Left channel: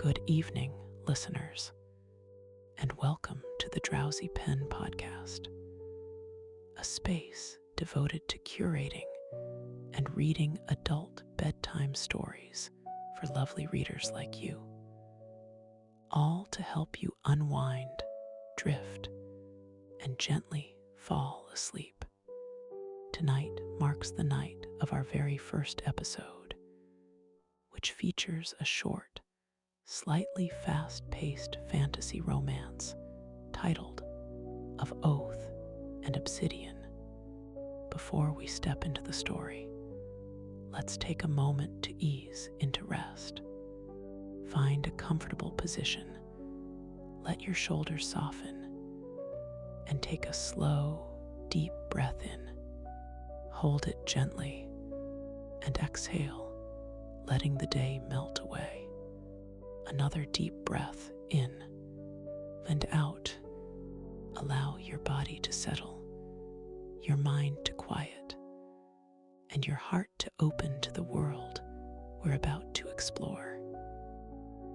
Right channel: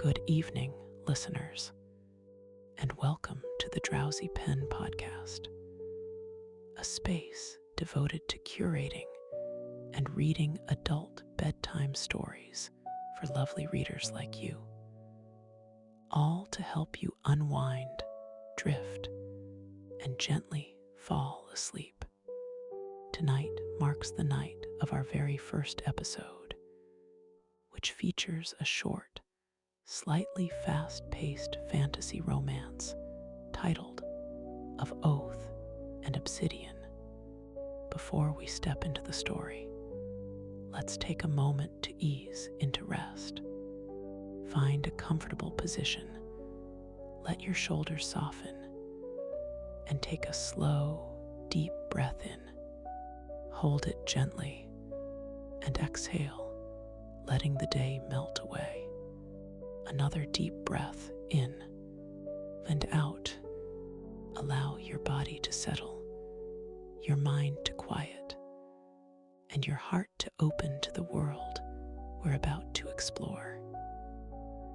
Good evening, listeners, and welcome to the Drowsy Pen Podcast, a space devoted to curating and reading adult bedtime stories for lovely readers like you, all to help you unwind, drift, and gently fall asleep. Tonight marks the night of our very first episode, which features a short, slightly fast-paced fantasy romance titled Of Oath and Obsidian. Before we step into the story, let's take a moment to ease into rest. Find a comfortable position, let your shoulders soften, and take a slow, deep breath in. Hold it gently and exhale, letting the day melt away. Another deep breath in and out. Allow your body to settle, your mind to quiet, and your heart to open to the world we're about to explore.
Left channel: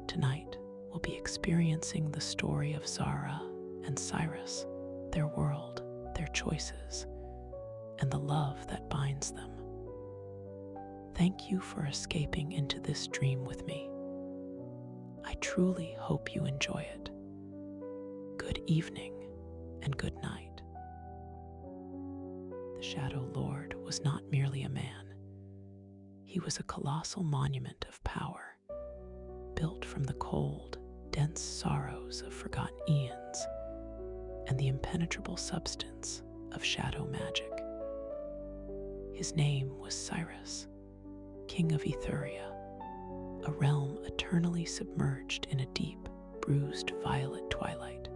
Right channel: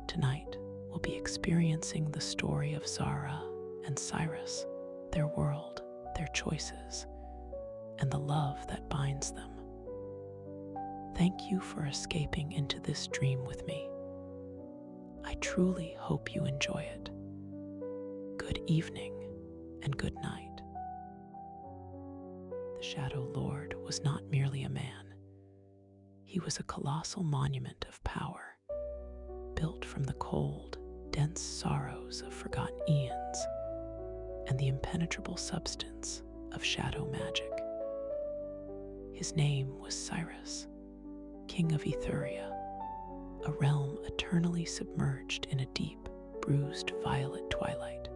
Tonight, we'll be experiencing the story of Zara and Cyrus, their world, their choices, and the love that binds them. Thank you for escaping into this dream with me. I truly hope you enjoy it. Good evening and good night. The Shadow Lord was not merely a man. He was a colossal monument of power, built from the cold, dense sorrows of forgotten eons and the impenetrable substance of shadow magic. His name was Cyrus, King of Ethuria, a realm eternally submerged in a deep, bruised violet twilight.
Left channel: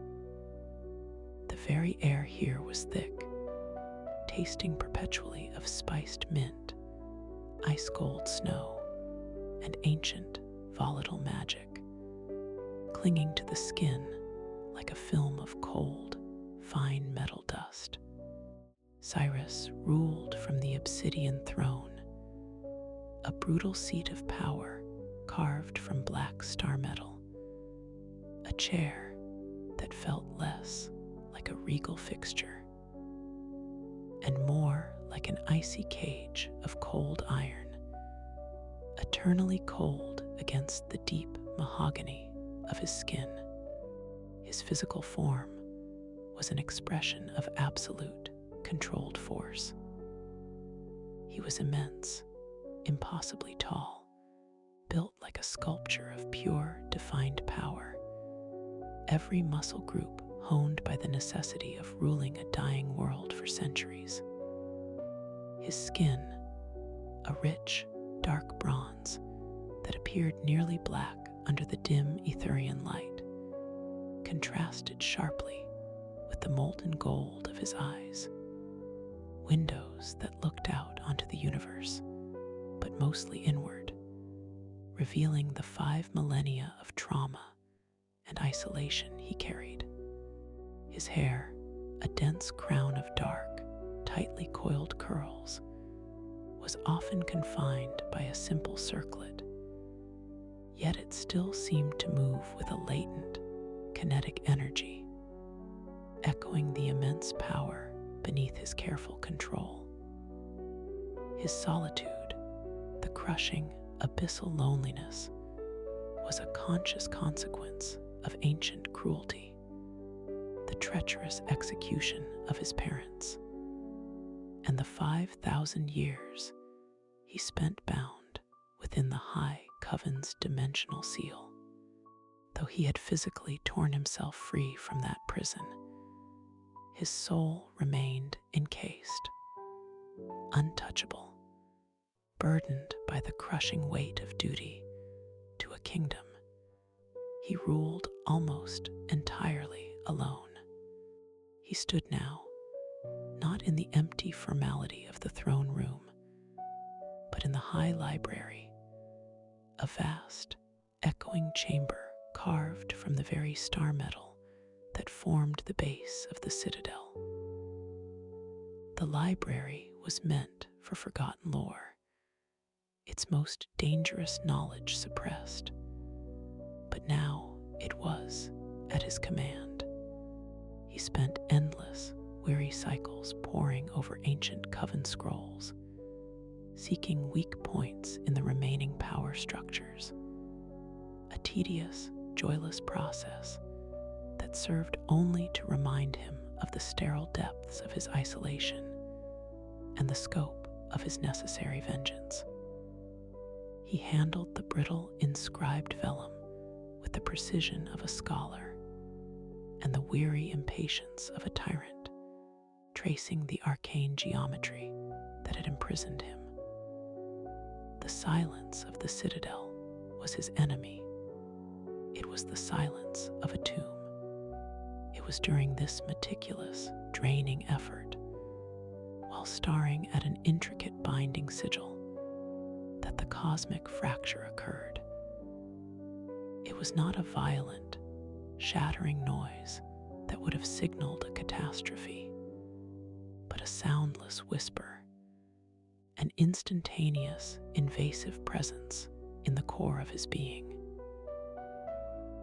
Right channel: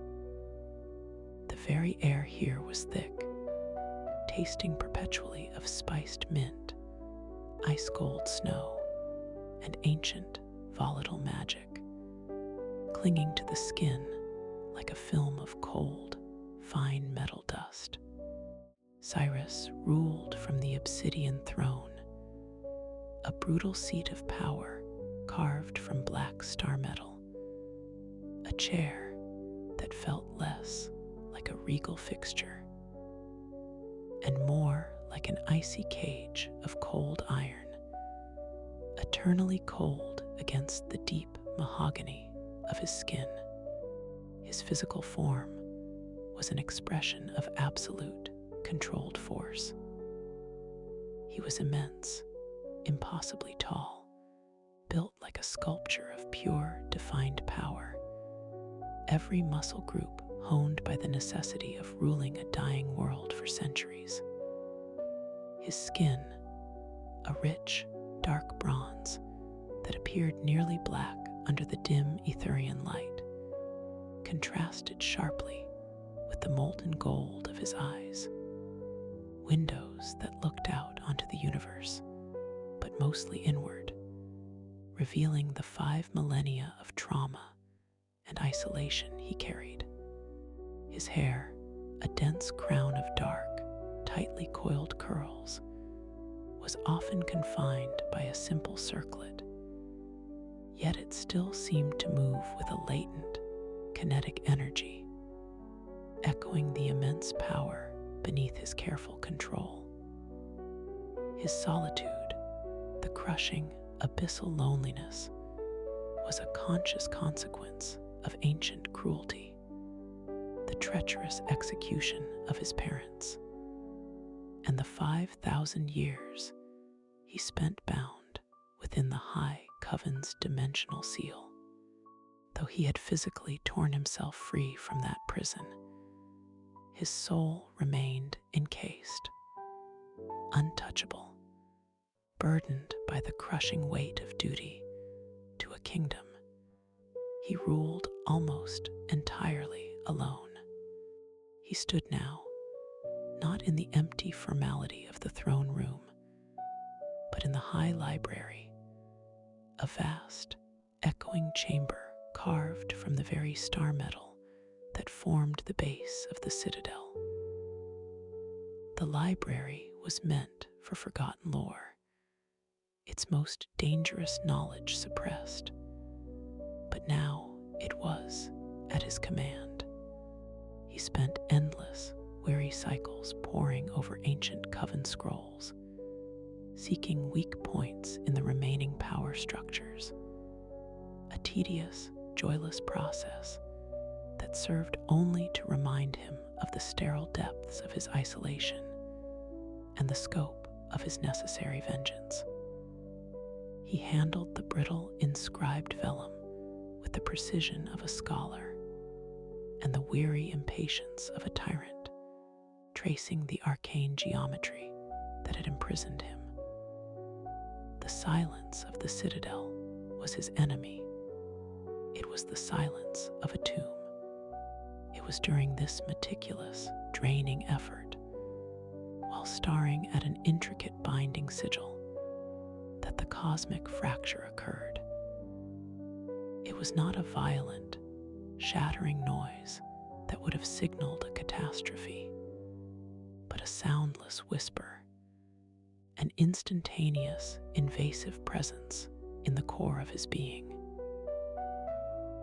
The very air here was thick, tasting perpetually of spiced mint, ice-cold snow, and ancient, volatile magic, clinging to the skin like a film of cold, fine metal dust. Cyrus ruled from the Obsidian throne, a brutal seat of power carved from black star metal, a chair that felt less like a regal fixture and more like an icy cage of cold iron, eternally cold against the deep mahogany of his skin. His physical form was an expression of absolute, controlled force. He was immense, impossibly tall, built like a sculpture of pure, defined power, every muscle group honed by the necessity of ruling a dying world for centuries. His skin, a rich, dark bronze that appeared nearly black under the dim Etherian light, contrasted sharply with the molten gold of his eyes, windows that looked out onto the universe, but mostly inward, revealing the 5 millennia of trauma and isolation he carried. His hair, a dense crown of dark, tightly coiled curls, was often confined by a simple circlet, yet it still seemed to move with a latent, kinetic energy, echoing the immense power beneath his careful control. His solitude, the crushing, abyssal loneliness, was a conscious consequence of ancient cruelty, the treacherous execution of his parents, and the 5,000 years he spent bound within the high coven's dimensional seal. Though he had physically torn himself free from that prison, his soul remained encased, untouchable, burdened by the crushing weight of duty to a kingdom he ruled almost entirely alone. He stood now, not in the empty formality of the throne room, but in the high library, a vast, echoing chamber carved from the very star metal that formed the base of the citadel. The library was meant for forgotten lore, its most dangerous knowledge suppressed, but now it was at his command. He spent endless, weary cycles poring over ancient coven scrolls, seeking weak points in the remaining power structures. A tedious, joyless process that served only to remind him of the sterile depths of his isolation and the scope of his necessary vengeance. He handled the brittle, inscribed vellum with the precision of a scholar and the weary impatience of a tyrant, tracing the arcane geometry that had imprisoned him. The silence of the citadel was his enemy. It was the silence of a tomb. It was during this meticulous, draining effort, while staring at an intricate binding sigil, that the cosmic fracture occurred. It was not a violent, shattering noise that would have signaled a catastrophe, but a soundless whisper, an instantaneous, invasive presence in the core of his being.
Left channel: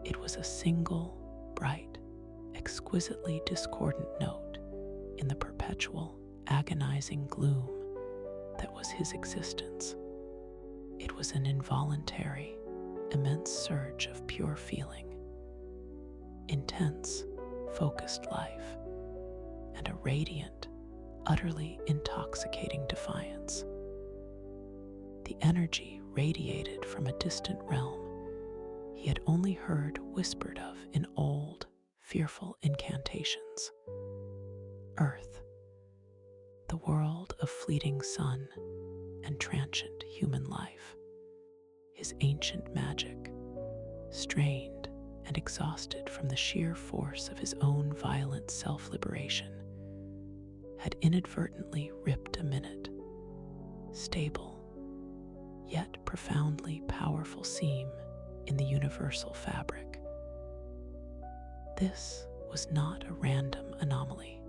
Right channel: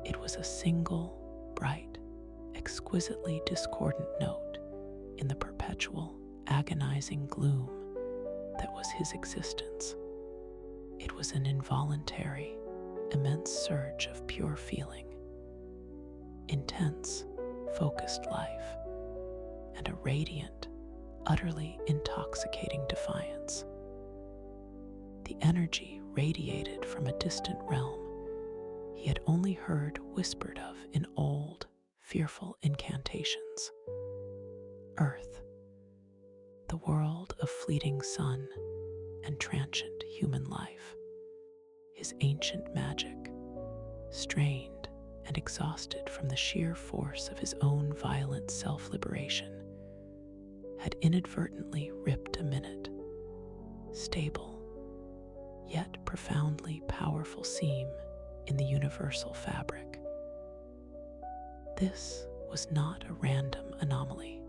It was a single, bright, exquisitely discordant note in the perpetual, agonizing gloom that was his existence. It was an involuntary, immense surge of pure feeling, intense, focused life, and a radiant, utterly intoxicating defiance. The energy radiated from a distant realm he had only heard whispered of in old, fearful incantations. Earth, the world of fleeting sun and transient human life. His ancient magic, strained and exhausted from the sheer force of his own violent self-liberation, had inadvertently ripped a minute, stable, yet profoundly powerful seam in the universal fabric. This was not a random anomaly.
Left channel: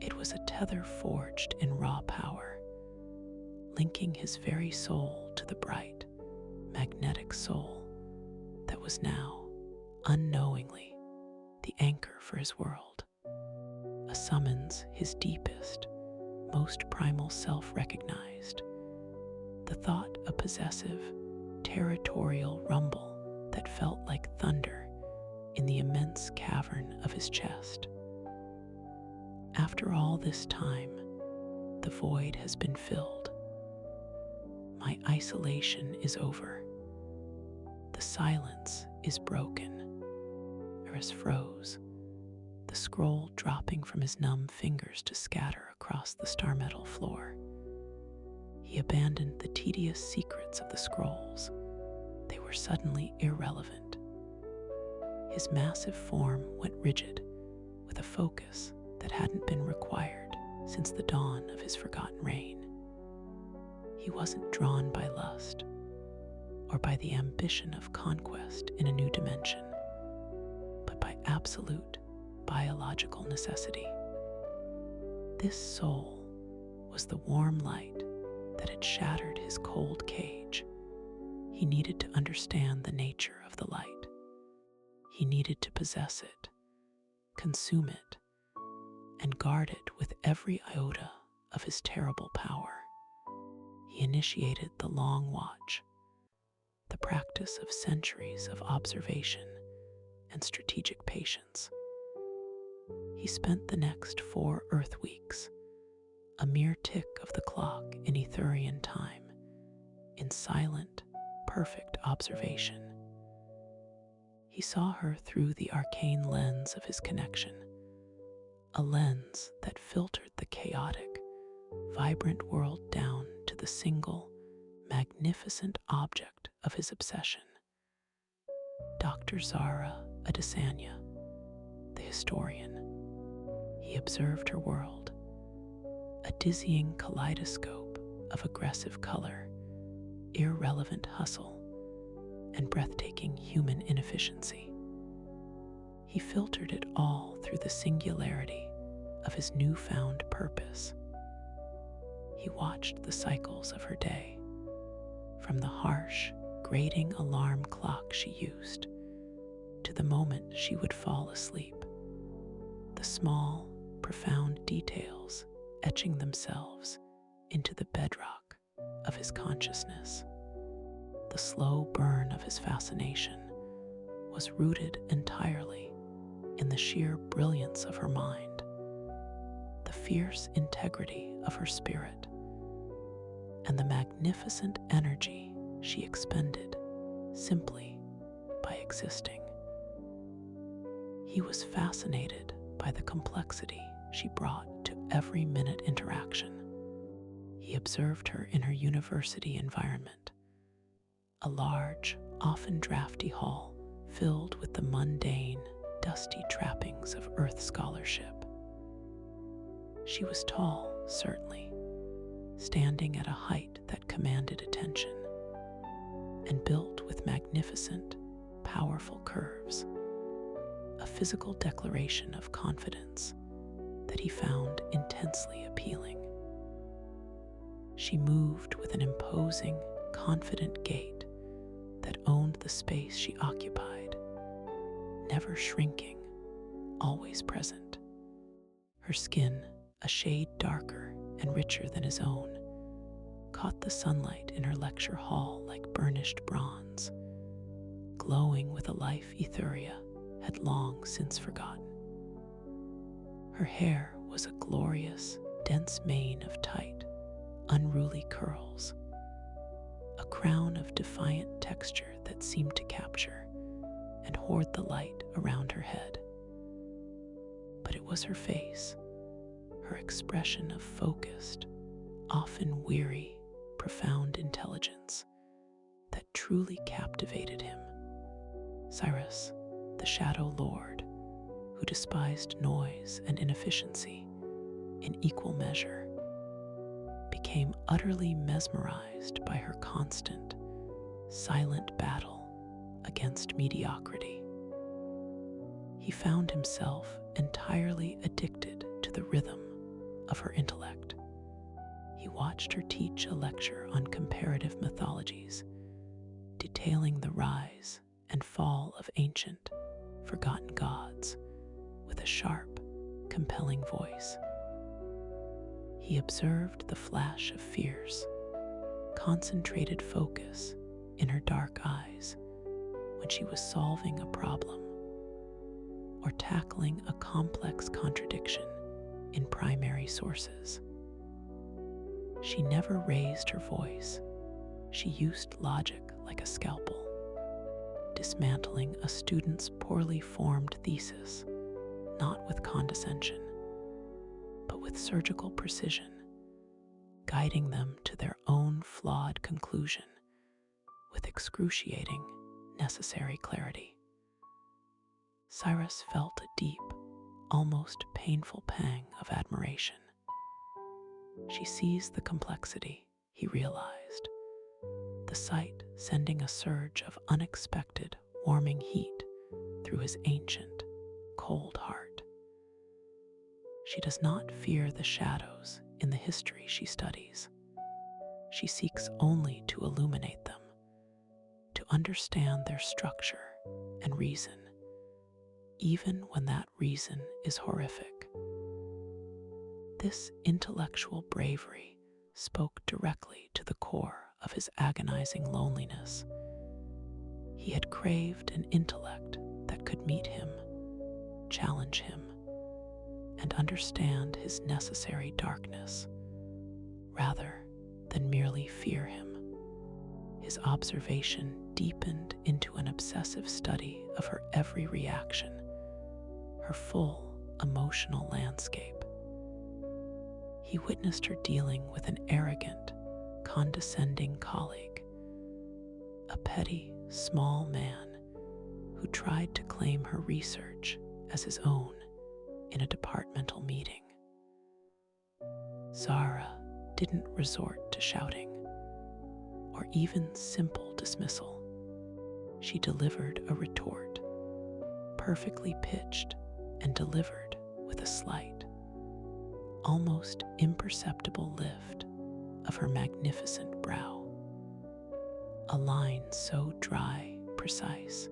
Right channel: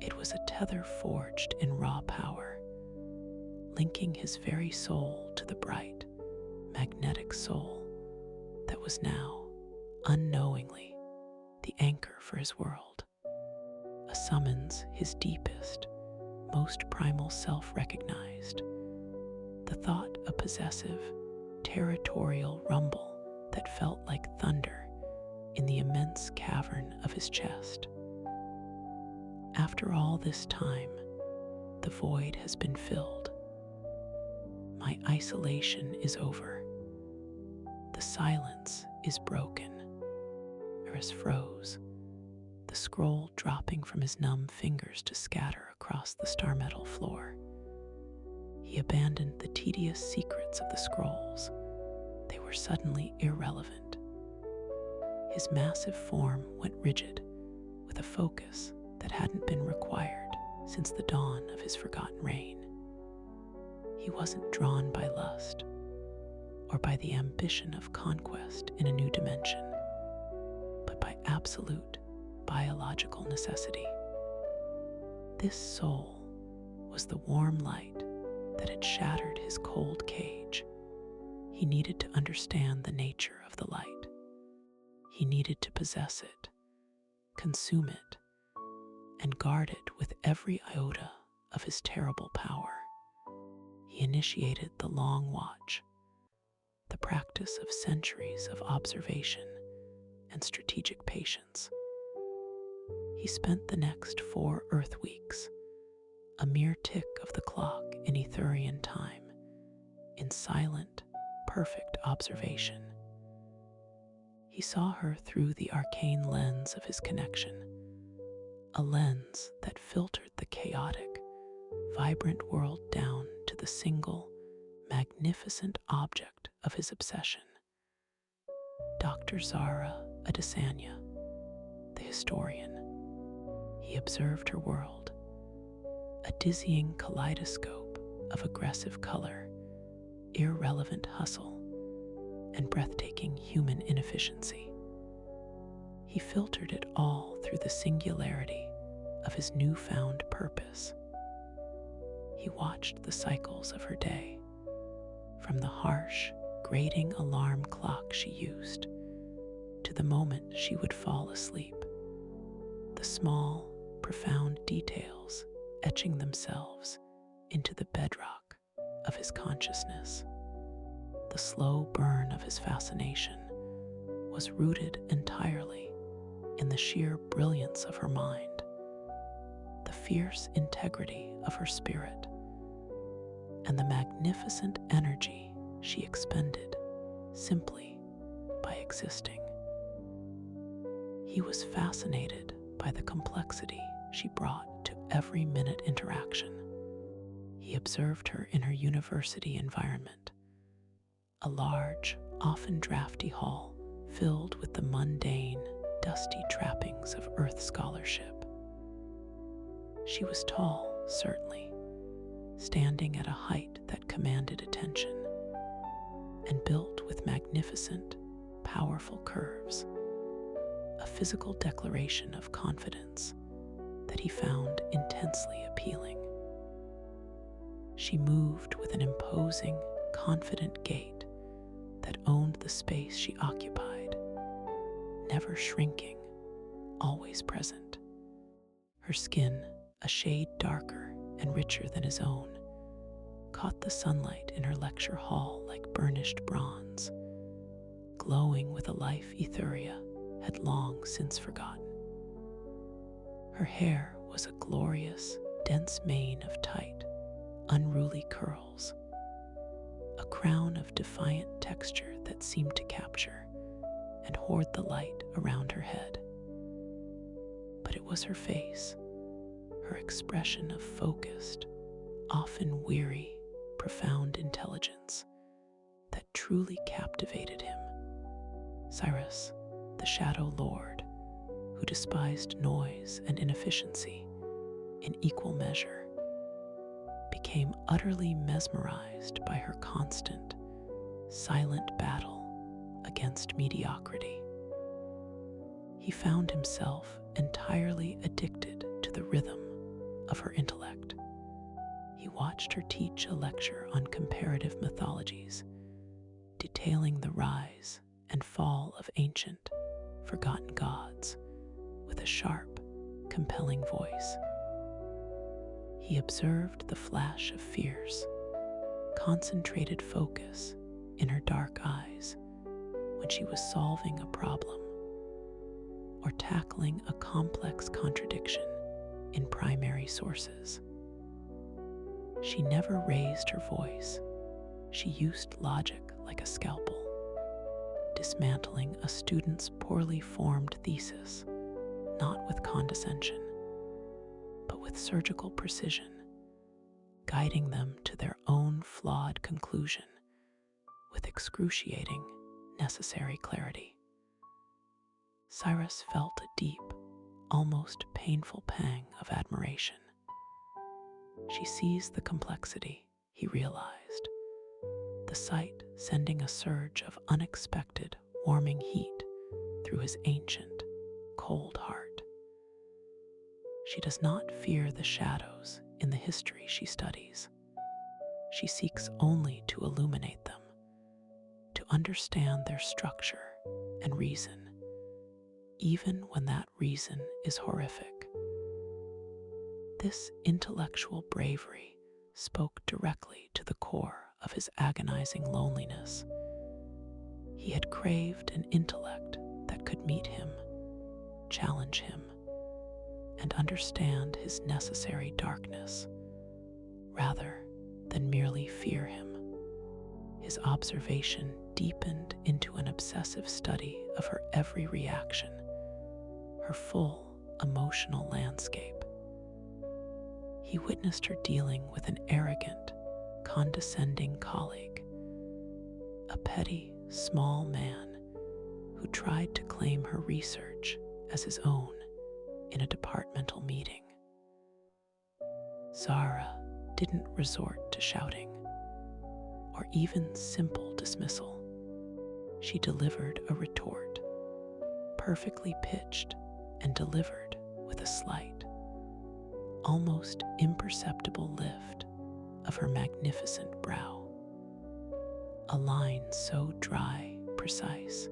It was a tether forged in raw power, linking his very soul to the bright, magnetic soul that was now, unknowingly, the anchor for his world. A summons his deepest, most primal self recognized, the thought a possessive, territorial rumble that felt like thunder in the immense cavern of his chest. After all this time, the void has been filled. My isolation is over. The silence is broken. Cyrus froze, the scroll dropping from his numb fingers to scatter across the star-metal floor. He abandoned the tedious secrets of the scrolls. They were suddenly irrelevant. His massive form went rigid, with a focus that hadn't been required since the dawn of his forgotten reign. He wasn't drawn by lust, or by the ambition of conquest in a new dimension, but by absolute biological necessity. This soul was the warm light that had shattered his cold cage. He needed to understand the nature of the light. He needed to possess it, consume it, and guard it with every iota of his terrible power. He initiated the long watch, the practice of centuries of observation and strategic patience. He spent the next 4 Earth weeks, a mere tick of the clock in Etherian time, in silent, perfect observation. He saw her through the arcane lens of his connection, a lens that filtered the chaotic, vibrant world down to the single, magnificent object of his obsession. Dr. Zara Adesanya, the historian, he observed her world, a dizzying kaleidoscope of aggressive color, irrelevant hustle, and breathtaking human inefficiency. He filtered it all through the singularity of his newfound purpose. He watched the cycles of her day, from the harsh, grating alarm clock she used to the moment she would fall asleep, the small, profound details etching themselves into the bedrock of his consciousness. The slow burn of his fascination was rooted entirely in the sheer brilliance of her mind, the fierce integrity of her spirit, and the magnificent energy she expended simply by existing. He was fascinated by the complexity she brought to every minute interaction. He observed her in her university environment, a large, often drafty hall filled with the mundane, dusty trappings of Earth scholarship. She was tall, certainly, standing at a height that commanded attention, and built with magnificent, powerful curves, a physical declaration of confidence that he found intensely appealing. She moved with an imposing, confident gait that owned the space she occupied, never shrinking, always present. Her skin, a shade darker and richer than his own, caught the sunlight in her lecture hall like burnished bronze, glowing with a life Etheria had long since forgotten. Her hair was a glorious, dense mane of tight, unruly curls, a crown of defiant texture that seemed to capture and hoard the light around her head. But it was her face, her expression of focused, often weary, profound intelligence that truly captivated him. Cyrus, the Shadow Lord, who despised noise and inefficiency in equal measure, became utterly mesmerized by her constant, silent battle against mediocrity. He found himself entirely addicted to the rhythm of her intellect. He watched her teach a lecture on comparative mythologies, detailing the rise and fall of ancient, forgotten gods with a sharp, compelling voice. He observed the flash of fierce, concentrated focus in her dark eyes when she was solving a problem or tackling a complex contradiction in primary sources. She never raised her voice. She used logic like a scalpel, dismantling a student's poorly formed thesis, not with condescension, but with surgical precision, guiding them to their own flawed conclusion with excruciating, necessary clarity. Cyrus felt a deep, almost painful pang of admiration. She sees the complexity, he realized, the sight sending a surge of unexpected, warming heat through his ancient, cold heart. She does not fear the shadows in the history she studies. She seeks only to illuminate them, to understand their structure and reason, even when that reason is horrific. This intellectual bravery spoke directly to the core of his agonizing loneliness. He had craved an intellect that could meet him, challenge him, and understand his necessary darkness, rather than merely fear him. His observation deepened into an obsessive study of her every reaction, her full emotional landscape. He witnessed her dealing with an arrogant, condescending colleague, a petty, small man who tried to claim her research as his own in a departmental meeting. Zara didn't resort to shouting or even simple dismissal. She delivered a retort, perfectly pitched and delivered with a slight, almost imperceptible lift of her magnificent brow, a line so dry, precise,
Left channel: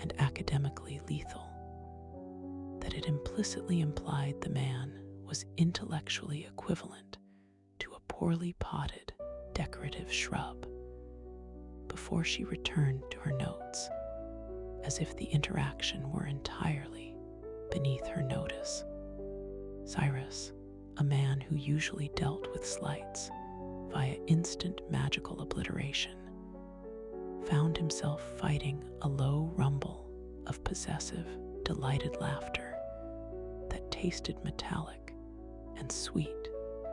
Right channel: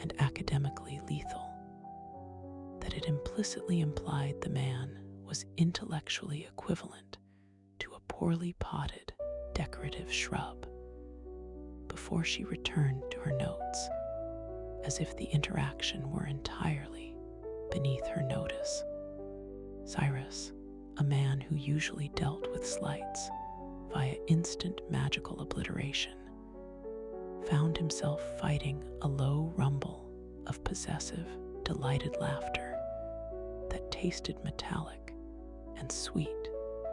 and academically lethal, that it implicitly implied the man was intellectually equivalent to a poorly potted, decorative shrub. Before she returned to her notes, as if the interaction were entirely beneath her notice, Cyrus, a man who usually dealt with slights via instant magical obliteration, found himself fighting a low rumble of possessive, delighted laughter that tasted metallic and sweet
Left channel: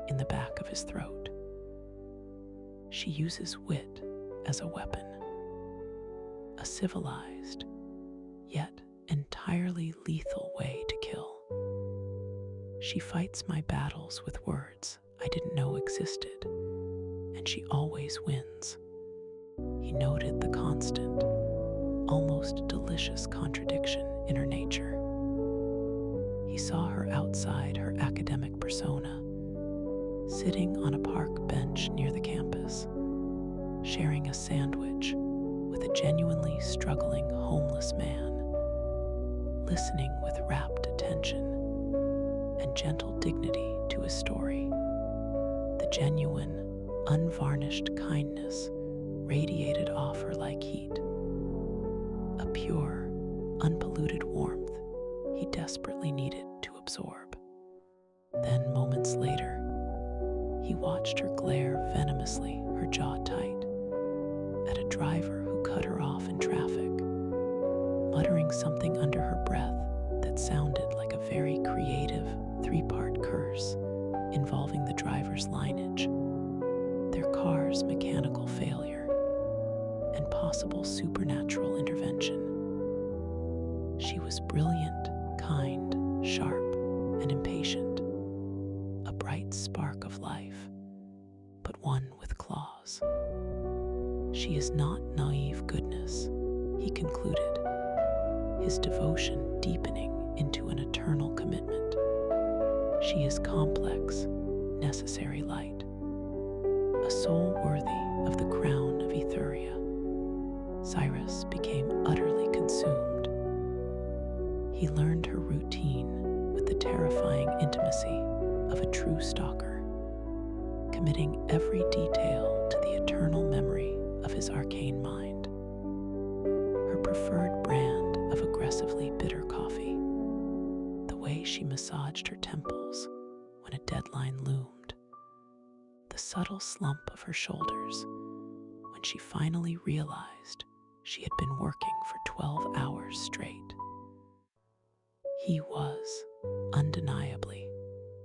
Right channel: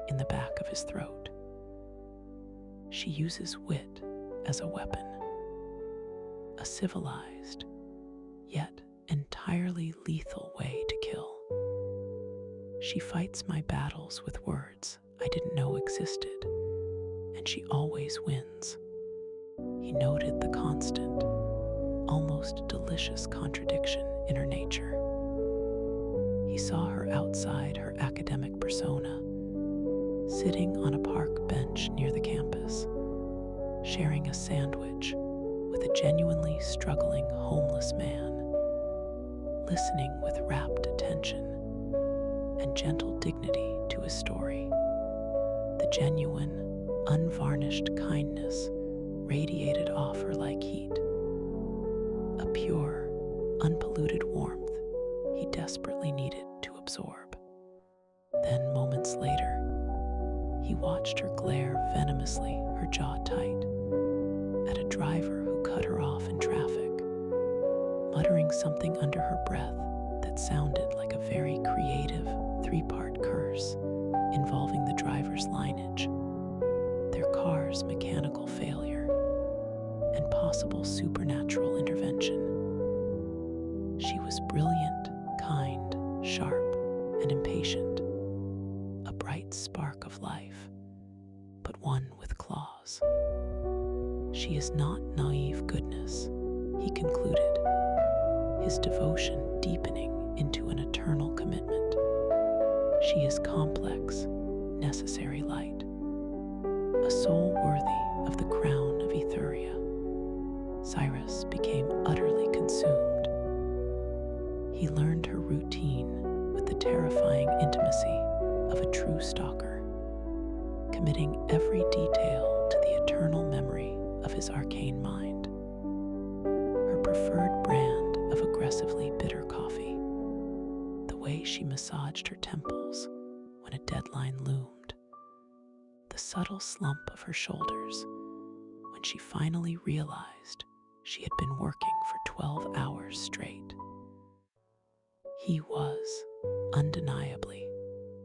in the back of his throat. She uses wit as a weapon, a civilized, yet entirely lethal way to kill. She fights my battles with words I didn't know existed, and she always wins. He noted the constant, almost delicious contradiction in her nature. He saw her outside her academic persona, sitting on a park bench near the campus, sharing a sandwich with a genuinely struggling homeless man, listening with rapt attention and gentle dignity to his story. The genuine, unvarnished kindness radiated off her like heat, a pure, unpolluted warmth he desperately needed to absorb. Then, moments later, he watched her glare venomously, her jaw tight, at a driver who cut her off in traffic, muttering something under her breath that sounded like a very creative three-part curse involving the driver's lineage, their car's mechanical failure, and possible supernatural intervention. She was brilliant, kind, sharp, and impatient, a bright spark of life, but one with claws. She is not naive goodness, he concluded, his devotion deepening into an eternal commitment. She is complex, necessary light, a soul worthy of the crown of Ethuria. Cyrus became utterly consumed. He learned her routine with the terrifying intimacy of a true stalker, committing every detail to the eternal memory of his arcane mind. Her preferred brand of aggressively bitter coffee, the way she massaged her temples when a deadline loomed, the subtle slump of her shoulders when she finally realized she had been working for 12 hours straight. He was, undeniably,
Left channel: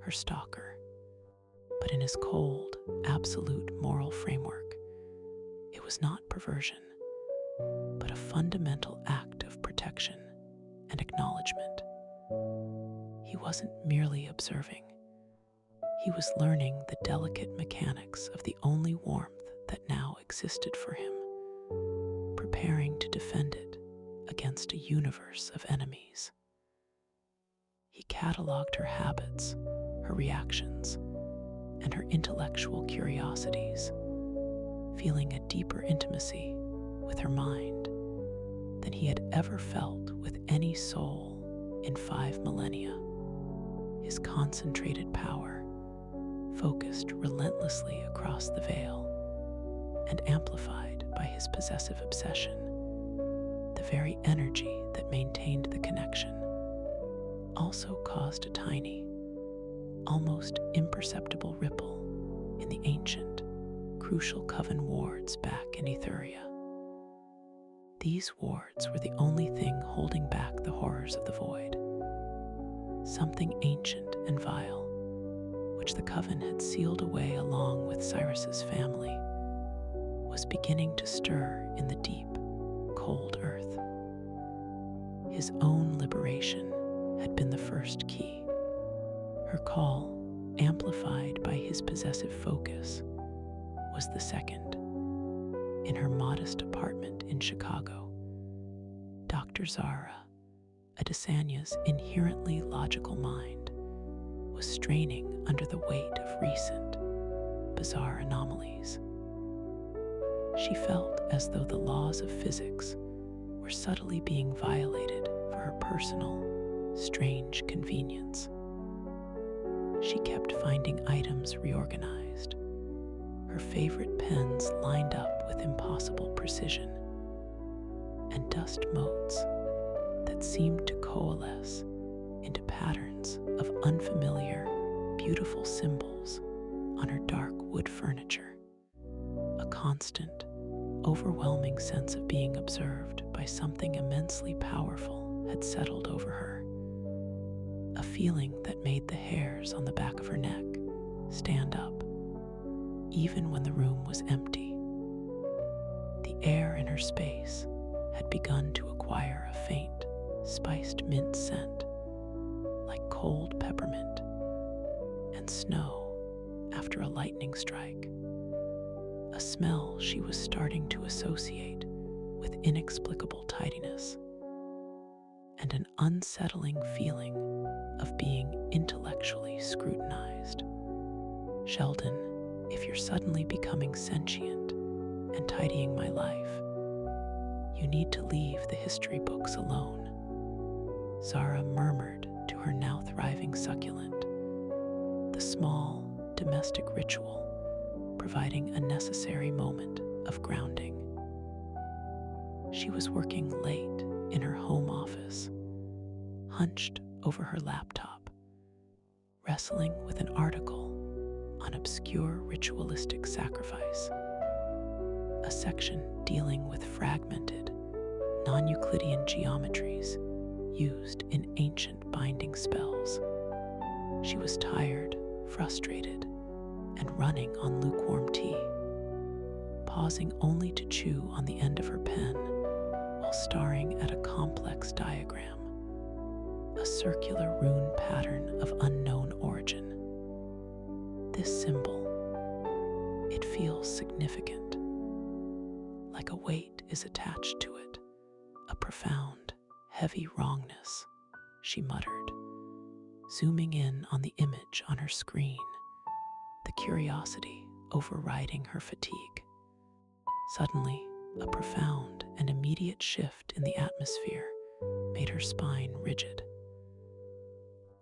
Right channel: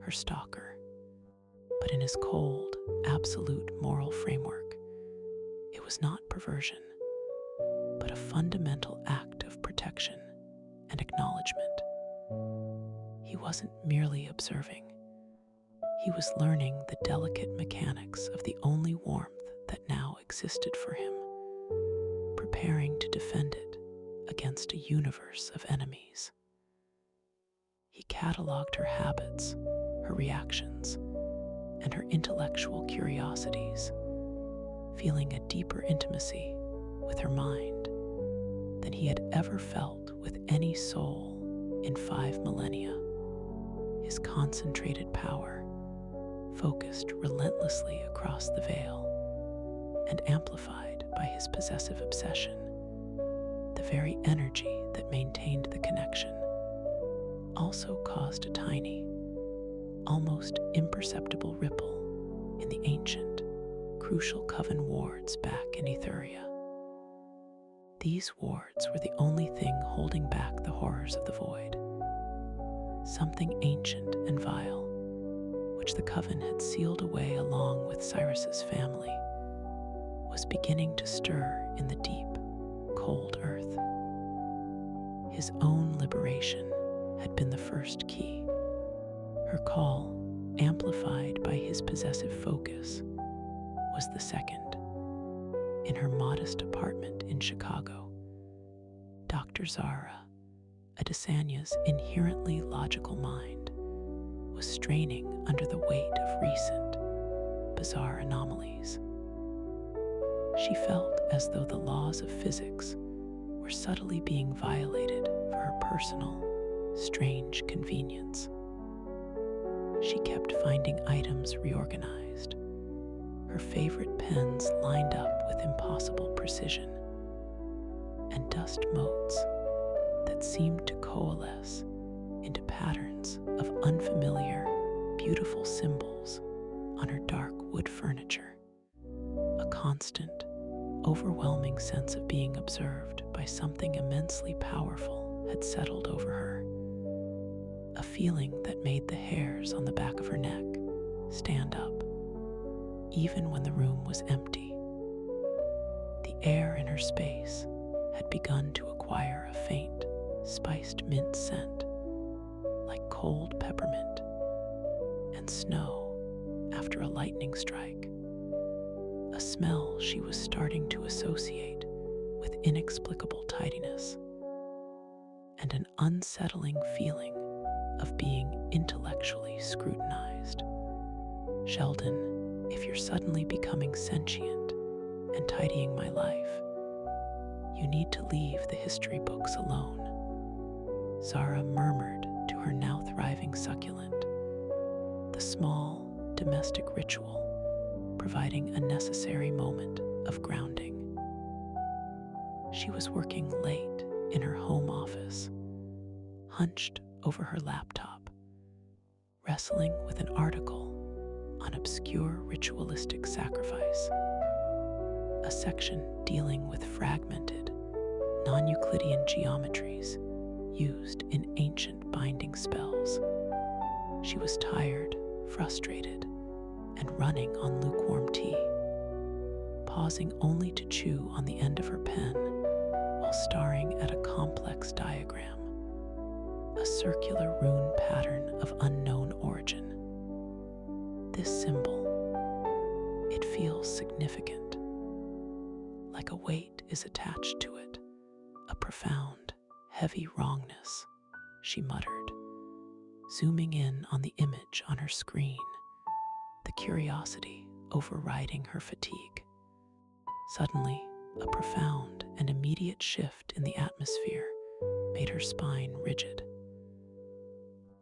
her stalker, but in his cold, absolute moral framework, it was not perversion, but a fundamental act of protection and acknowledgement. He wasn't merely observing. He was learning the delicate mechanics of the only warmth that now existed for him, preparing to defend it against a universe of enemies. He cataloged her habits, her reactions, and her intellectual curiosities, feeling a deeper intimacy with her mind than he had ever felt with any soul in 5 millennia. His concentrated power focused relentlessly across the veil and amplified by his possessive obsession, the very energy that maintained the connection, also caused a tiny, almost imperceptible ripple in the ancient, crucial coven wards back in Ethuria. These wards were the only thing holding back the horrors of the void. Something ancient and vile, which the coven had sealed away along with Cyrus's family, was beginning to stir in the deep, cold earth. His own liberation had been the first key. Her call, amplified by his possessive focus, was the second. In her modest apartment in Chicago, Dr. Zara, Adesanya's inherently logical mind, was straining under the weight of recent, bizarre anomalies. She felt as though the laws of physics were were subtly being violated for her personal, strange convenience. She kept finding items reorganized, her favorite pens lined up with impossible precision, and dust motes that seemed to coalesce into patterns of unfamiliar, beautiful symbols on her dark wood furniture. A constant, overwhelming sense of being observed by something immensely powerful had settled over her, a feeling that made the hairs on the back of her neck stand up, even when the room was empty. The air in her space had begun to acquire a faint, spiced mint scent, like cold peppermint and snow after a lightning strike, a smell she was starting to associate with inexplicable tidiness, and an unsettling feeling of being intellectually scrutinized. Sheldon, if you're suddenly becoming sentient and tidying my life, you need to leave the history books alone, Zara murmured to her now thriving succulent, the small domestic ritual providing a necessary moment of grounding. She was working late in her home office, hunched over her laptop, wrestling with an article on obscure ritualistic sacrifice, a section dealing with fragmented, non-Euclidean geometries used in ancient binding spells. She was tired, frustrated, and running on lukewarm tea, pausing only to chew on the end of her pen while staring at a complex diagram, a circular rune pattern of unknown origin. This symbol, it feels significant, like a weight is attached to it, a profound, heavy wrongness, she muttered, zooming in on the image on her screen, the curiosity overriding her fatigue. Suddenly, a profound and immediate shift in the atmosphere made her spine rigid.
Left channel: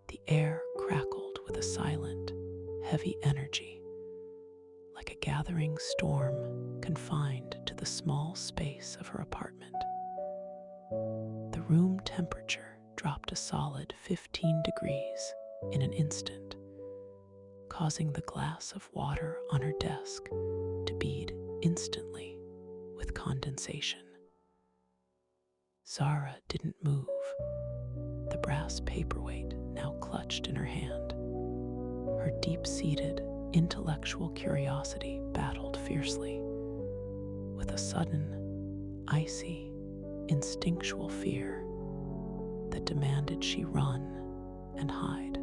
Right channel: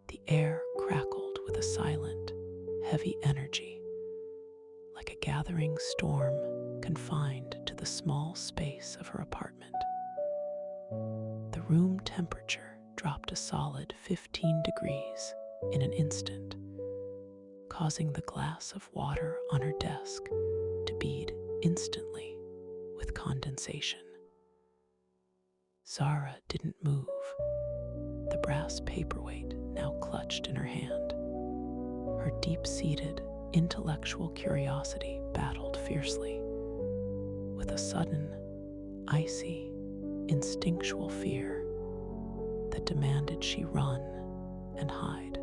The air crackled with a silent, heavy energy, like a gathering storm confined to the small space of her apartment. The room temperature dropped a solid 15 degrees in an instant, causing the glass of water on her desk to bead instantly with condensation. Zara didn't move, the brass paperweight now clutched in her hand. Her deep-seated, intellectual curiosity battled fiercely with a sudden, icy, instinctual fear that demanded she run and hide.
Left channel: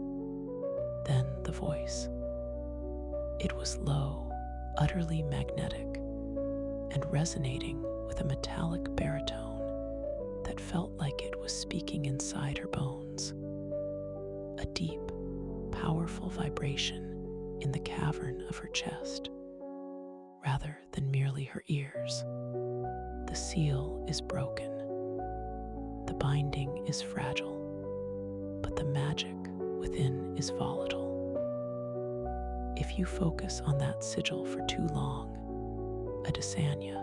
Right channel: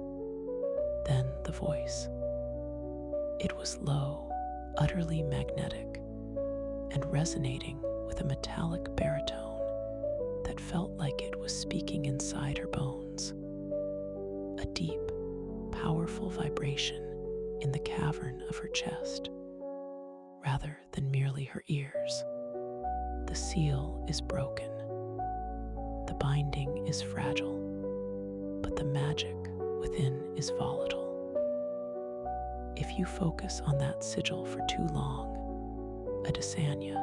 Then the voice. It was low, utterly magnetic, and resonating with a metallic baritone that felt like it was speaking inside her bones. A deep, powerful vibration in the cavern of her chest, rather than merely her ears. The seal is broken. The binding is fragile, but the magic within is volatile. If you focus on that sigil for too long, a Desania,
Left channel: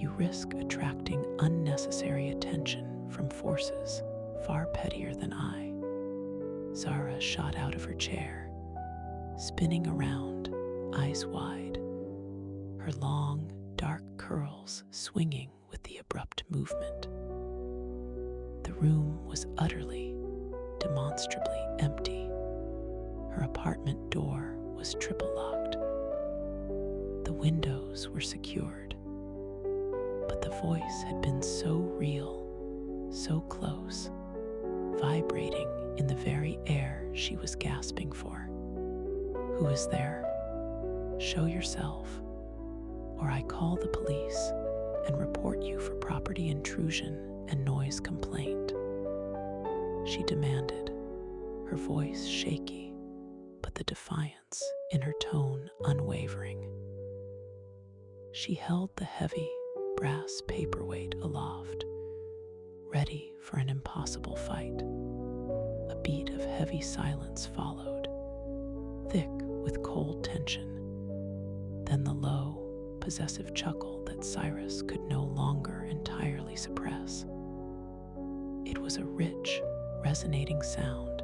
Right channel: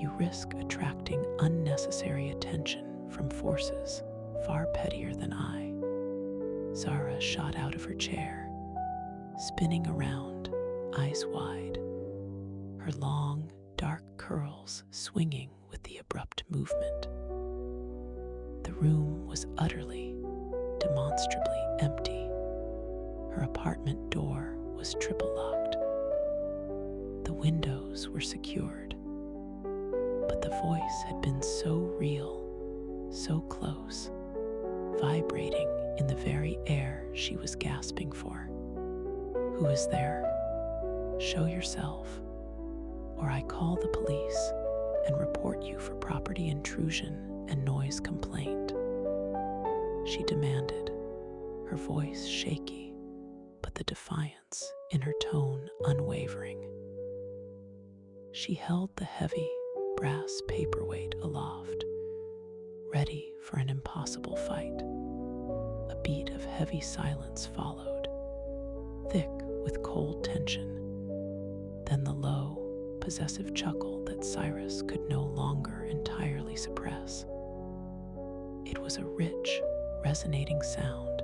you risk attracting unnecessary attention from forces far pettier than I. Zara shot out of her chair, spinning around, eyes wide, her long, dark curls swinging with the abrupt movement. The room was utterly, demonstrably empty. Her apartment door was triple locked. The windows were secured, but the voice had been so real, so close, vibrating in the very air she was gasping for. Who is there? Show yourself, or I call the police and report you for property intrusion and noise complaint, she demanded, her voice shaky, but the defiance in her tone unwavering. She held the heavy brass paperweight aloft, ready for an impossible fight. A beat of heavy silence followed, thick with cold tension. Then the low, possessive chuckle that Cyrus could no longer entirely suppress. It was a rich, resonating sound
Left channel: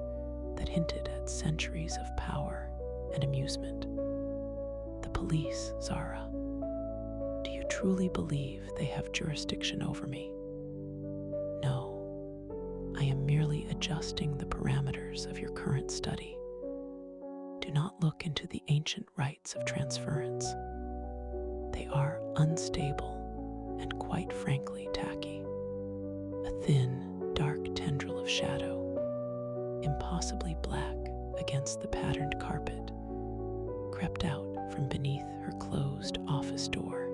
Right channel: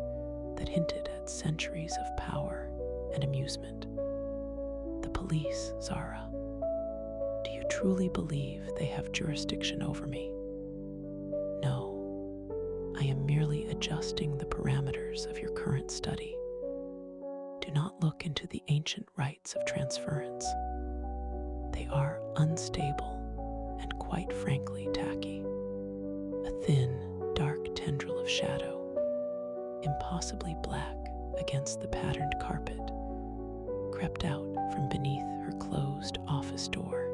that hinted at centuries of power and amusement. The police, Zara. Do you truly believe they have jurisdiction over me? No, I am merely adjusting the parameters of your current study. Do not look into the ancient rites of transference. They are unstable and, quite frankly, tacky. A thin, dark tendril of shadow, impossibly black against the patterned carpet, crept out from beneath her closed office door.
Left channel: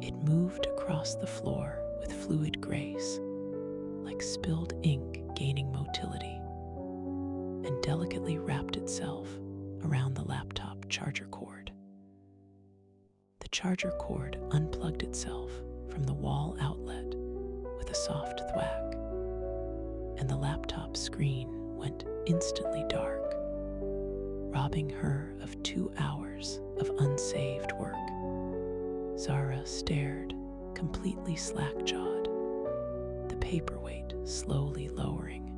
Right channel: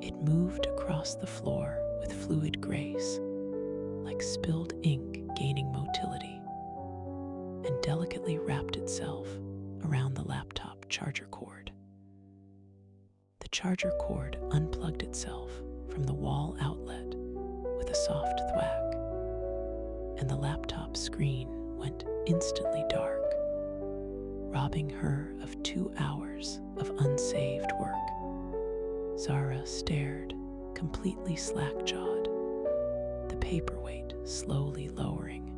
It moved across the floor with fluid grace, like spilled ink gaining motility, and delicately wrapped itself around the laptop charger cord. The charger cord unplugged itself from the wall outlet with a soft thwack, and the laptop screen went instantly dark, robbing her of 2 hours of unsaved work. Zara stared, completely slack-jawed, the paperweight slowly lowering.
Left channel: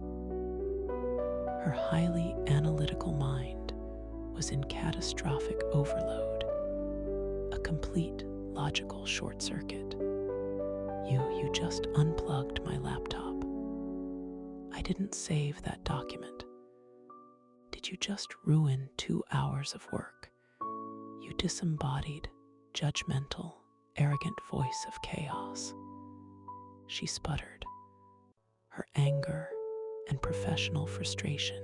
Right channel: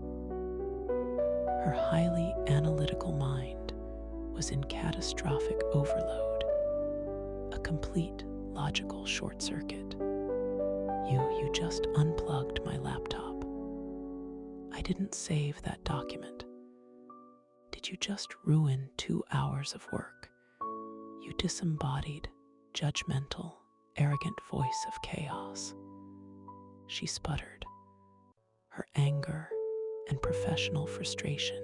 Her highly analytical mind was in catastrophic overload, a complete logical short circuit. You just unplugged my laptop. I didn't save that document. Did you just ruin 2 hours of work? You disembodied, judgmental, arrogant voice of chaos. She sputtered, her anger and professional frustration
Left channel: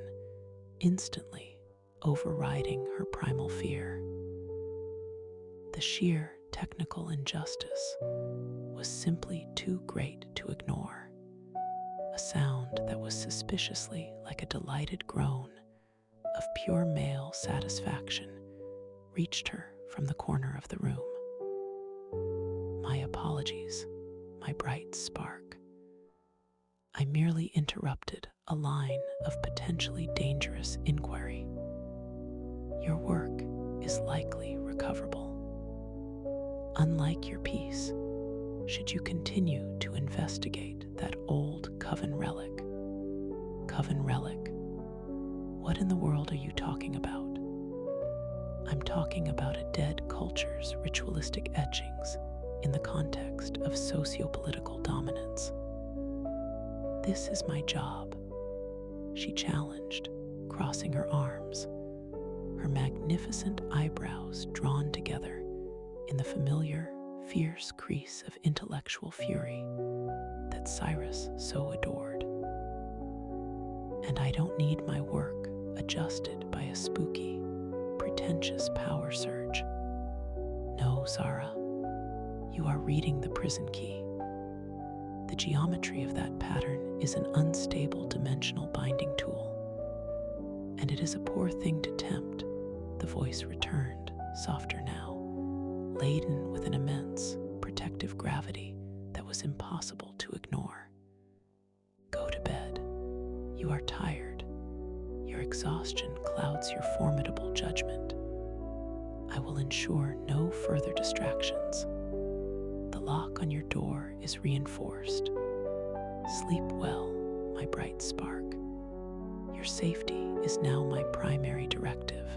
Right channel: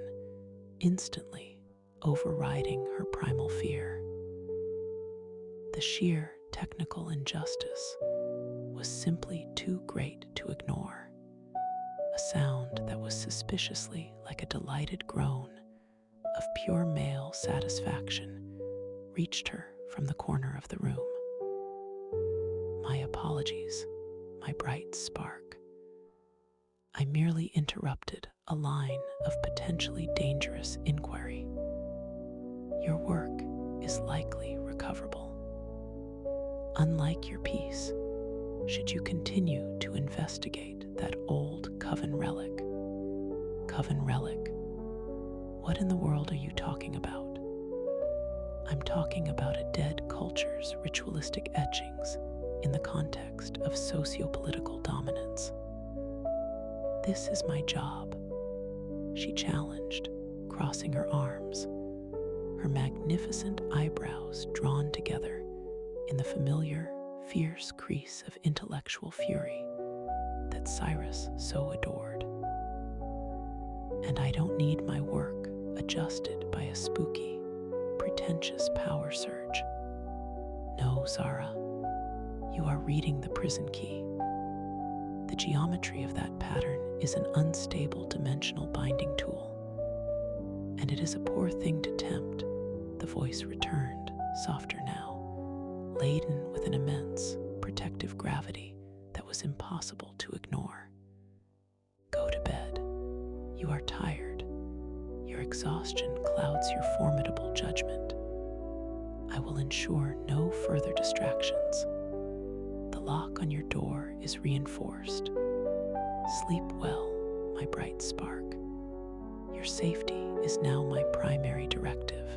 instantly overriding her primal fear. The sheer technical injustice was simply too great to ignore. A sound that was suspiciously like a delighted groan of pure male satisfaction reached her from the corner of the room. My apologies, my bright spark. I merely interrupted a line of potentially dangerous inquiry. Your work is likely recoverable. Unlike your piece, should you continue to investigate that old coven relic? Coven relic? What in the world are you talking about? I'm talking about a dead culture's ritualistic etchings in the context of socio-political dominance. This is my job, she challenged, crossing her arms, her magnificent eyebrows drawn together in the familiar, fierce crease of intellectual fury that Cyrus so adored. And I don't need my work adjusted by a spooky, pretentious power surge. No, Zara, you are reading the prison key. The geometry of that pattern is an unstable dimensional binding tool, and it is a poor thing to tempt. The voice returned, softer now, laden with an immense, protective gravity that was impossible to ignore. Go to bed. You are tired. Your exhaustion clouds your formidable judgment. I will ensure no further distractions. The lock on your door is reinforced. Sleep well, my bright spark. Your safety is now my primary directive.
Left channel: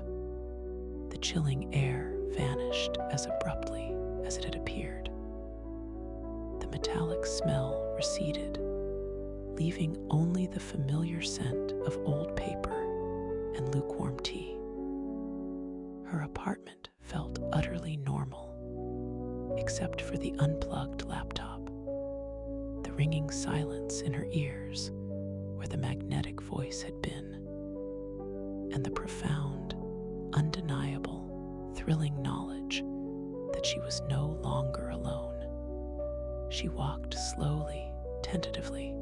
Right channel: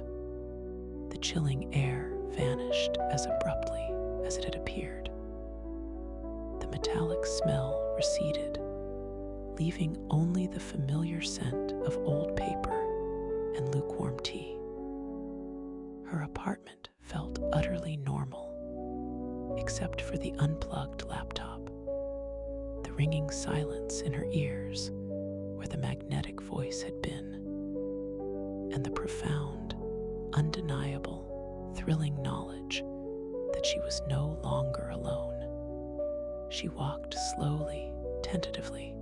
The chilling air vanished as abruptly as it had appeared. The metallic smell receded, leaving only the familiar scent of old paper and lukewarm tea. Her apartment felt utterly normal, except for the unplugged laptop, the ringing silence in her ears where the magnetic voice had been, and the profound, undeniable, thrilling knowledge that she was no longer alone. She walked slowly, tentatively,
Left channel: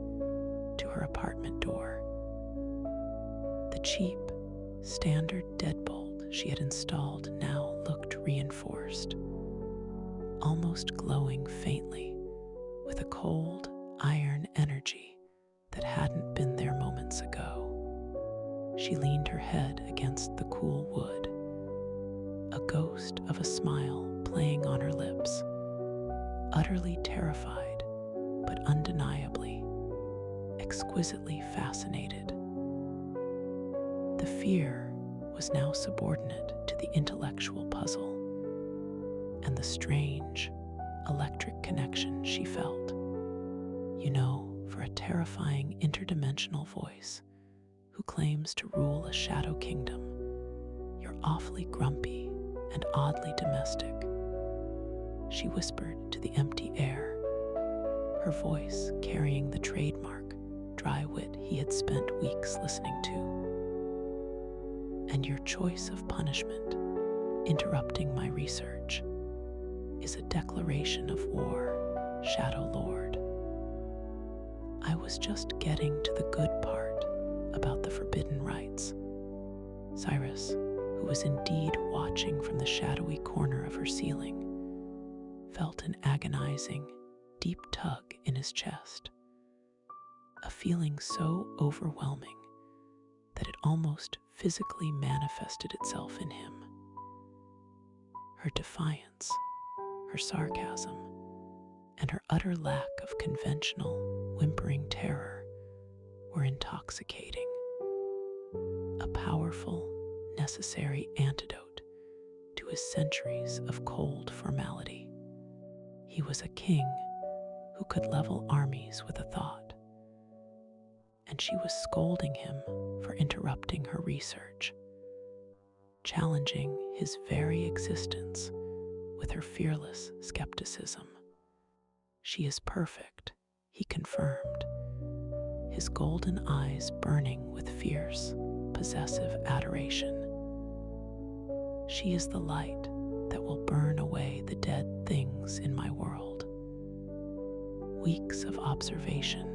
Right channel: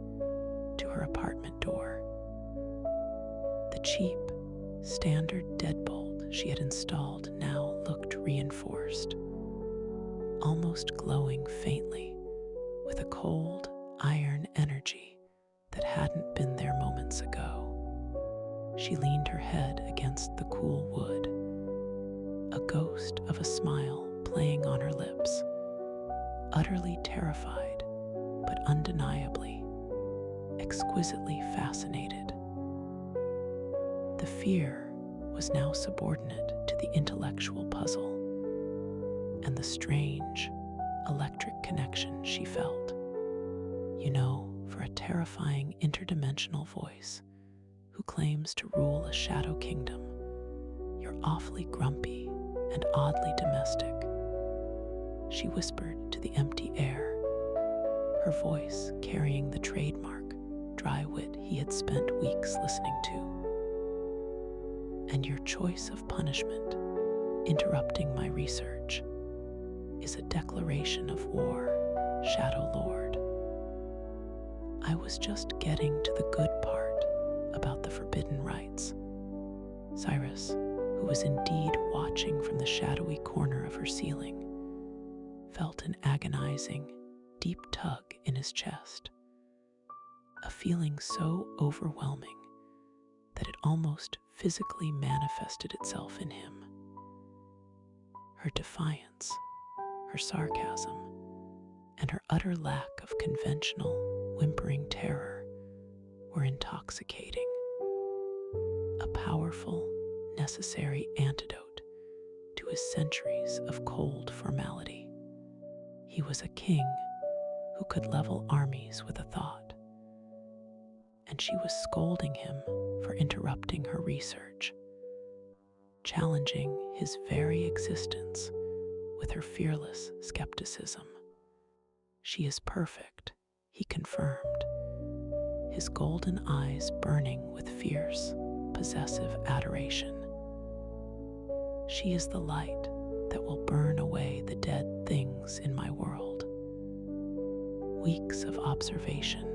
to her apartment door. The cheap, standard deadbolt she had installed now looked reinforced, almost glowing faintly with a cold, iron energy that hadn't been there moments ago. She leaned her head against the cool wood, a ghost of a smile playing on her lips, utterly terrified, but undeniably, exquisitely fascinated. The fear was now subordinate to the intellectual puzzle and the strange, electric connection she felt. You know, for a terrifying interdimensional voice who claims to rule a shadow kingdom, you're awfully grumpy and oddly domestic, she whispered to the empty air, her voice carrying the trademark dry wit he had spent weeks listening to. And your choice of punishment, interrupting my research, is a declaration of war, Shadow Lord. I was just getting to the good part about the forbidden rites. Cyrus, who was indeed watching from the shadowy corner of her ceiling, felt an agonizing, deep tug in his chest, a feeling so overwhelming that it almost physically manifested itself in him. Her defiance, her sarcasm, and her utter lack of conventional, whimpering terror were intoxicating. A powerful, necessary antidote to his centuries of cold formality. He was a king who could level armies with a thought, and she was scolding him for interrupting her research, challenging his very existence with her fearless skepticism. She is perfect, he confirmed, his golden eyes burning with fierce, possessive adoration. She is the light that will burn away the dead things in my world. Weeks of observation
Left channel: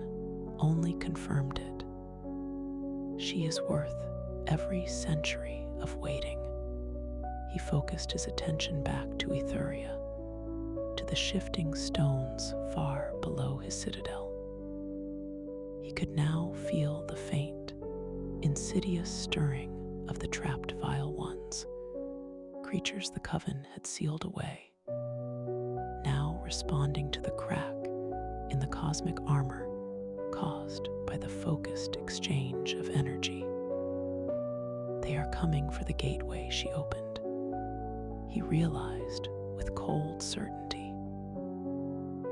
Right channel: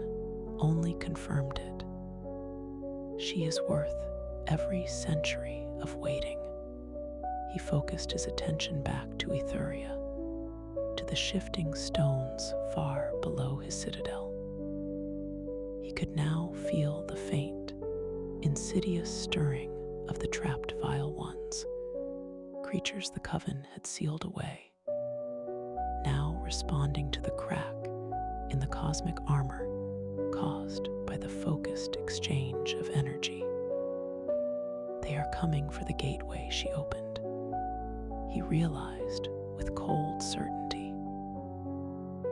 only confirmed it. She is worth every century of waiting. He focused his attention back to Etheria, to the shifting stones far below his citadel. He could now feel the faint, insidious stirring of the trapped vile ones, creatures the coven had sealed away, now responding to the crack in the cosmic armor caused by the focused exchange of energy. They are coming for the gateway she opened, he realized with cold certainty.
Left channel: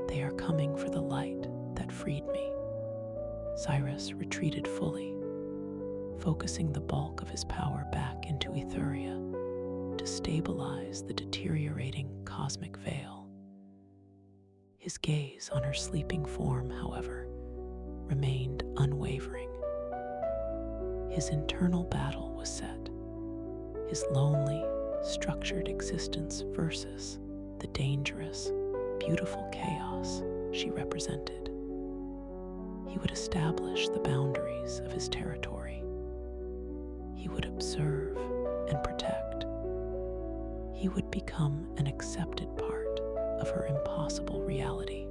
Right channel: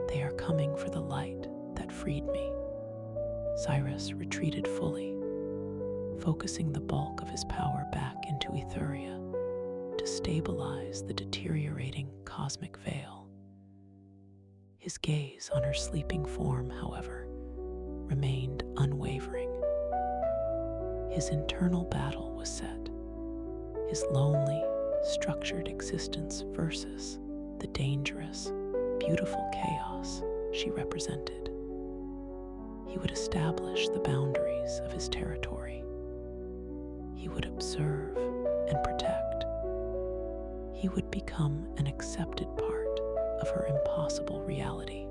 They are coming for the light that freed me. Cyrus retreated fully, focusing the bulk of his power back into Etheria to stabilize the deteriorating cosmic veil. His gaze on her sleeping form, however, remained unwavering. His internal battle was set, his lonely, structured existence versus the dangerous, beautiful chaos she represented. He would establish the boundaries of his territory. He would observe and protect. He would become an accepted part of her impossible reality,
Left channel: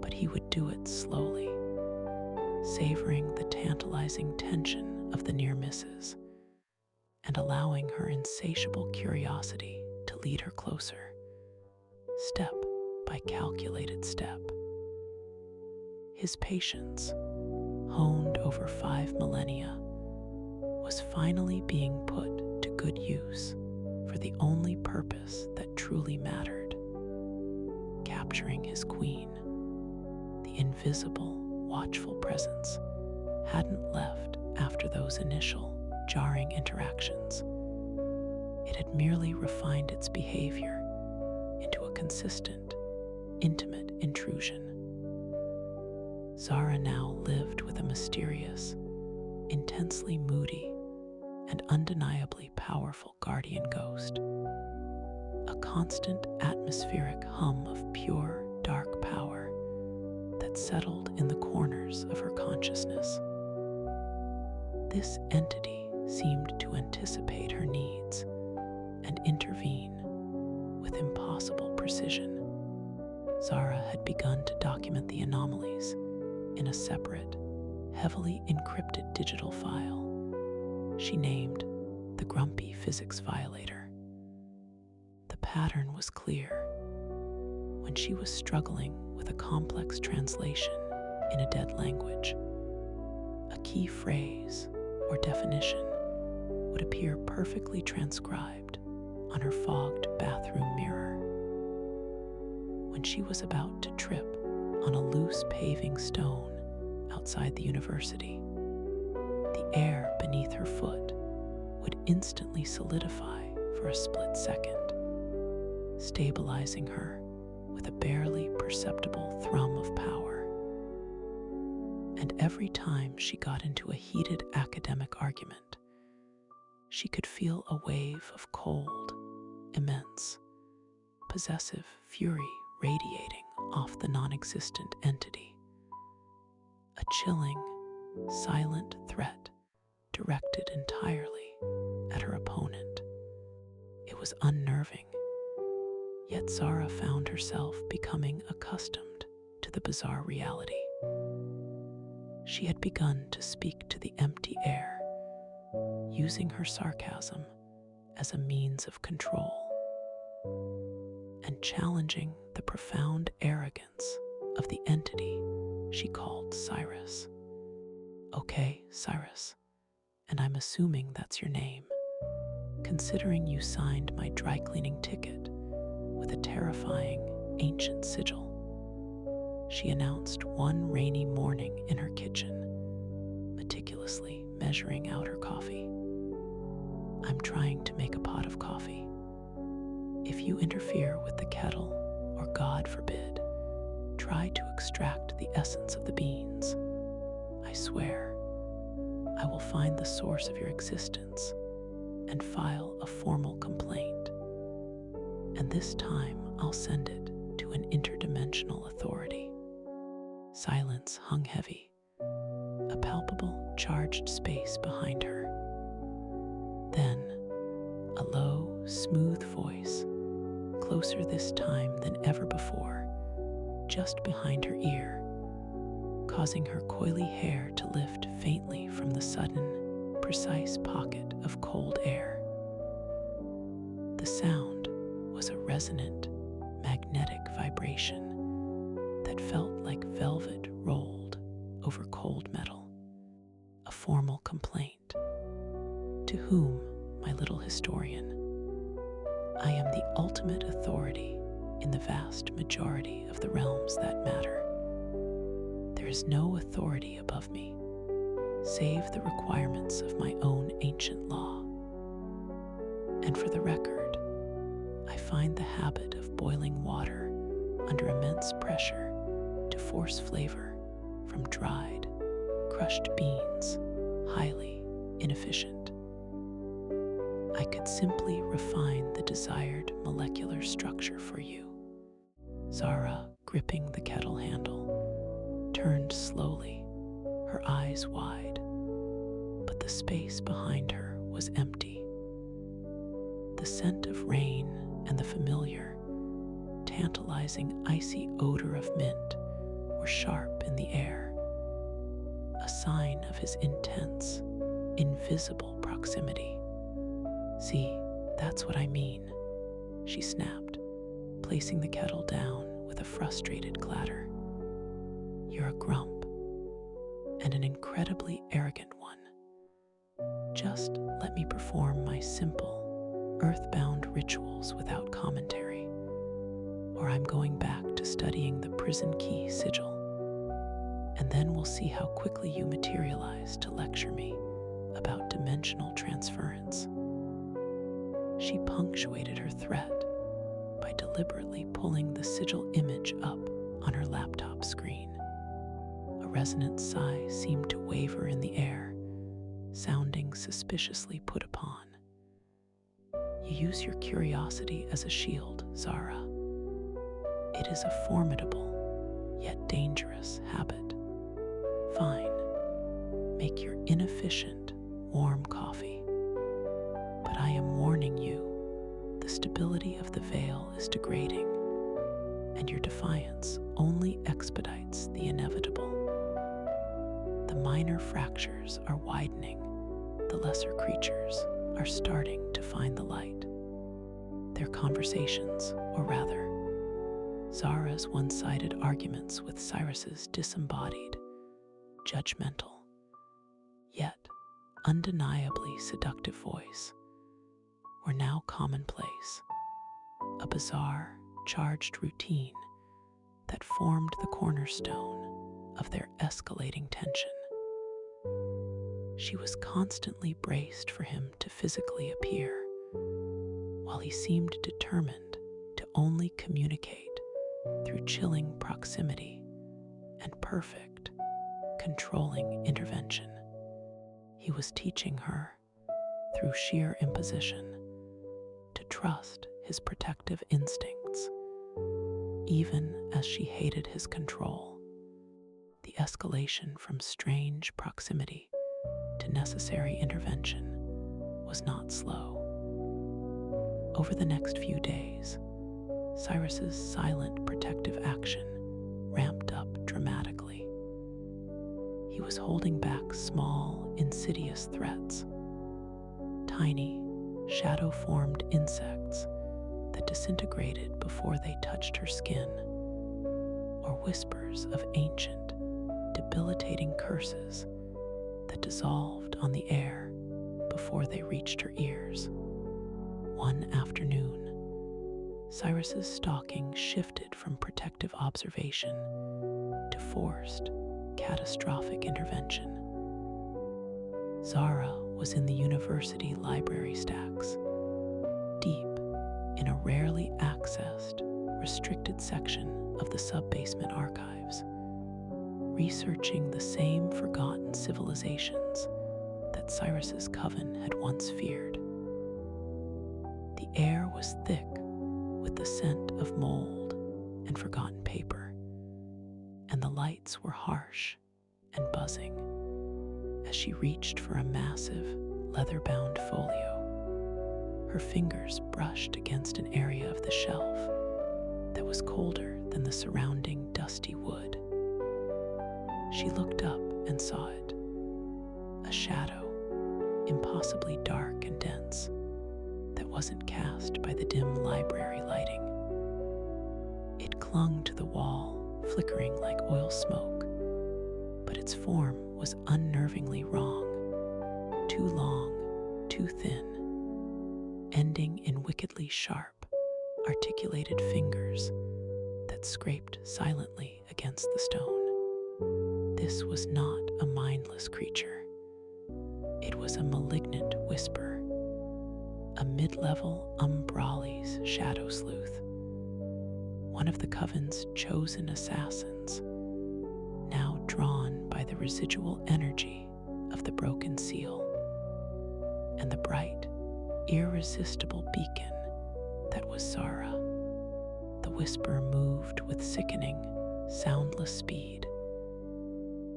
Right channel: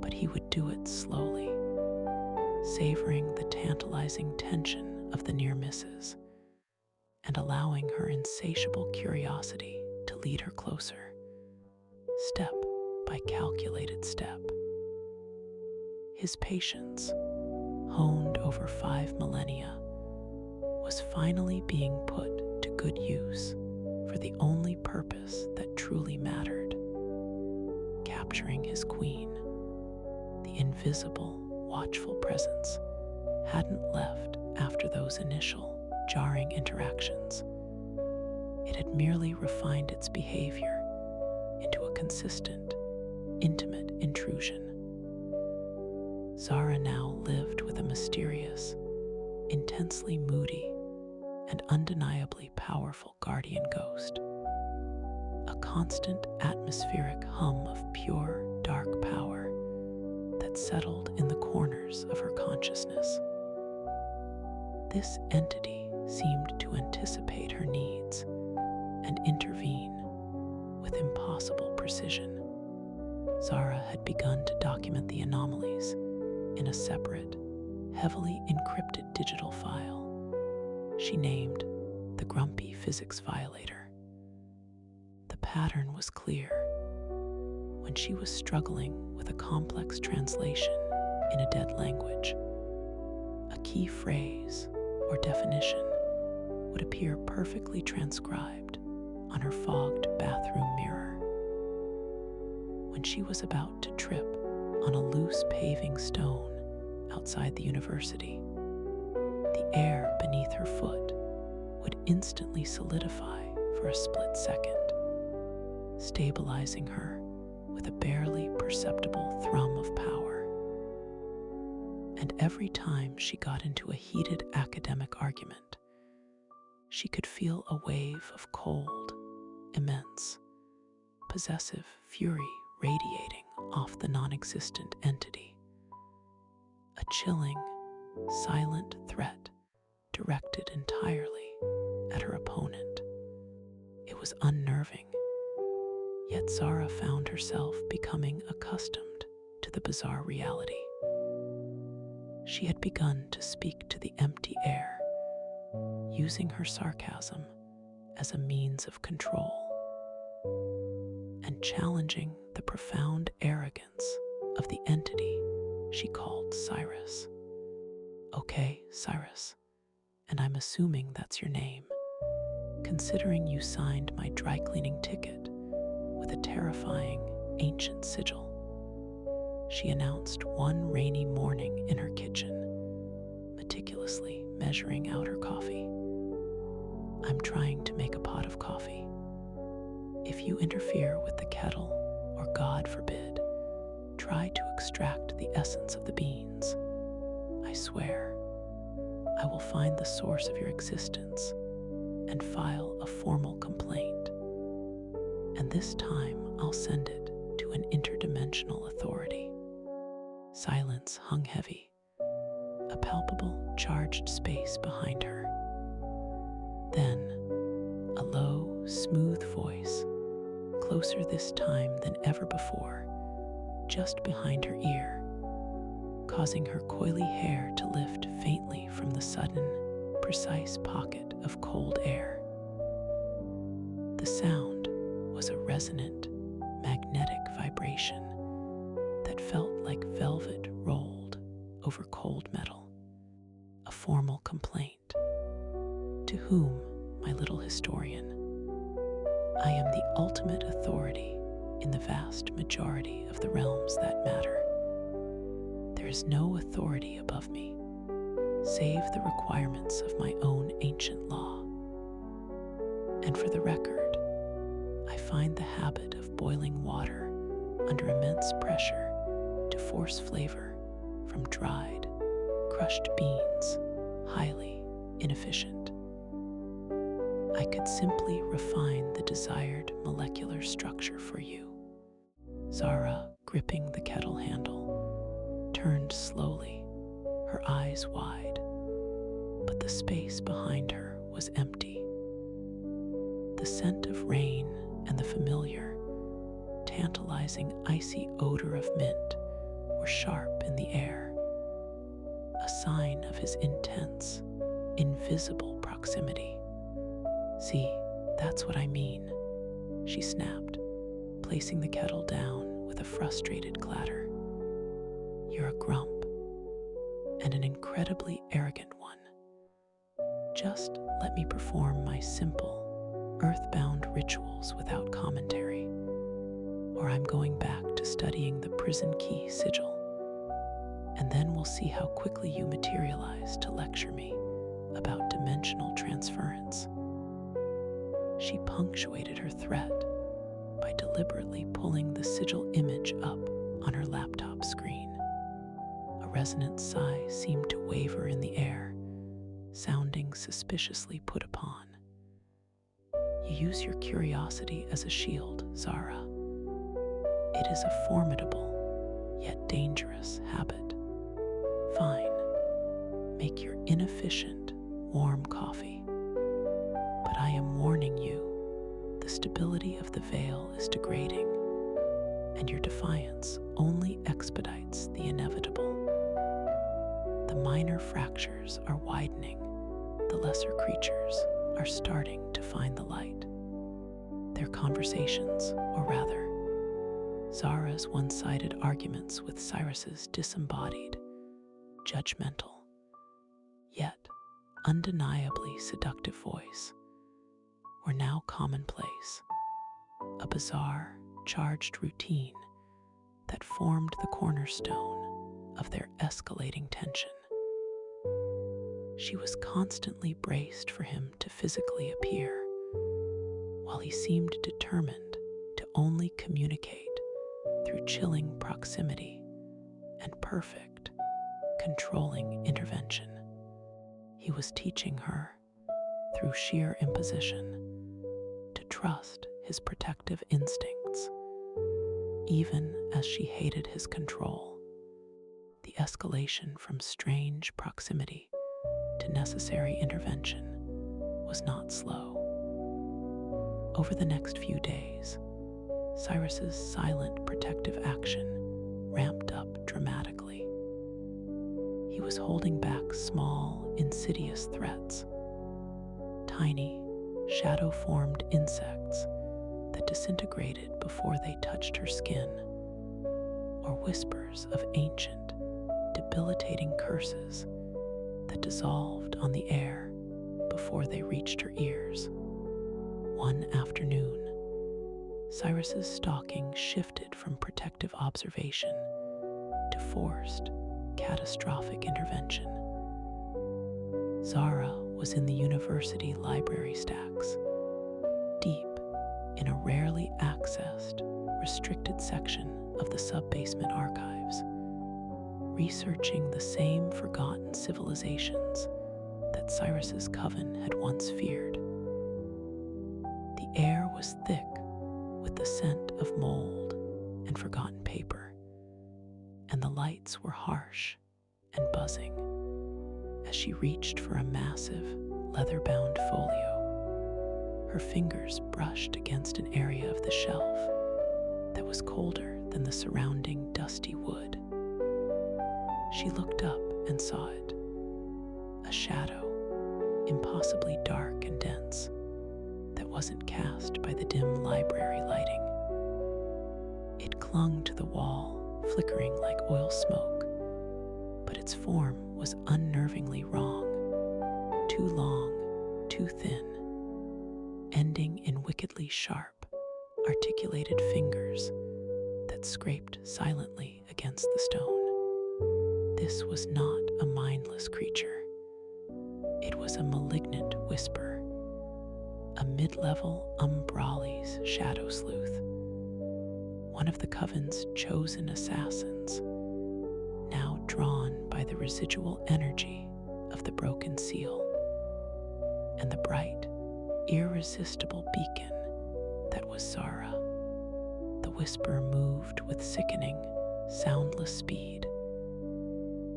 but he would do it slowly, savoring the tantalizing tension of the near misses and allowing her insatiable curiosity to lead her closer, step by calculated step. His patience, honed over 5 millennia, was finally being put to good use for the only purpose that truly mattered: capturing his queen. The invisible, watchful presence hadn't left after those initial, jarring interactions. It had merely refined its behavior into a consistent, intimate intrusion. Zara now lived with a mysterious, intensely moody, and undeniably powerful guardian ghost, a constant atmospheric hum of pure, dark power that settled in the corners of her consciousness. This entity seemed to anticipate her needs and intervene with impossible precision. Zara had begun to document the anomalies in a separate, heavily encrypted digital file she named the Grumpy Physics Violator. The pattern was clear. When she was struggling with a complex translation in a dead language, a key phrase or definition would appear perfectly transcribed on her fogged bathroom mirror. When she was about to trip on a loose paving stone outside the university, the air beneath her foot would instantly solidify for a split second, stabilizing her with a barely perceptible thrum of power. And every time she got into a heated academic argument, she could feel a wave of cold, immense, possessive fury radiating off the non-existent entity. A chilling, silent threat directed entirely at her opponent. It was unnerving, yet Zara found herself becoming accustomed to the bizarre reality. She had begun to speak to the empty air, using her sarcasm as a means of control, and challenging the profound arrogance of the entity she called Cyrus. "Okay, Cyrus, and I'm assuming that's your name, considering you signed my dry cleaning ticket with a terrifying ancient sigil," she announced one rainy morning in her kitchen, meticulously measuring out her coffee. "I'm trying to make a pot of coffee. If you interfere with the kettle, or God forbid, try to extract the essence of the beans, I swear, I will find the source of your existence and file a formal complaint. And this time I'll send it to an interdimensional authority." Silence hung heavy, a palpable, charged space behind her. Then, a low, smooth voice, closer this time than ever before, just behind her ear, causing her coily hair to lift faintly from the sudden, precise pocket of cold air. The sound was a resonant, magnetic vibration that felt like velvet rolled over cold metal. A formal complaint. "To whom, my little historian? I am the ultimate authority in the vast majority of the realms that matter. There is no authority above me, save the requirements of my own ancient law. And for the record, I find the habit of boiling water under immense pressure to force flavor from dried, crushed beans highly inefficient. I could simply refine the desired molecular structure for you." Zara, gripping the kettle handle, turned slowly, her eyes wide, but the space behind her was empty. The scent of rain and the familiar, tantalizing icy odor of mint were sharp in the air, a sign of his intense, invisible proximity. "See, that's what I mean," she snapped, placing the kettle down with a frustrated clatter. "You're a grump, and an incredibly arrogant one. Just let me perform my simple, earthbound rituals without commentary, or I'm going back to studying the prison key sigil, and then we'll see how quickly you materialize to lecture me about dimensional transference." She punctuated her threat by deliberately pulling the sigil image up on her laptop screen. A resonant sigh seemed to waver in the air, sounding suspiciously put upon. "You use your curiosity as a shield, Zara. It is a formidable, yet dangerous habit. Fine, make your inefficient, warm coffee. But I am warning you, the stability of the veil is degrading, and your defiance only expedites the inevitable. The minor fractures are widening. The lesser creatures are starting to find the light. Their conversations, or rather, Zara's one-sided arguments with Cyrus's disembodied, judgmental, yet undeniably seductive voice, were now commonplace, a bizarre, charged routine that formed the cornerstone of their escalating tension. She was constantly braced for him to physically appear, while he seemed determined to only communicate through chilling proximity and perfect, controlling intervention. He was teaching her, through sheer imposition, to trust his protective instincts, even as she hated his control. The escalation from strange proximity to necessary intervention was not slow. Over the next few days, Cyrus's silent protective action ramped up dramatically. He was holding back small, insidious threats, tiny, shadow-formed insects that disintegrated before they touched her skin, or whispers of ancient, debilitating curses that dissolved on the air before they reached her ears. One afternoon, Cyrus's stalking shifted from protective observation to forced, catastrophic intervention. Zara was in the university library stacks, deep in a rarely accessed, restricted section of the sub-basement archives, researching the same forgotten civilizations that Cyrus's coven had once feared. The air was thick with the scent of mold and forgotten paper, and the lights were harsh and buzzing as she reached for a massive, leather-bound folio. Her fingers brushed against an area of the shelf that was colder than the surrounding dusty wood. She looked up and saw it, a shadow, impossibly dark and dense, that wasn't cast by the dim library lighting. It clung to the wall, flickering like oil smoke, but its form was unnervingly wrong, too long, too thin, ending in wickedly sharp, articulated fingers that scraped silently against the stone. This was not a mindless creature. It was a malignant whisper, a mid-level Umbrali's shadow sleuth, one of the coven's chosen assassins, now drawn by the residual energy of the broken seal and the bright, irresistible beacon that was Zara. The whisper moved with sickening, soundless speed,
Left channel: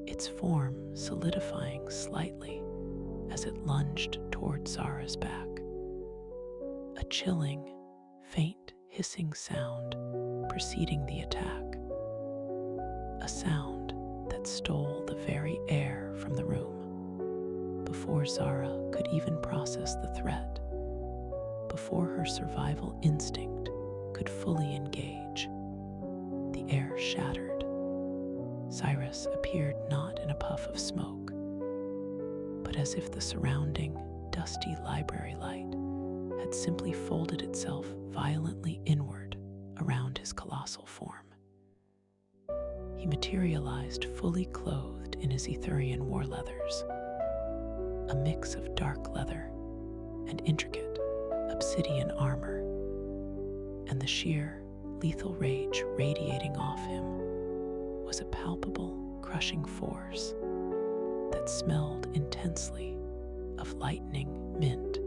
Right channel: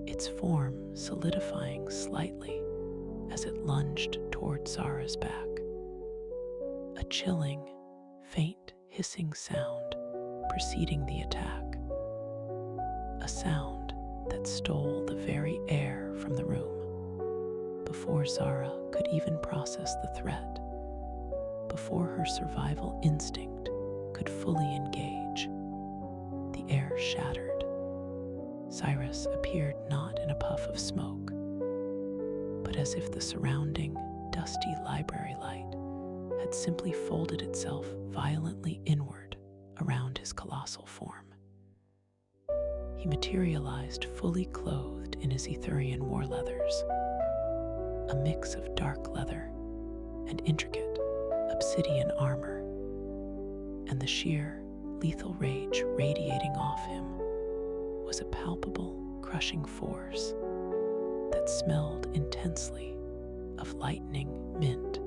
its form solidifying slightly as it lunged toward Zara's back. A chilling, faint hissing sound preceding the attack, a sound that stole the very air from the room. Before Zara could even process the threat, before her survival instinct could fully engage, the air shattered. Cyrus appeared not in a puff of smoke, but as if the surrounding, dusty library light had simply folded itself violently inward around his colossal form. He materialized fully clothed in his Etherian war leathers, a mix of dark leather and intricate obsidian armor, and the sheer, lethal rage radiating off him was a palpable, crushing force that smelled intensely of lightning, mint,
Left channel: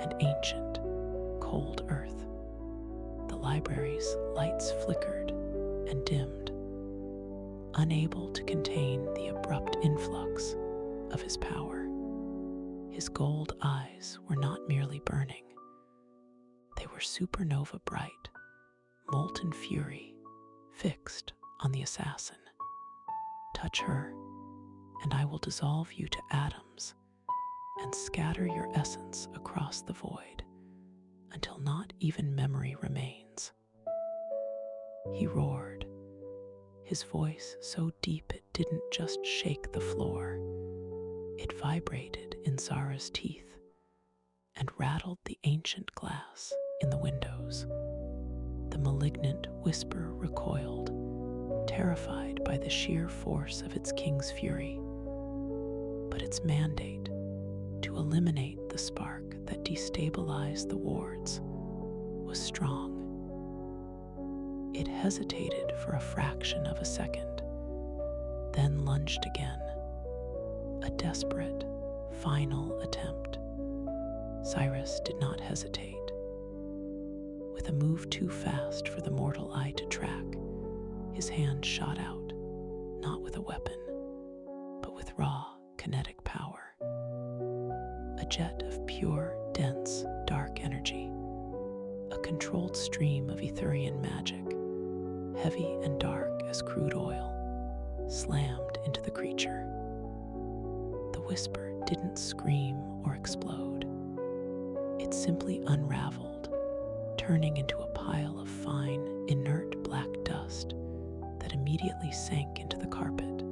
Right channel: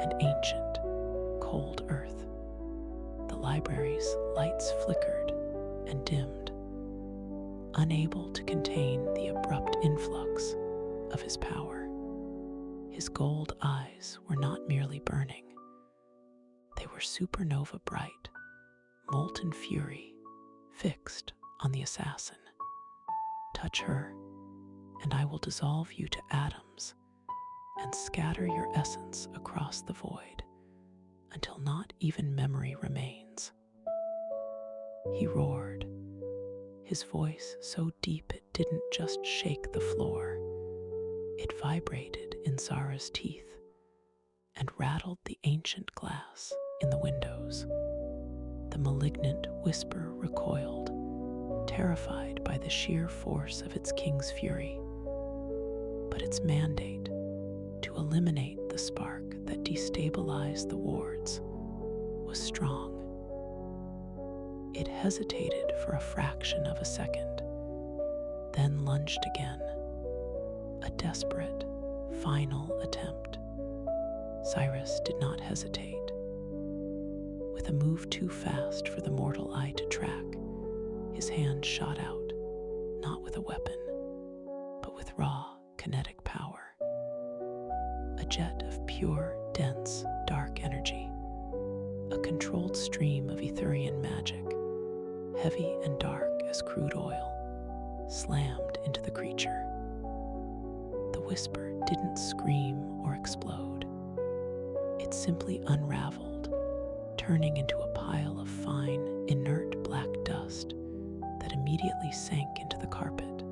and ancient, cold earth. The library's lights flickered and dimmed, unable to contain the abrupt influx of his power. His gold eyes were not merely burning. They were supernova bright, molten fury fixed on the assassin. Touch her, and I will dissolve you to atoms and scatter your essence across the void until not even memory remains." He roared, his voice so deep it didn't just shake the floor. It vibrated in Zara's teeth and rattled the ancient glass in the windows. The malignant whisper recoiled, terrified by the sheer force of its king's fury. But its mandate, to eliminate the spark that destabilized the wards, was strong. It hesitated for a fraction of a second, then lunged again, a desperate, final attempt. Cyrus did not hesitate. With a move too fast for the mortal eye to track, his hand shot out, not with a weapon, but with raw, kinetic power. A jet of pure, dense, dark energy, a controlled stream of Etherian magic, heavy and dark as crude oil, slammed into the creature. The whisper didn't scream or explode. It simply unraveled, turning into a pile of fine, inert black dust that immediately sank into the carpet,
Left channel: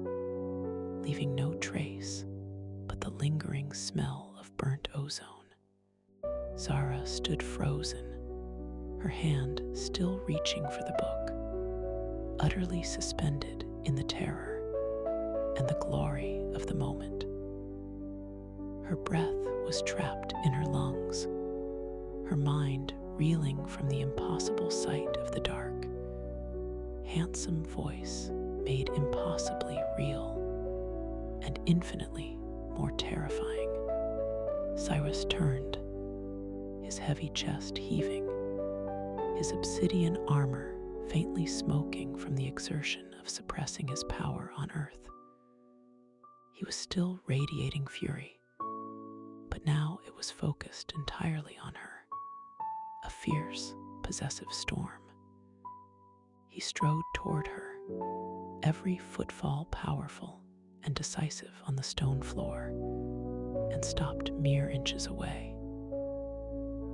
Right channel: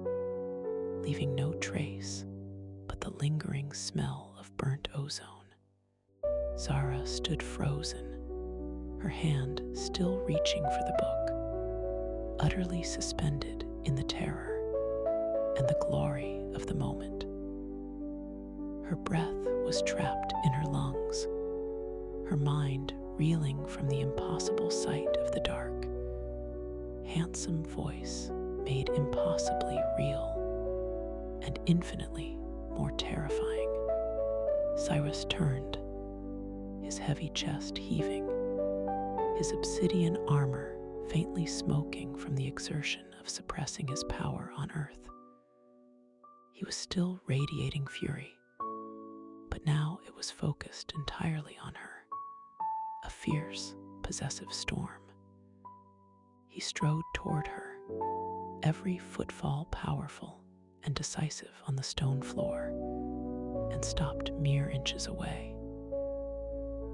leaving no trace but the lingering smell of burnt ozone. Zara stood frozen, her hand still reaching for the book, utterly suspended in the terror and the glory of the moment. Her breath was trapped in her lungs, her mind reeling from the impossible sight of the dark, handsome voice made impossibly real and infinitely more terrifying. Cyrus turned, his heavy chest heaving, his obsidian armor faintly smoking from the exertion of suppressing his power on Earth. He was still radiating fury, but now it was focused entirely on her, a fierce, possessive storm. He strode toward her, every footfall powerful and decisive on the stone floor, and stopped mere inches away.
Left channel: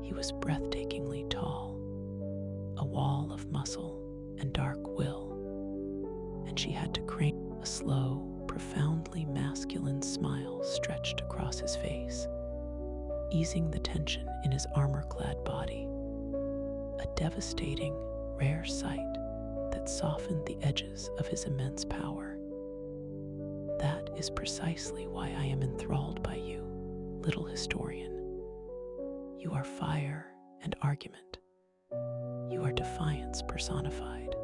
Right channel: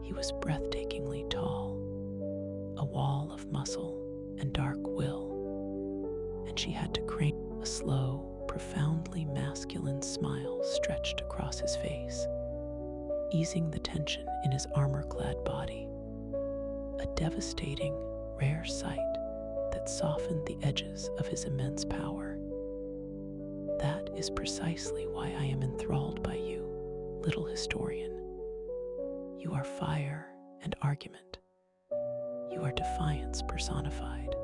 He was breathtakingly tall, a wall of muscle and dark will, and she had to crane. A slow, profoundly masculine smile stretched across his face, easing the tension in his armor-clad body, a devastating, rare sight that softened the edges of his immense power. "That is precisely why I am enthralled by you, little historian. You are fire and argument. You are defiance personified.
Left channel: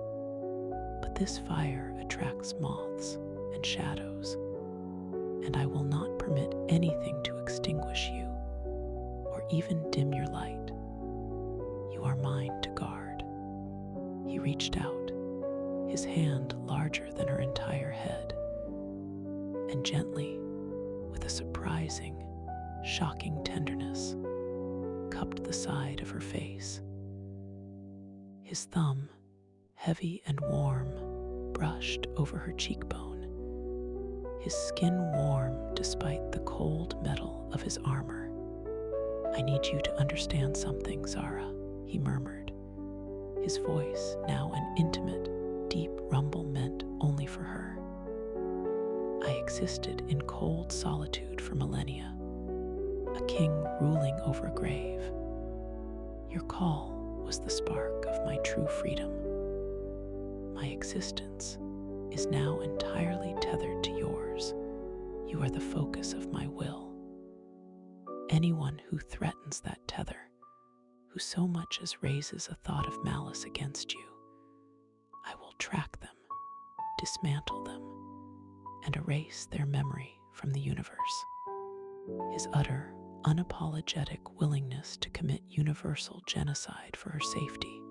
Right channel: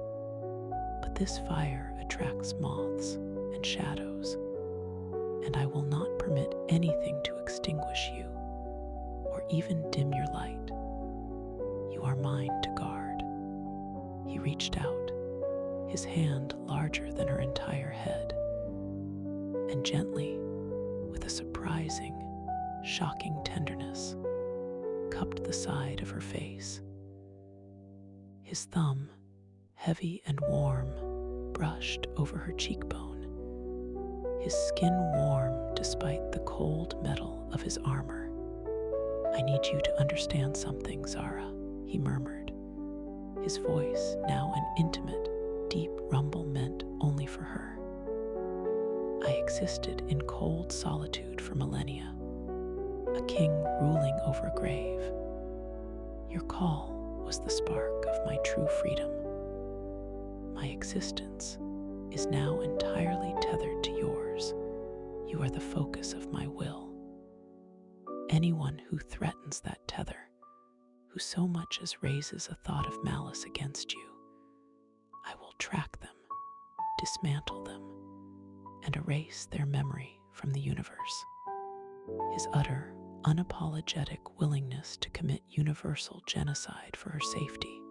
But this fire attracts moths and shadows, and I will not permit anything to extinguish you or even dim your light. You are mine to guard." He reached out, his hand larger than her entire head, and gently, with a surprising, shocking tenderness, cupped the side of her face. His thumb, heavy and warm, brushed over her cheekbone, his skin warm despite the cold metal of his armor. "I need you to understand something, Zara," he murmured, his voice now an intimate, deep rumble meant only for her. "I existed in cold solitude for millennia, a king ruling over a grave. Your call was the spark of my true freedom. My existence is now entirely tethered to yours. You are the focus of my will. Anyone who threatens that tether, who so much as raises a thought of malice against you, I will track them, dismantle them, and erase their memory from the universe." His utter, unapologetic willingness to commit universal genocide for her safety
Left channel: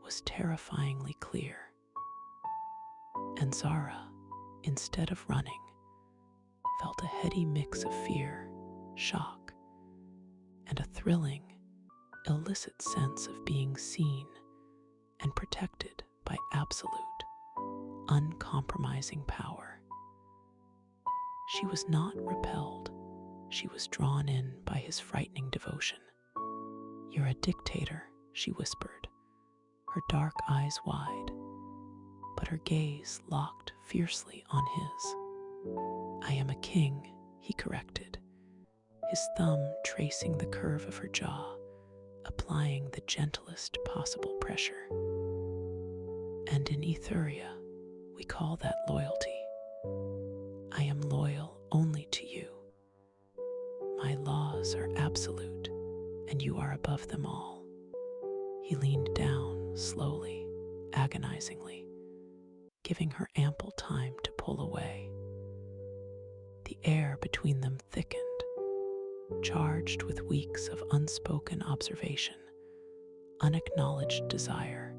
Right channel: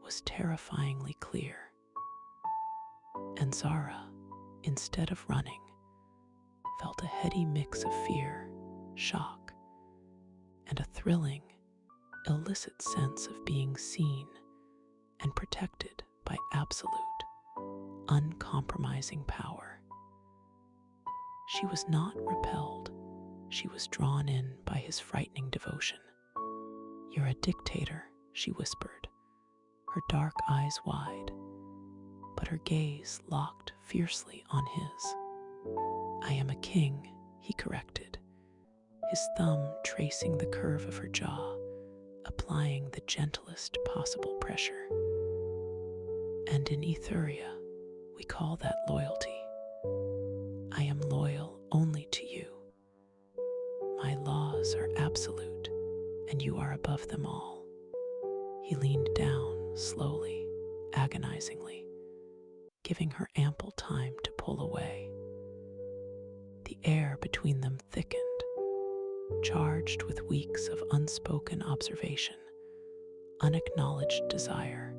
was terrifyingly clear. And Zara, instead of running, felt a heady mix of fear, shock, and a thrilling, illicit sense of being seen and protected by absolute, uncompromising power. She was not repelled. She was drawn in by his frightening devotion. "You're a dictator," she whispered, her dark eyes wide, but her gaze locked fiercely on his. "I am a king," he corrected, his thumb tracing the curve of her jaw, applying the gentlest possible pressure. "And in Ethuria, we call that loyalty. I am loyal only to you. My laws are absolute, and you are above them all." He leaned down slowly, agonizingly, giving her ample time to pull away. The air between them thickened, charged with weeks of unspoken observation, unacknowledged desire,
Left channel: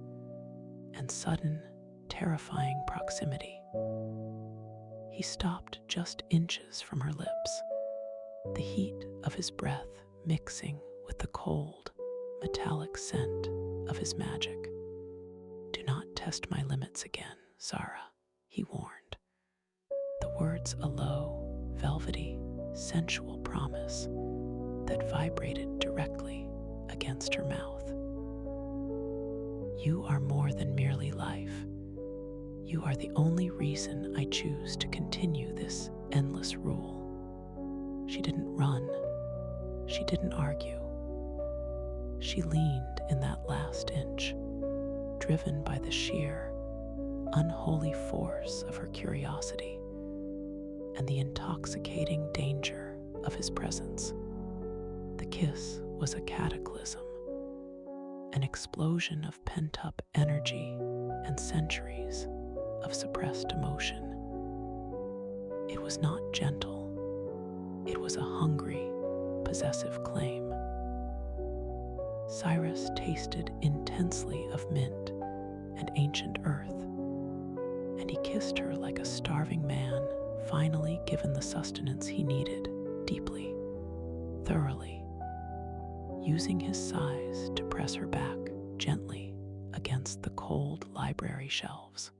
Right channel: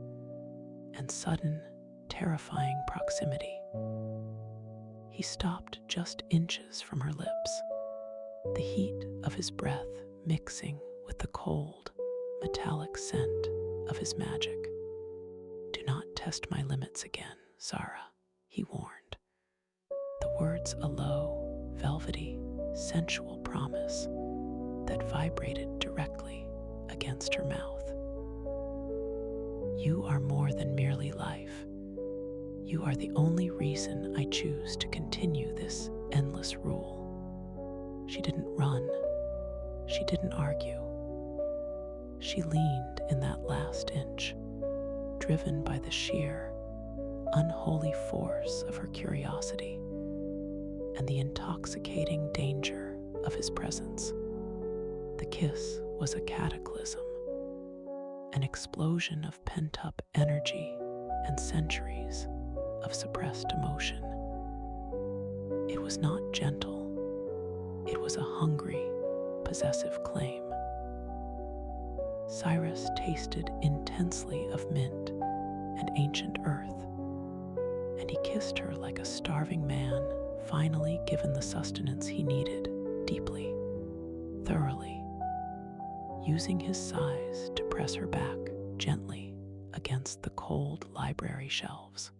and sudden, terrifying proximity. He stopped just inches from her lips, the heat of his breath mixing with the cold, metallic scent of his magic. "Do not test my limits again, Zara," he warned, the words a low, velvety, sensual promise that vibrated directly against her mouth. "You are more than merely life. You are the only reason I choose to continue this endless rule." She didn't run. She didn't argue. She leaned in that last inch, driven by the sheer, unholy force of her curiosity and the intoxicating danger of his presence. The kiss was a cataclysm, an explosion of pent-up energy and centuries of suppressed emotion. It was not gentle. It was a hungry, possessive claim. Cyrus tasted intensely of mint and ancient earth, and he kissed her like a starving man finally given the sustenance he needed, deeply, thoroughly, using his sighs to press her back gently against the cold library shelves.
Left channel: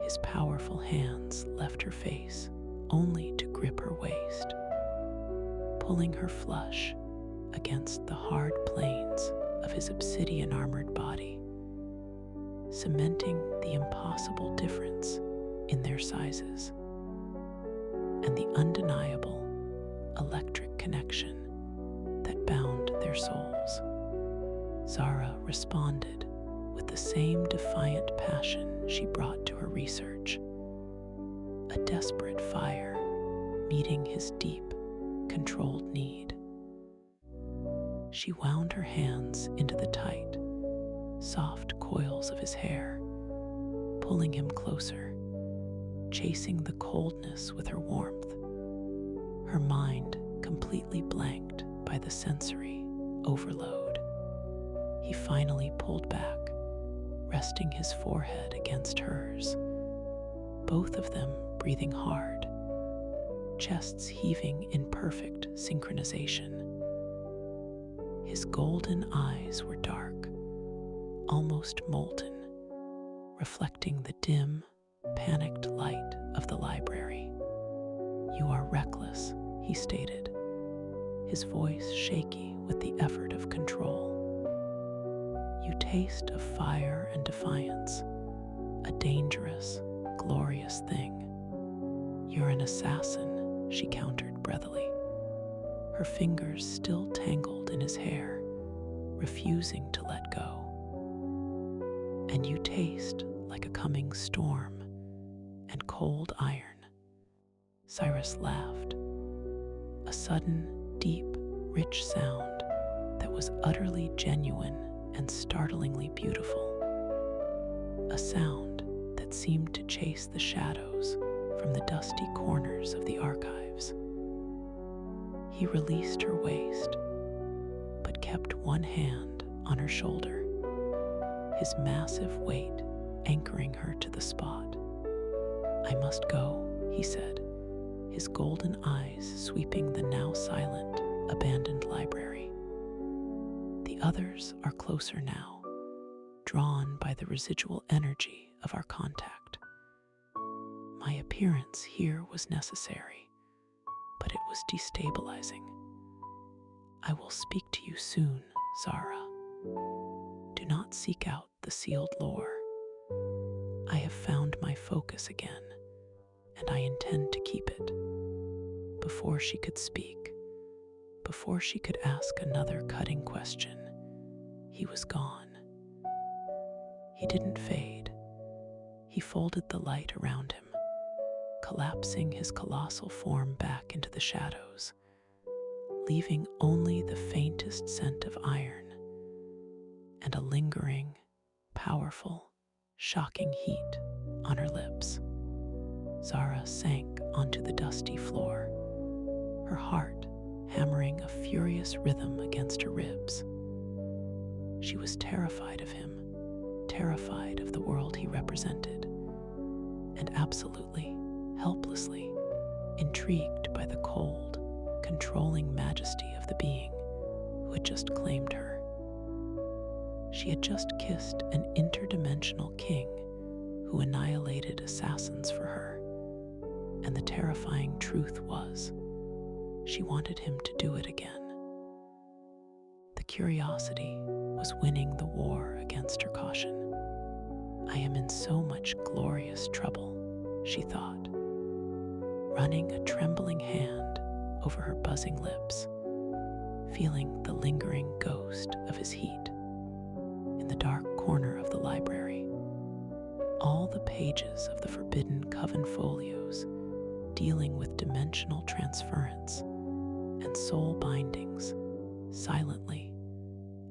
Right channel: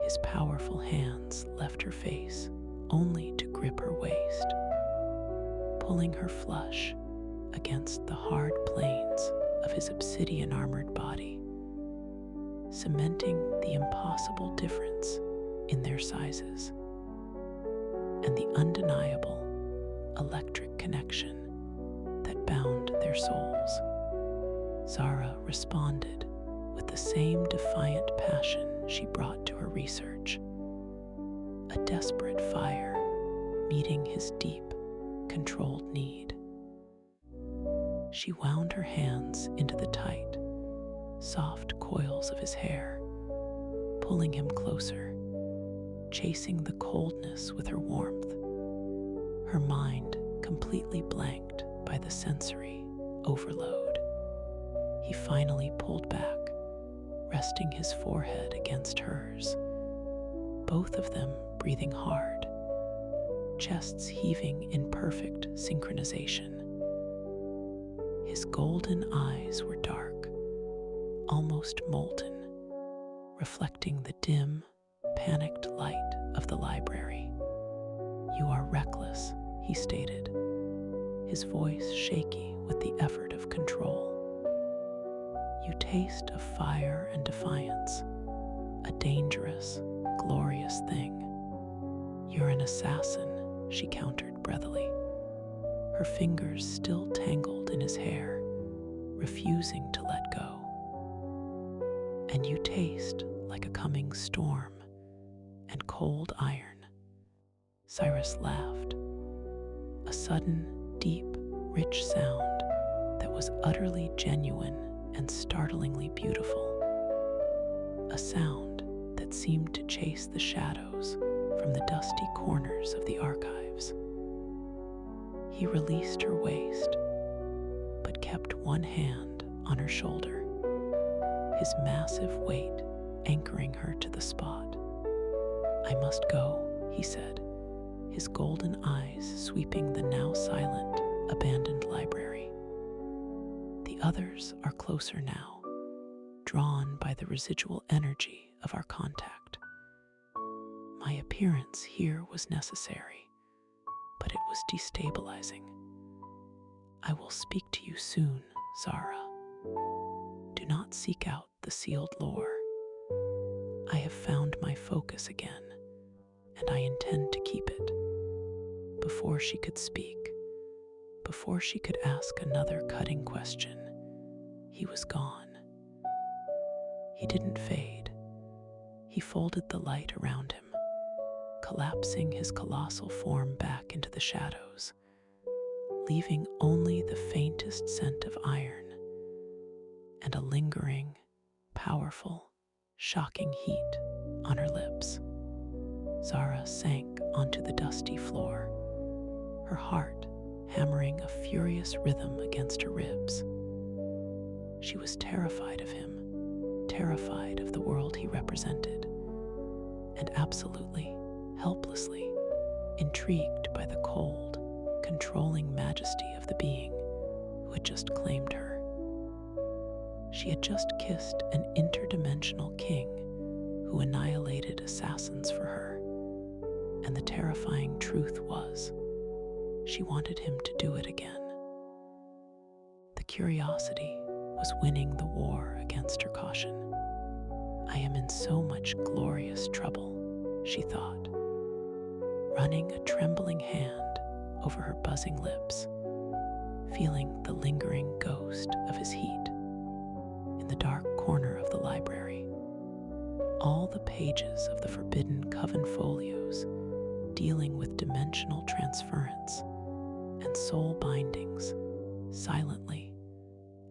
His powerful hands left her face only to grip her waist, pulling her flush against the hard planes of his obsidian-armored body, cementing the impossible difference in their sizes and the undeniable electric connection that bound their souls. Zara responded with the same defiant passion she brought to her research, a desperate fire meeting his deep, controlled need. She wound her hands into the tight, soft coils of his hair, pulling him closer, chasing the coldness with her warmth, her mind completely blanked by the sensory overload. He finally pulled back, resting his forehead against hers, both of them breathing hard, chests heaving in perfect synchronization. His golden eyes were dark, almost molten, reflecting the dim, panicked light of the library. "You are reckless," he stated, his voice shaky with the effort of control. "You taste of fire and defiance, a dangerous, glorious thing." "You're an assassin," she countered breathily, her fingers still tangled in his hair, refusing to let go. "And you taste like a coming storm and cold iron." Cyrus laughed, a sudden, deep, rich sound that was utterly genuine and startlingly beautiful. A sound that seemed to chase the shadows from the dusty corners of the archives. He released her waist, but kept one hand on her shoulder, his massive weight anchoring her to the spot. "I must go," he said, his golden eyes sweeping the now silent, abandoned library. "The others are closer now, drawn by the residual energy of our contact." My appearance here was necessary, but it was destabilizing. I will speak to you soon, Zara. Do not seek out the sealed lore. I have found my focus again, and I intend to keep it. Before she could speak, before she could ask another cutting question, he was gone. He didn't fade. He folded the light around him, collapsing his colossal form back into the shadows, leaving only the faintest scent of iron and a lingering, powerful, shocking heat on her lips. Zara sank onto the dusty floor, her heart hammering a furious rhythm against her ribs. She was terrified of him, terrified of the world he represented, and absolutely, helplessly intrigued by the cold, controlling majesty of the being who had just claimed her. She had just kissed an interdimensional king who annihilated assassins for her, and the terrifying truth was, she wanted him to do it again. The curiosity was winning the war against her caution. I am in so much glorious trouble, she thought, running a trembling hand over her buzzing lips, feeling the lingering ghost of his heat. In the dark corner of the library, all the pages of the forbidden coven folios dealing with dimensional transference and soul bindings silently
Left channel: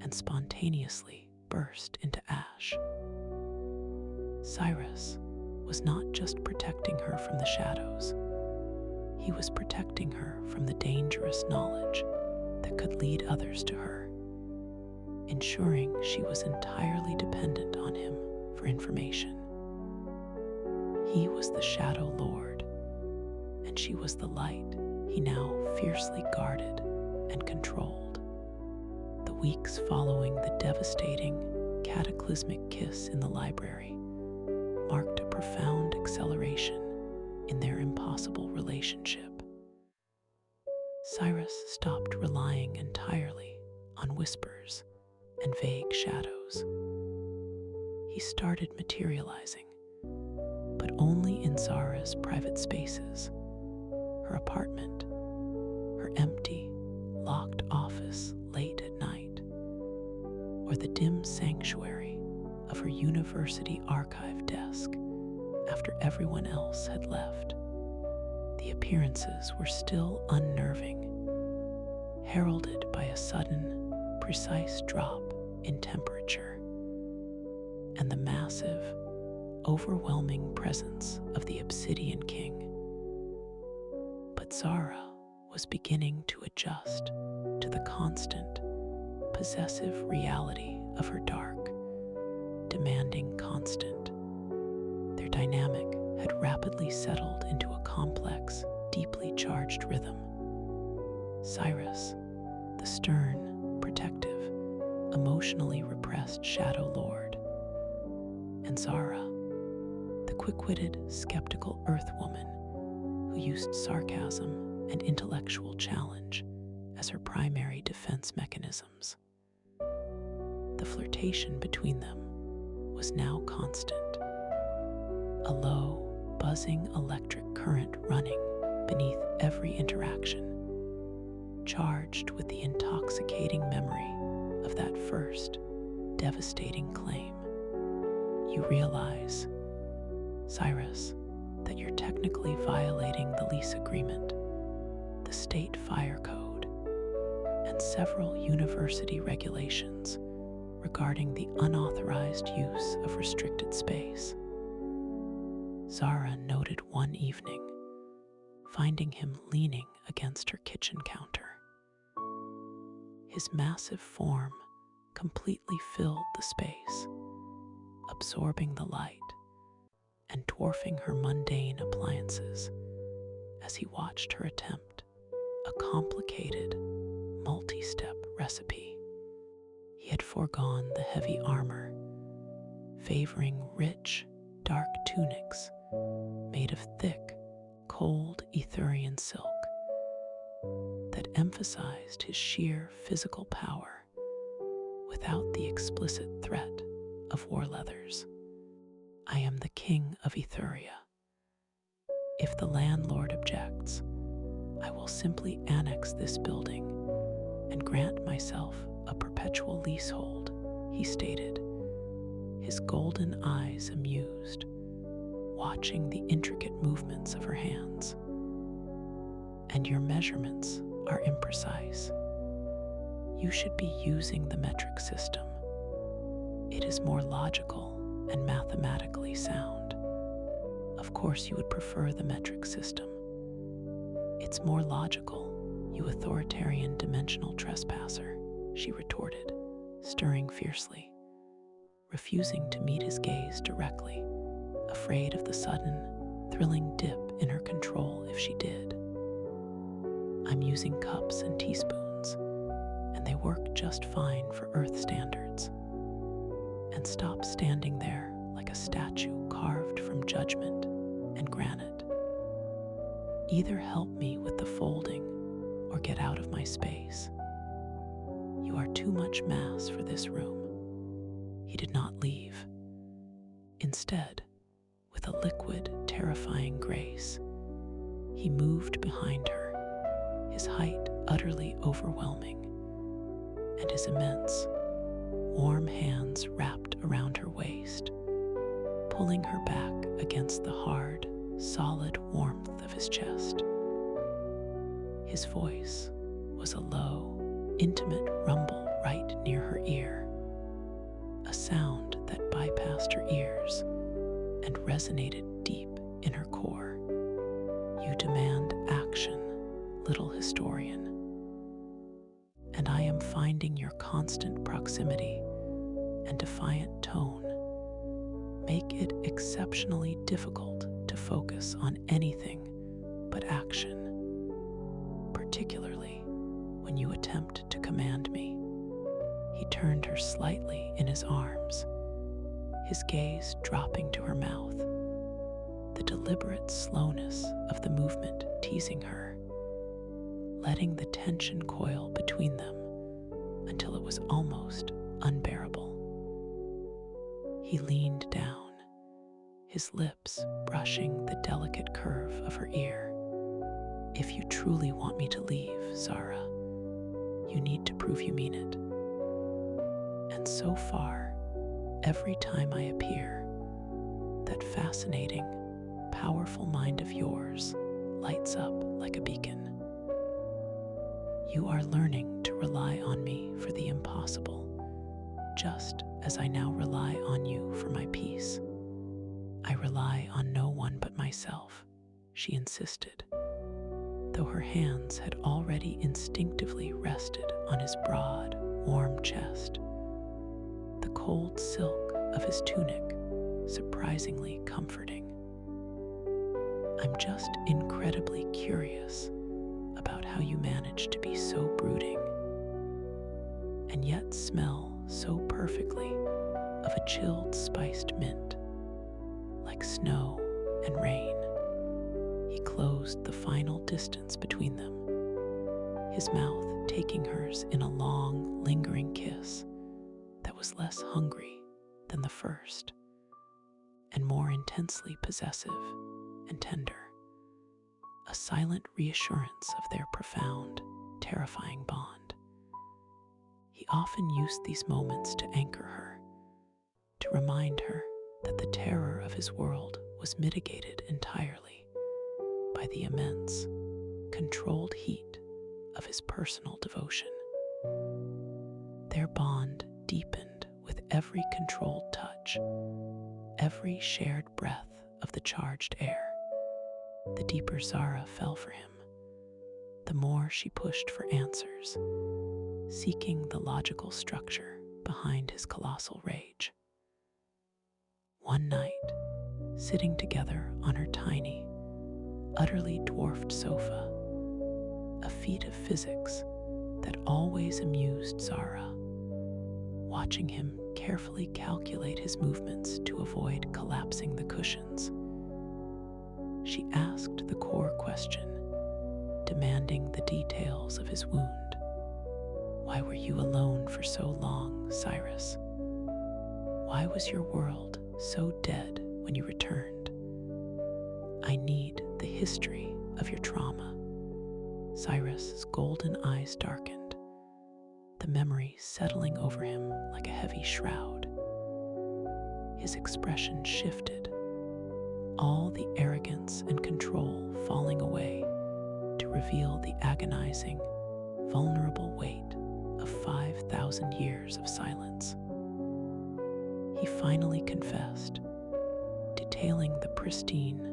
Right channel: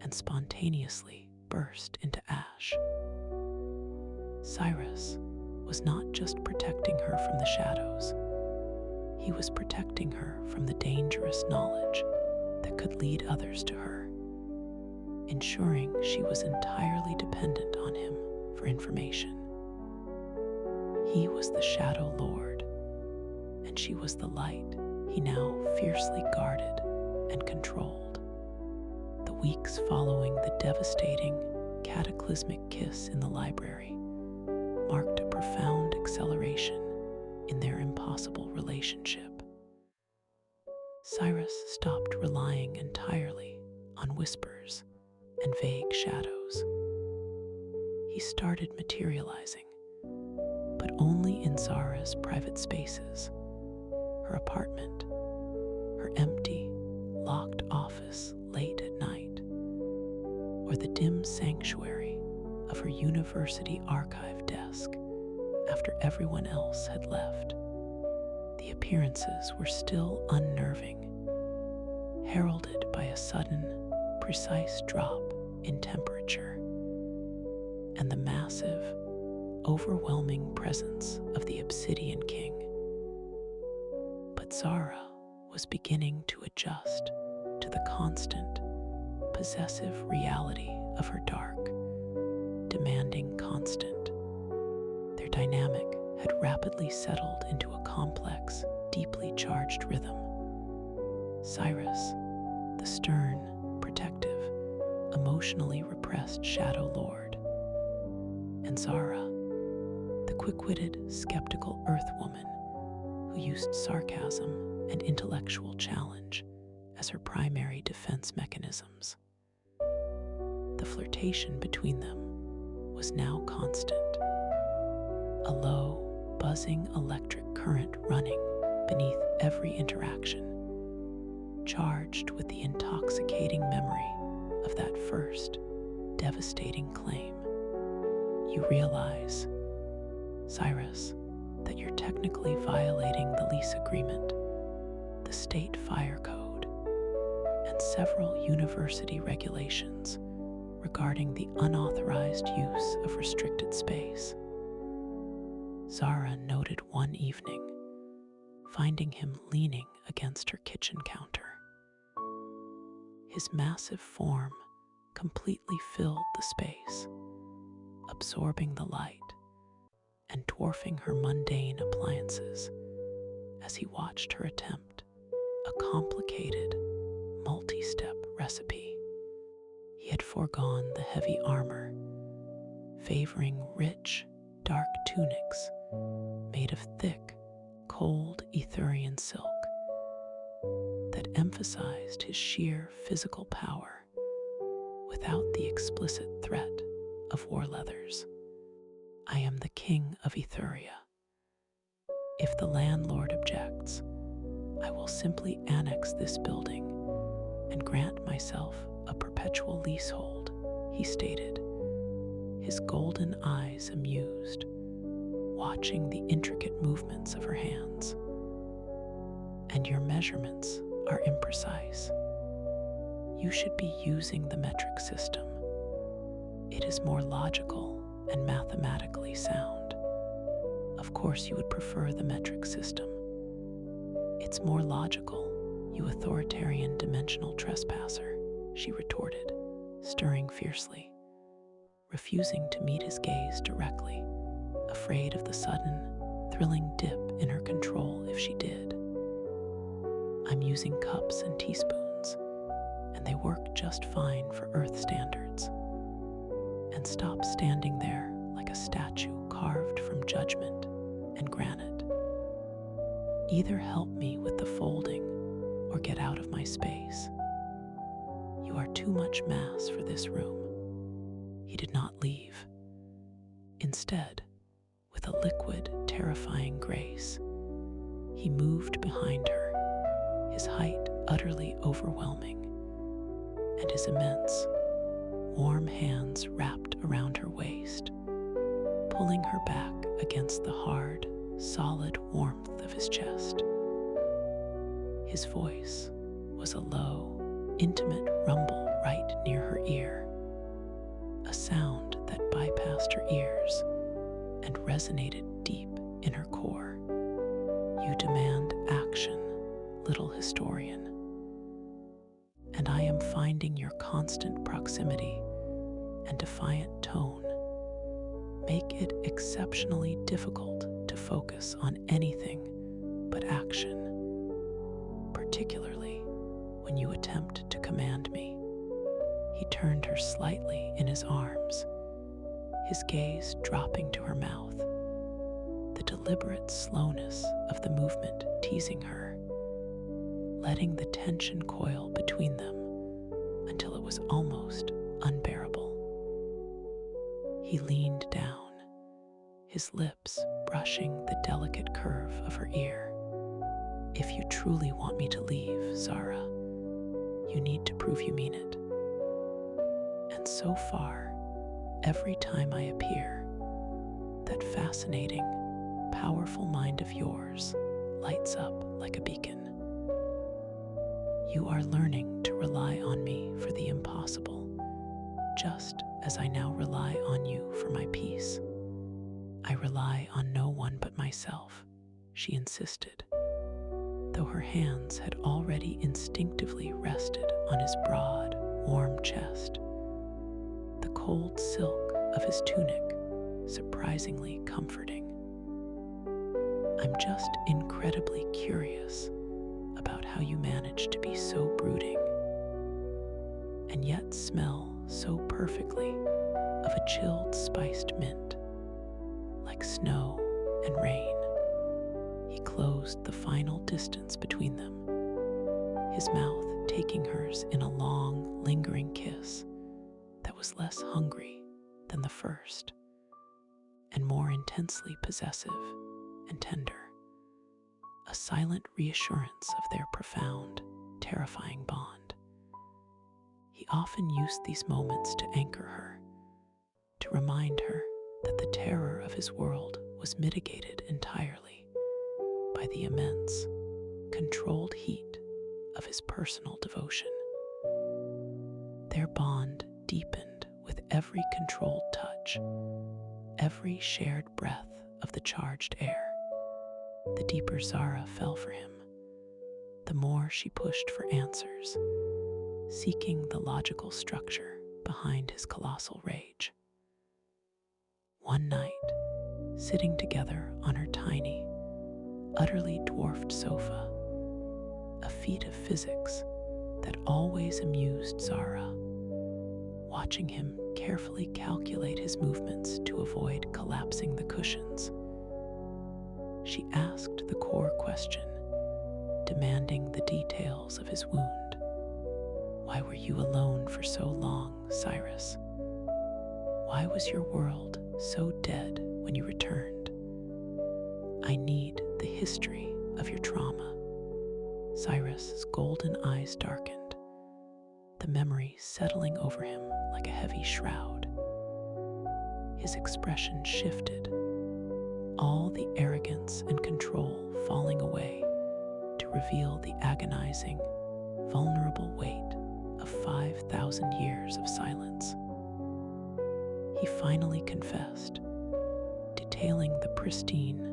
and spontaneously burst into ash. Cyrus was not just protecting her from the shadows, he was protecting her from the dangerous knowledge that could lead others to her, ensuring she was entirely dependent on him for information. He was the Shadow Lord, and she was the light he now fiercely guarded and controlled. The weeks following the devastating, cataclysmic kiss in the library marked a profound acceleration in their impossible relationship. Cyrus stopped relying entirely on whispers and vague shadows. He started materializing, but only in Zara's private spaces, her apartment, her empty, locked office late at night, or the dim sanctuary of her university archive desk after everyone else had left. The appearances were still unnerving, heralded by a sudden, precise drop in temperature and the massive, overwhelming presence of the Obsidian King. But Zara was beginning to adjust to the constant, possessive reality of her dark, demanding constant. Their dynamic had rapidly settled into a complex, deeply charged rhythm. Cyrus, the stern, protective, emotionally repressed Shadow Lord, and Zara, the quick-witted, skeptical Earth woman who used sarcasm and intellectual challenge as her primary defense mechanisms. The flirtation between them was now constant, a low, buzzing electric current running beneath every interaction, charged with the intoxicating memory of that first, devastating claim. You realize, Cyrus, that you're technically violating the lease agreement, the state fire code, and several university regulations regarding the unauthorized use of restricted space. Zara noted one evening, finding him leaning against her kitchen counter. His massive form completely filled the space, absorbing the light and dwarfing her mundane appliances as he watched her attempt a complicated, multi-step recipe. He had foregone the heavy armor, favoring rich, dark tunics made of thick, cold Etherian silk that emphasized his sheer physical power without the explicit threat of war leathers. I am the king of Etheria. If the landlord objects, I will simply annex this building and grant myself a perpetual leasehold, he stated, his golden eyes amused, watching the intricate movements of her hands. And your measurements are imprecise. You should be using the metric system. It is more logical and mathematically sound. Of course, you would prefer the metric system. It's more logical, you authoritarian dimensional trespasser, she retorted, stirring fiercely, refusing to meet his gaze directly, afraid of the sudden, thrilling dip in her control if she did. I'm using cups and teaspoons, and they work just fine for Earth standards. And stop standing there like a statue carved from judgment and granite. Either help me with the folding or get out of my space. You are too much mass for this room. He did not leave. Instead, with a liquid, terrifying grace, he moved behind her, his height utterly overwhelming, and his immense, warm hands wrapped around her waist, pulling her back against the hard, solid warmth of his chest. His voice was a low, intimate rumble right near her ear, a sound that bypassed her ears and resonated deep in her core. You demand action, little historian, and I am finding your constant proximity and defiant tone make it exceptionally difficult to focus on anything but action, particularly when you attempt to command me. He turned her slightly in his arms, his gaze dropping to her mouth, the deliberate slowness of the movement teasing her, letting the tension coil between them until it was almost unbearable. He leaned down, his lips brushing the delicate curve of her ear. If you truly want me to leave, Zara, you need to prove you mean it. And so far, every time I appear, that fascinating, powerful mind of yours lights up like a beacon. You are learning to rely on me for the impossible, just as I now rely on you for my peace. I rely on no one but myself, she insisted, though her hands had already instinctively rested on his broad, warm chest, the cold silk of his tunic surprisingly comforting. I'm just incredibly curious about how you manage to be so brooding and yet smell so perfectly of a chilled spiced mint, like snow and rain. He closed the final distance between them, his mouth taking hers in a long, lingering kiss that was less hungry than the first and more intensely possessive and tender, a silent reassurance of their profound, terrifying bond. He often used these moments to anchor her, to remind her that the terror of his world was mitigated entirely by the immense, controlled heat of his personal devotion. Their bond deepened with every controlled touch, every shared breath of the charged air. The deeper Zara fell for him, the more she pushed for answers, seeking the logical structure behind his colossal rage. One night, sitting together on her tiny, utterly dwarfed sofa, a feat of physics that always amused Zara, watching him carefully calculate his movements to avoid collapsing the cushions, She asked the core question, demanding the details of his wound. Why were you alone for so long, Cyrus? Why was your world so dead when you returned? I need the history of your trauma. Cyrus's golden eyes darkened, the memory settling over him like a heavy shroud. His expression shifted, all the arrogance and control falling away to reveal the agonizing, vulnerable weight of 5,000 years of silence. He finally confessed, detailing the pristine,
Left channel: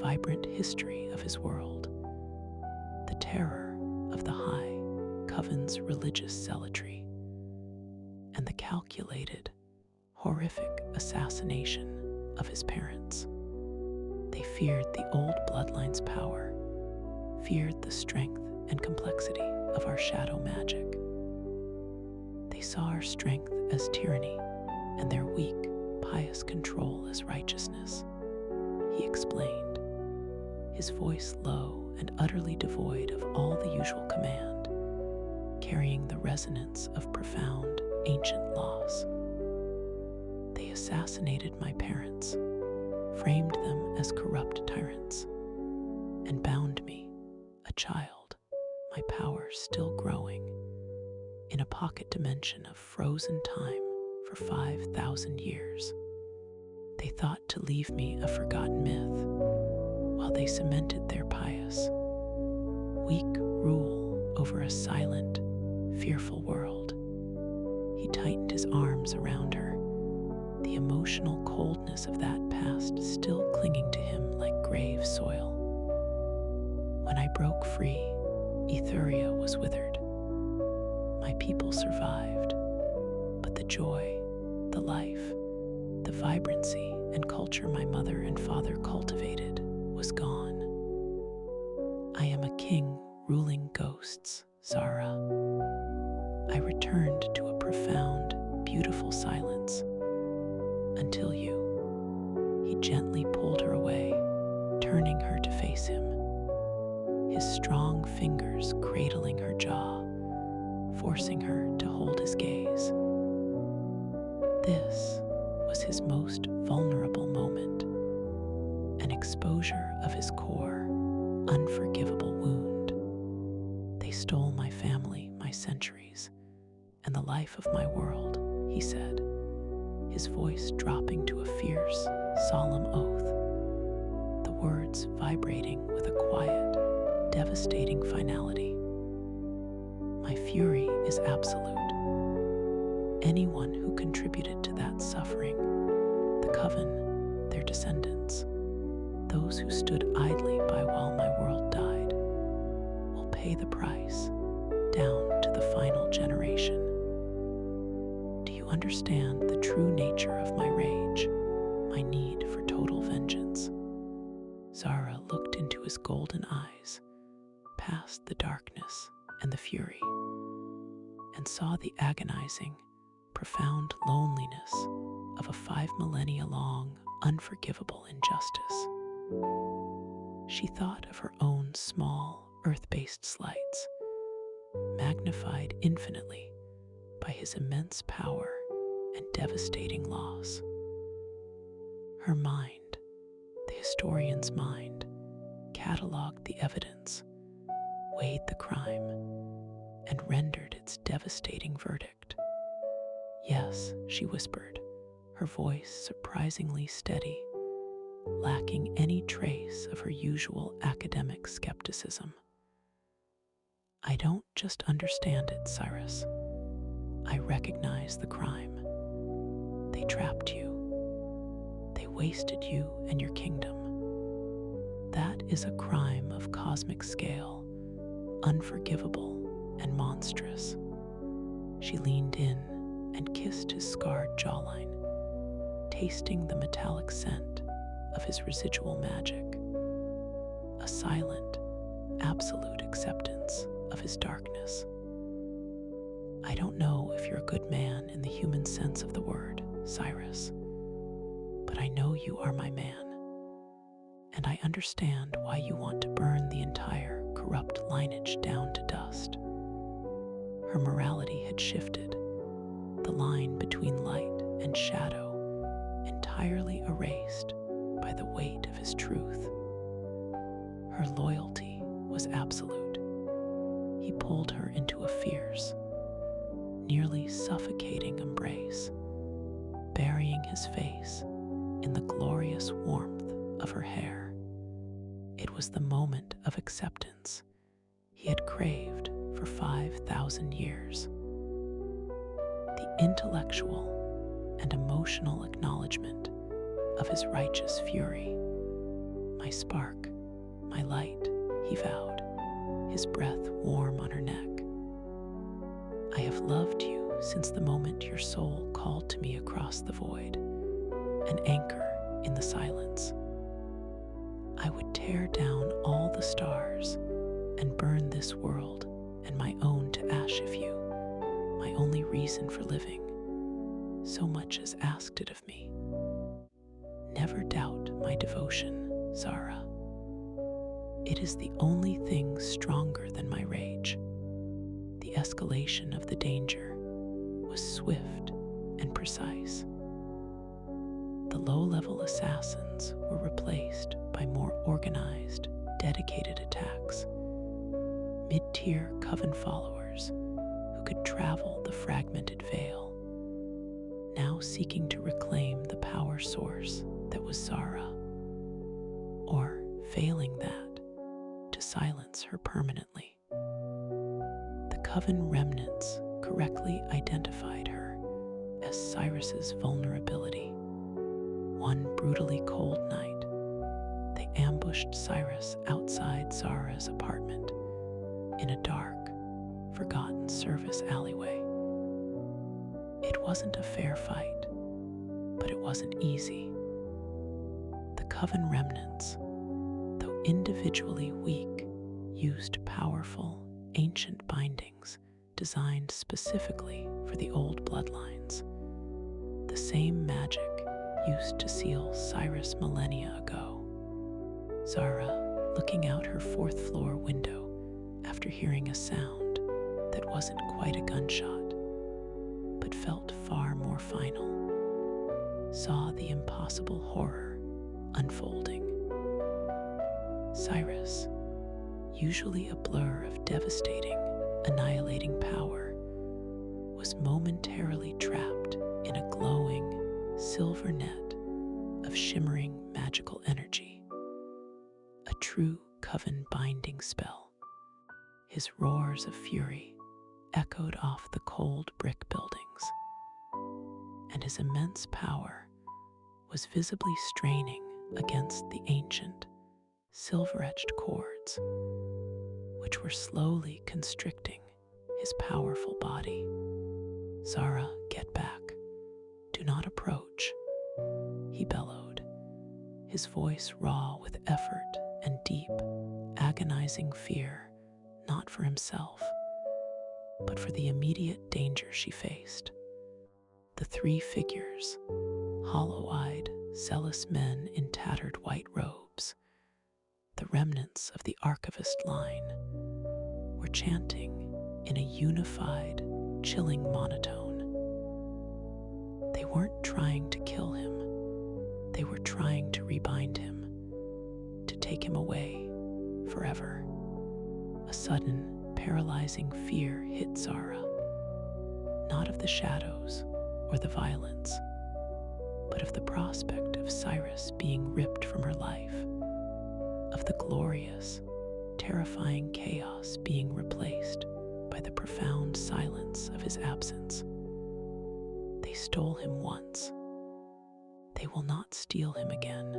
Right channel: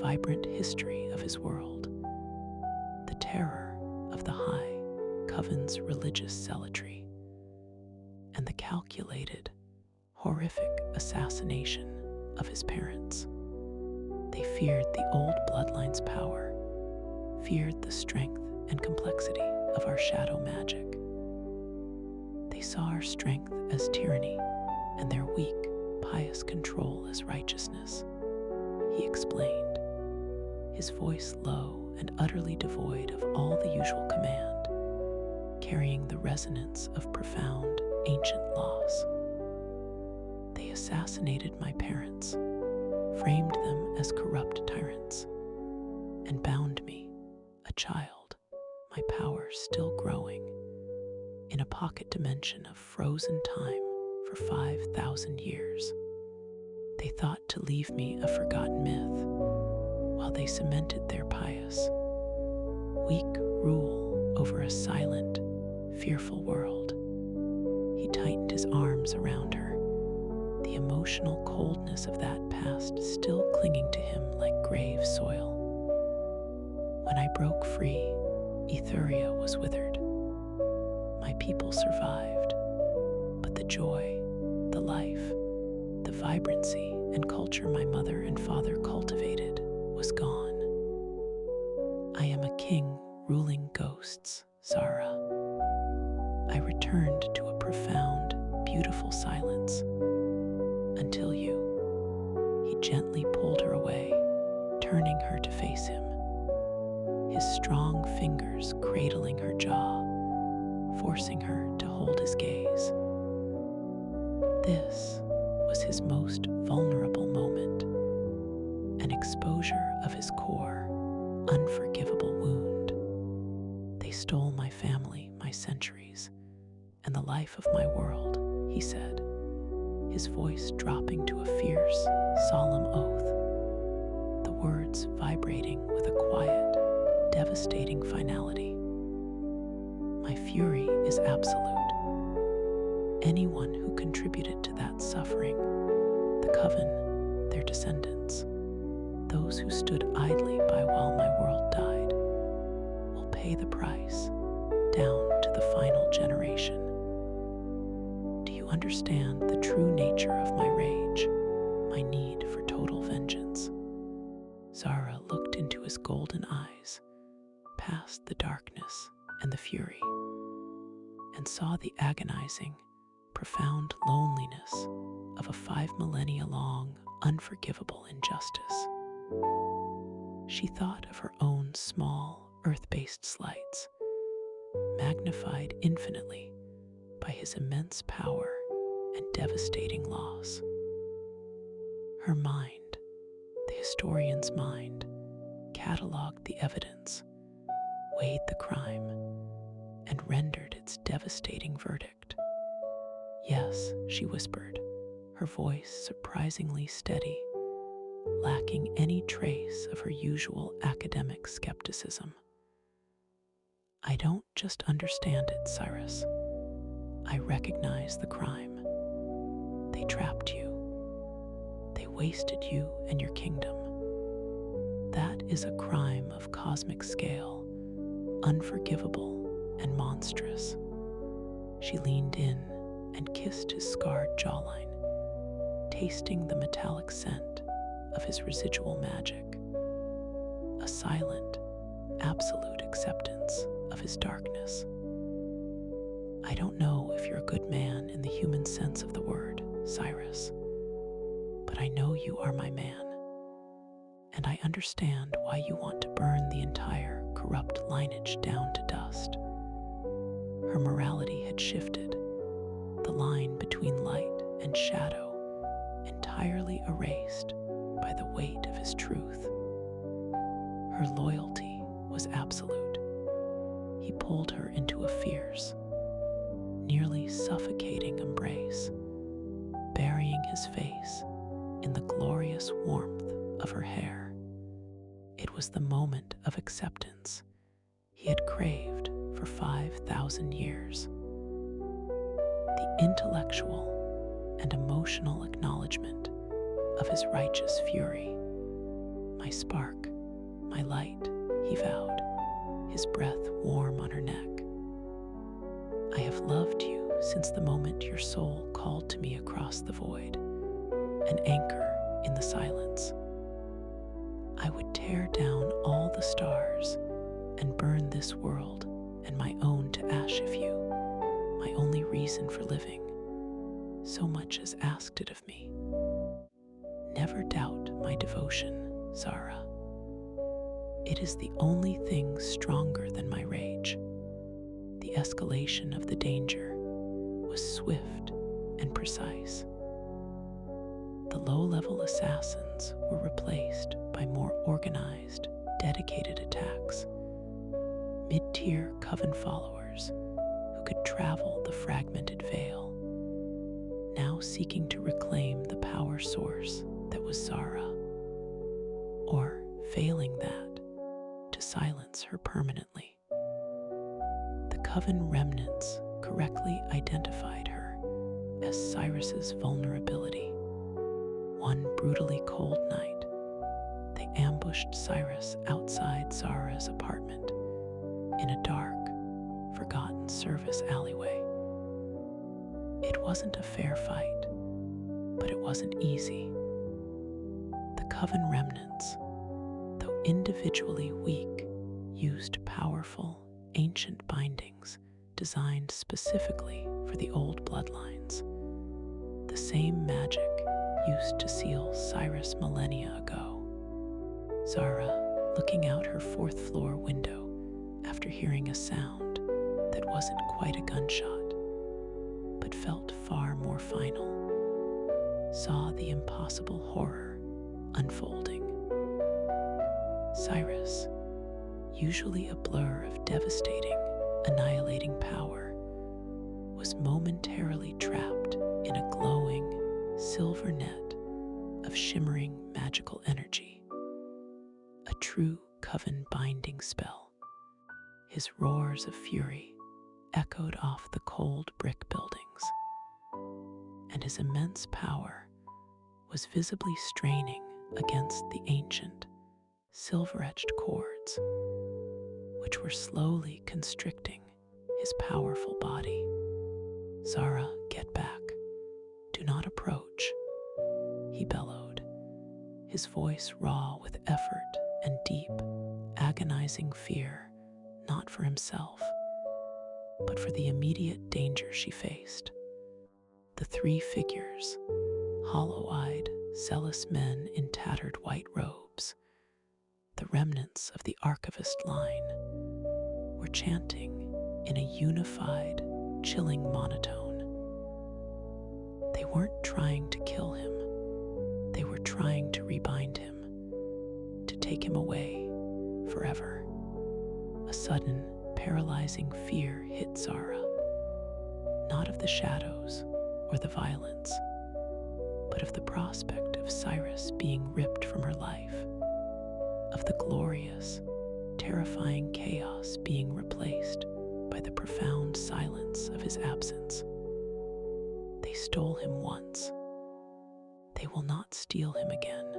vibrant history of his world, the terror of the High Coven's religious zealotry, and the calculated, horrific assassination of his parents. They feared the old bloodline's power, feared the strength and complexity of our shadow magic. They saw our strength as tyranny and their weak, pious control as righteousness, he explained, his voice low and utterly devoid of all the usual command, carrying the resonance of profound, ancient loss. They assassinated my parents, framed them as corrupt tyrants, and bound me, a child, my power still growing, in a pocket dimension of frozen time for 5,000 years. They thought to leave me a forgotten myth, while they cemented their pious, weak rule over a silent, fearful world. He tightened his arms around her, the emotional coldness of that past still clinging to him like grave soil. When I broke free, Ethuria was withered. My people survived, but the joy, the life, the vibrancy and culture my mother and father cultivated was gone. I am a king ruling ghosts, Zara. I returned to a profound, beautiful silence. Until you. He gently pulled her away, turning her to face him, his strong fingers cradling her jaw, forcing her to hold his gaze. This was his most vulnerable moment, an exposure of his core, unforgivable wound. They stole my family, my centuries, and the life of my world, he said, his voice dropping to a fierce, solemn oath, the words vibrating with a quiet, devastating finality. My fury is absolute. Anyone who contributed to that suffering, the Coven, their descendants, those who stood idly by while my world died, will pay the price, down to the final generation. Do you understand the true nature of my rage, my need for total vengeance? Zara looked into his golden eyes, past the darkness and the fury, and saw the agonizing, profound loneliness of a 5 millennia long, unforgivable injustice. She thought of her own small, earth-based slights, magnified infinitely by his immense power and devastating loss. Her mind, the historian's mind, cataloged the evidence, weighed the crime, and rendered its devastating verdict. Yes, she whispered, her voice surprisingly steady, lacking any trace of her usual academic skepticism. I don't just understand it, Cyrus. I recognize the crime. They trapped you. They wasted you and your kingdom. That is a crime of cosmic scale, unforgivable and monstrous. She leaned in and kissed his scarred jawline, tasting the metallic scent of his residual magic, a silent, absolute acceptance of his darkness. I don't know if you're a good man in the human sense of the word, Cyrus, but I know you are my man, and I understand why you want to burn the entire corrupt lineage down to dust. Her morality had shifted, the line between light and shadow entirely erased by the weight of his truth. Her loyalty was absolute. He pulled her into a fierce, nearly suffocating embrace, burying his face in the glorious warmth of her hair. It was the moment of acceptance he had craved for 5,000 years. The intellectual and emotional acknowledgement of his righteous fury. My spark, my light, he vowed, his breath warm on her neck. I have loved you since the moment your soul called to me across the void, an anchor in the silence. I would tear down all the stars and burn this world and my own to ash if you, my only reason for living, so much as asked it of me. Never doubt my devotion, Zara. It is the only thing stronger than my rage. The escalation of the danger was swift and precise. The low-level assassins were replaced by more organized, dedicated attacks. Mid-tier coven followers who could travel the fragmented veil, now seeking to reclaim the power source that was Zara, or, failing that, to silence her permanently. The coven remnants correctly identified her as Cyrus's vulnerability. One brutally cold night, they ambushed Cyrus outside Zara's apartment in a dark, forgotten service alleyway. It wasn't a fair fight, but it wasn't easy. The coven remnants, though individually weak, used powerful, ancient bindings designed specifically for the old bloodlines, the same magic used to seal Cyrus millennia ago. Zara, looking out her fourth-floor window after hearing a sound that wasn't quite a gunshot, but felt far more final, saw the impossible horror unfolding. Cyrus, usually a blur of devastating, annihilating power, was momentarily trapped in a glowing, silver net of shimmering magical energy, a true coven binding spell. His roars of fury echoed off the cold brick buildings, and his immense power was visibly straining against the ancient, silver-etched cords, which were slowly constricting his powerful body. Zara, get back. Do not approach, he bellowed, his voice raw with effort and deep, agonizing fear, not for himself, but for the immediate danger she faced. The three figures, hollow-eyed, zealous men in tattered white robes, the remnants of the archivist line, were chanting in a unified, chilling monotone. They weren't trying to kill him. They were trying to rebind him, to take him away forever. A sudden, paralyzing fear hit Zara, not of the shadows or the violence, but of the prospect of Cyrus being ripped from her life, of the glorious, terrifying chaos being replaced by the profound silence of his absence. They stole him once. They will not steal him again.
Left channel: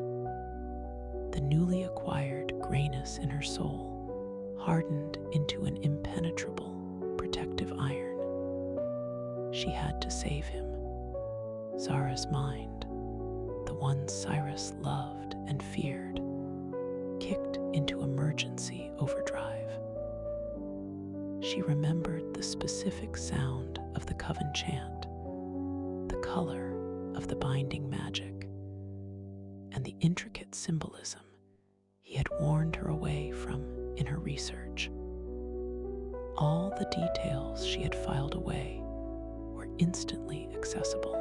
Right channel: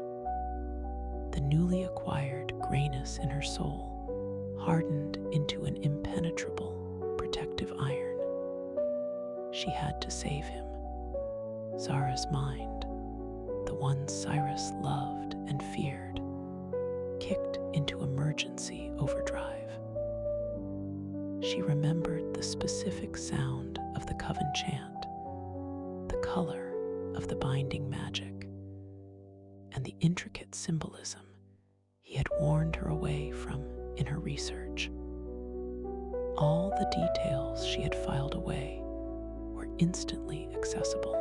The newly acquired grayness in her soul hardened into an impenetrable, protective iron. She had to save him. Zara's mind, the one Cyrus loved and feared, kicked into emergency overdrive. She remembered the specific sound of the coven chant, the color of the binding magic, and the intricate symbolism warned her away from in her research. All the details she had filed away were instantly accessible.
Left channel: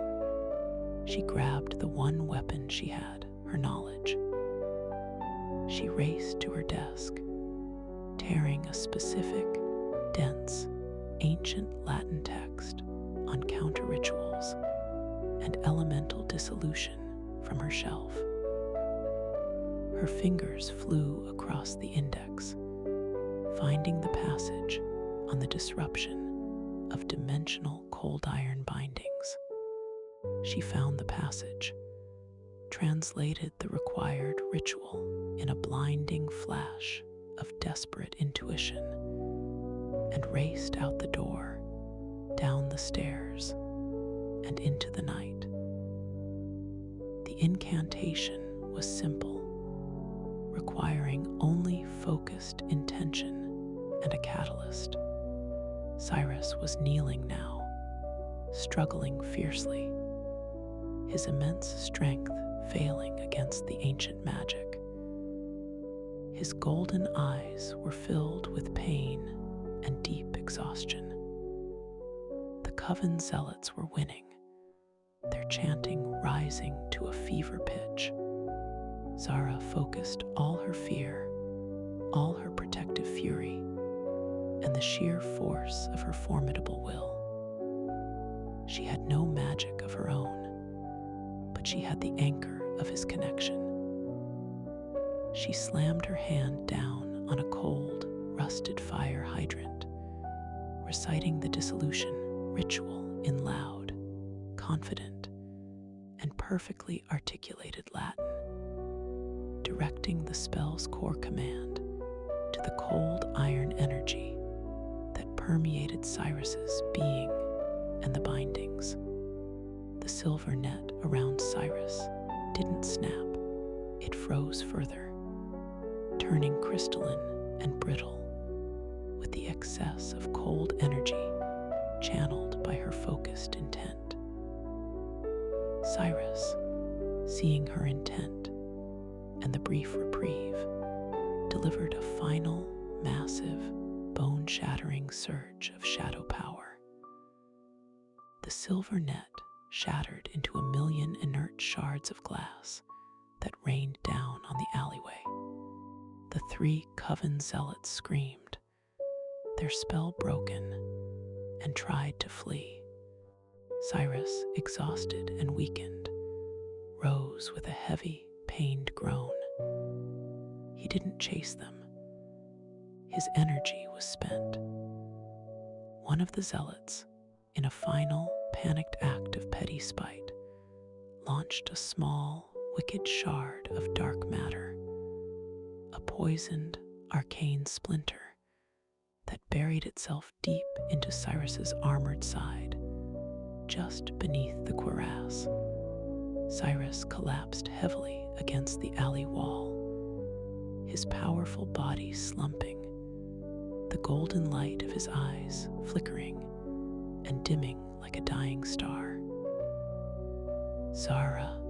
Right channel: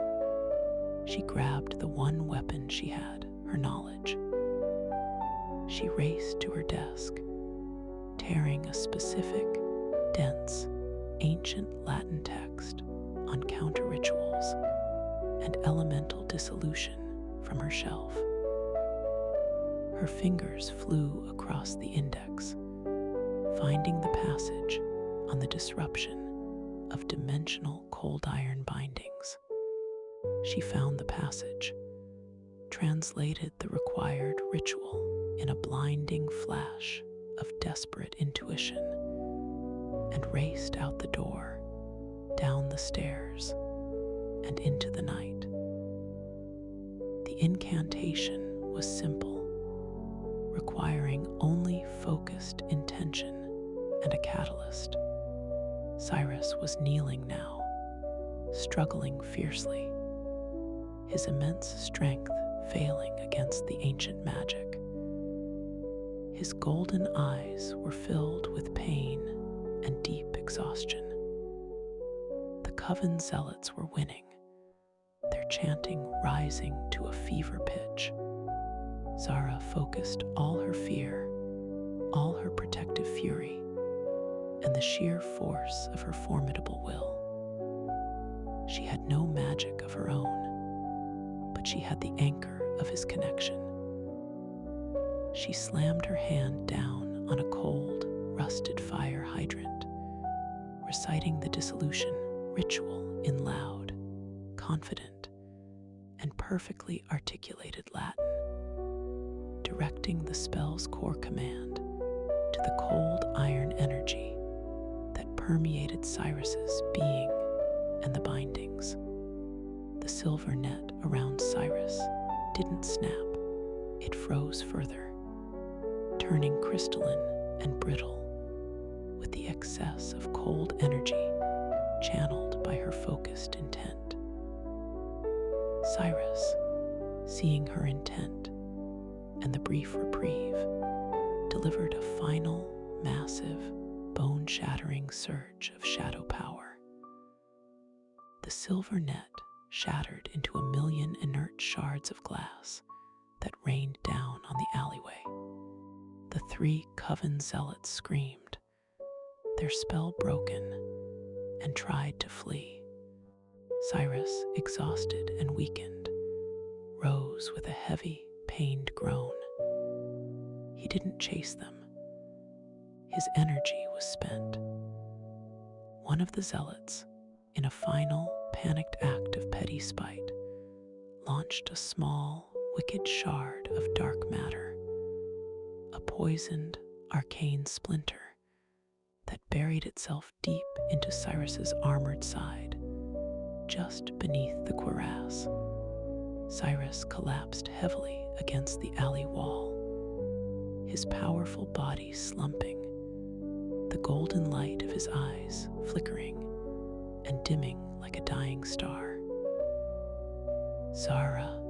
She grabbed the one weapon she had, her knowledge. She raced to her desk, tearing a specific, dense, ancient Latin text on counter rituals and elemental dissolution from her shelf. Her fingers flew across the index, finding the passage on the disruption of dimensional cold iron bindings. She found the passage, translated the required ritual in a blinding flash of desperate intuition, and raced out the door, down the stairs, and into the night. The incantation was simple, requiring only focused intention and a catalyst. Cyrus was kneeling now, struggling fiercely, his immense strength failing against the ancient magic. His golden eyes were filled with pain and deep exhaustion. The coven zealots were winning, their chanting rising to a fever pitch. Zara focused all her fear, all her protective fury, and the sheer force of her formidable will. She had no magic of her own, but she had the anchor of his connection. She slammed her hand down on a cold, rusted fire hydrant, reciting the dissolution ritual in loud, confident, and perfectly articulated Latin, directing the spell's core command to the cold iron energy that permeated Cyrus's being and the bindings. The silver net around Cyrus didn't snap, it froze further, turning crystalline and brittle with the excess of cold energy channeled by her focused intent. Cyrus, seeing her intent and the brief reprieve, delivered a final, massive, bone-shattering surge of shadow power. The silver net shattered into a million inert shards of glass that rained down on the alleyway. The three coven zealots screamed, their spell broken, and tried to flee. Cyrus, exhausted and weakened, rose with a heavy, pained groan. He didn't chase them. His energy was spent. One of the zealots, in a final, panicked act of petty spite, launched a small, wicked shard of dark matter, a poisoned, arcane splinter that buried itself deep into Cyrus's armored side, just beneath the cuirass. Cyrus collapsed heavily against the alley wall, his powerful body slumping, the golden light of his eyes flickering and dimming like a dying star. "Zara,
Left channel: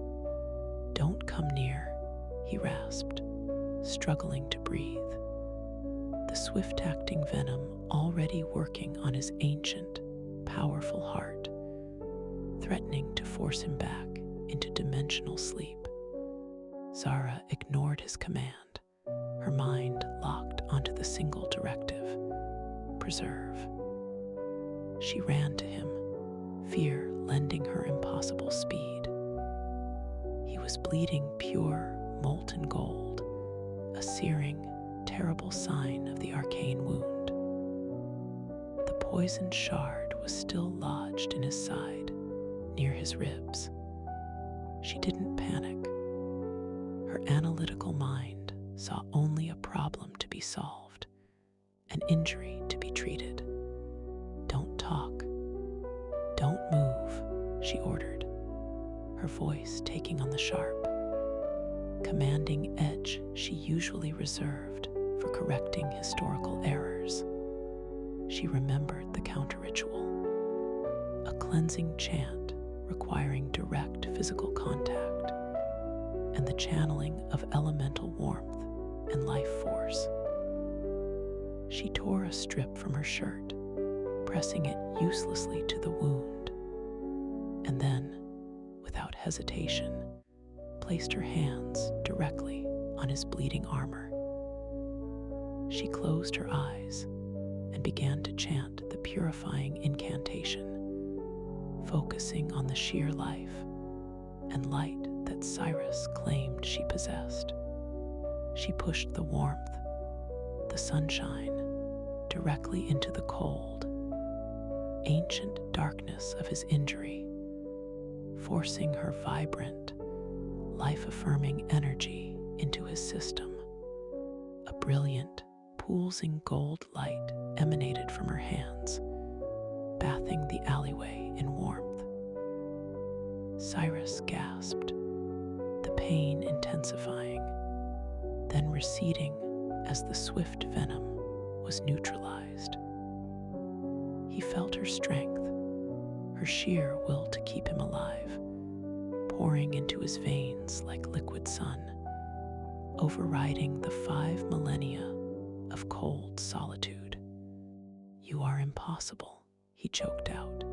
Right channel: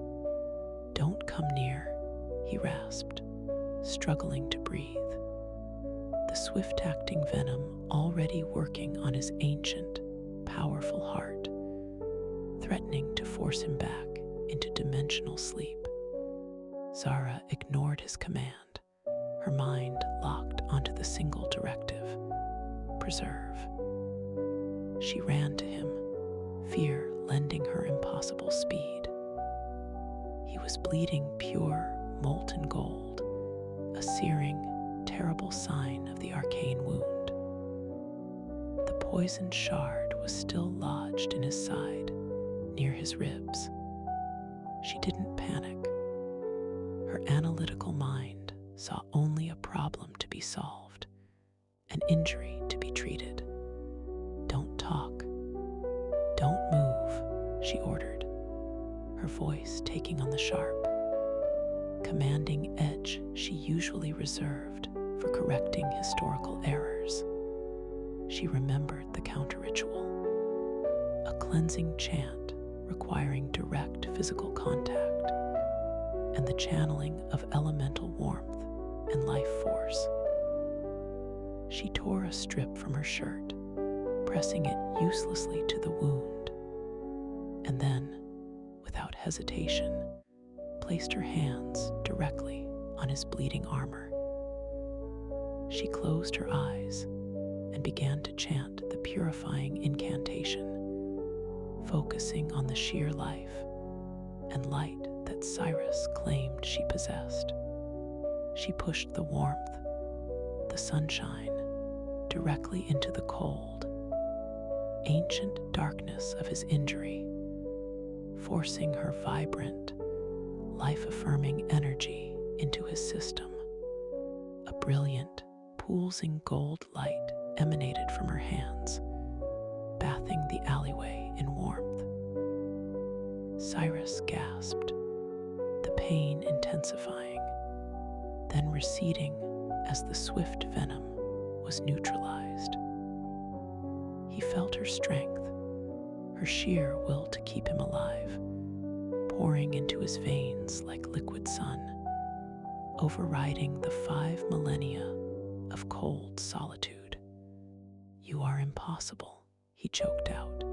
don't come near," he rasped, struggling to breathe, the swift-acting venom already working on his ancient, powerful heart, threatening to force him back into dimensional sleep. Zara ignored his command, her mind locked onto the single directive: preserve. She ran to him, fear lending her impossible speed. He was bleeding pure, molten gold, a searing, terrible sign of the arcane wound. The poisoned shard was still lodged in his side, near his ribs. She didn't panic. Her analytical mind saw only a problem to be solved, an injury to be treated. "Don't talk. Don't move," she ordered, her voice taking on the sharp, commanding edge she usually reserved for correcting historical errors. She remembered the counter-ritual, a cleansing chant requiring direct physical contact, and the channeling of elemental warmth and life force. She tore a strip from her shirt, pressing it uselessly to the wound, and then, without hesitation, placed her hands directly on his bleeding armor. She closed her eyes and began to chant the purifying incantation, focusing on the sheer life and light that Cyrus claimed she possessed. She pushed the warmth, the sunshine, directly into the cold, ancient darkness of his injury, forcing her vibrant, life-affirming energy into his system. A brilliant, pulsing gold light emanated from her hands, bathing the alleyway in warmth. Cyrus gasped, the pain intensifying, then receding as the swift venom was neutralized. He felt her strength, her sheer will to keep him alive, pouring into his veins like liquid sun, overriding the 5 millennia of cold solitude. "You are impossible," he choked out,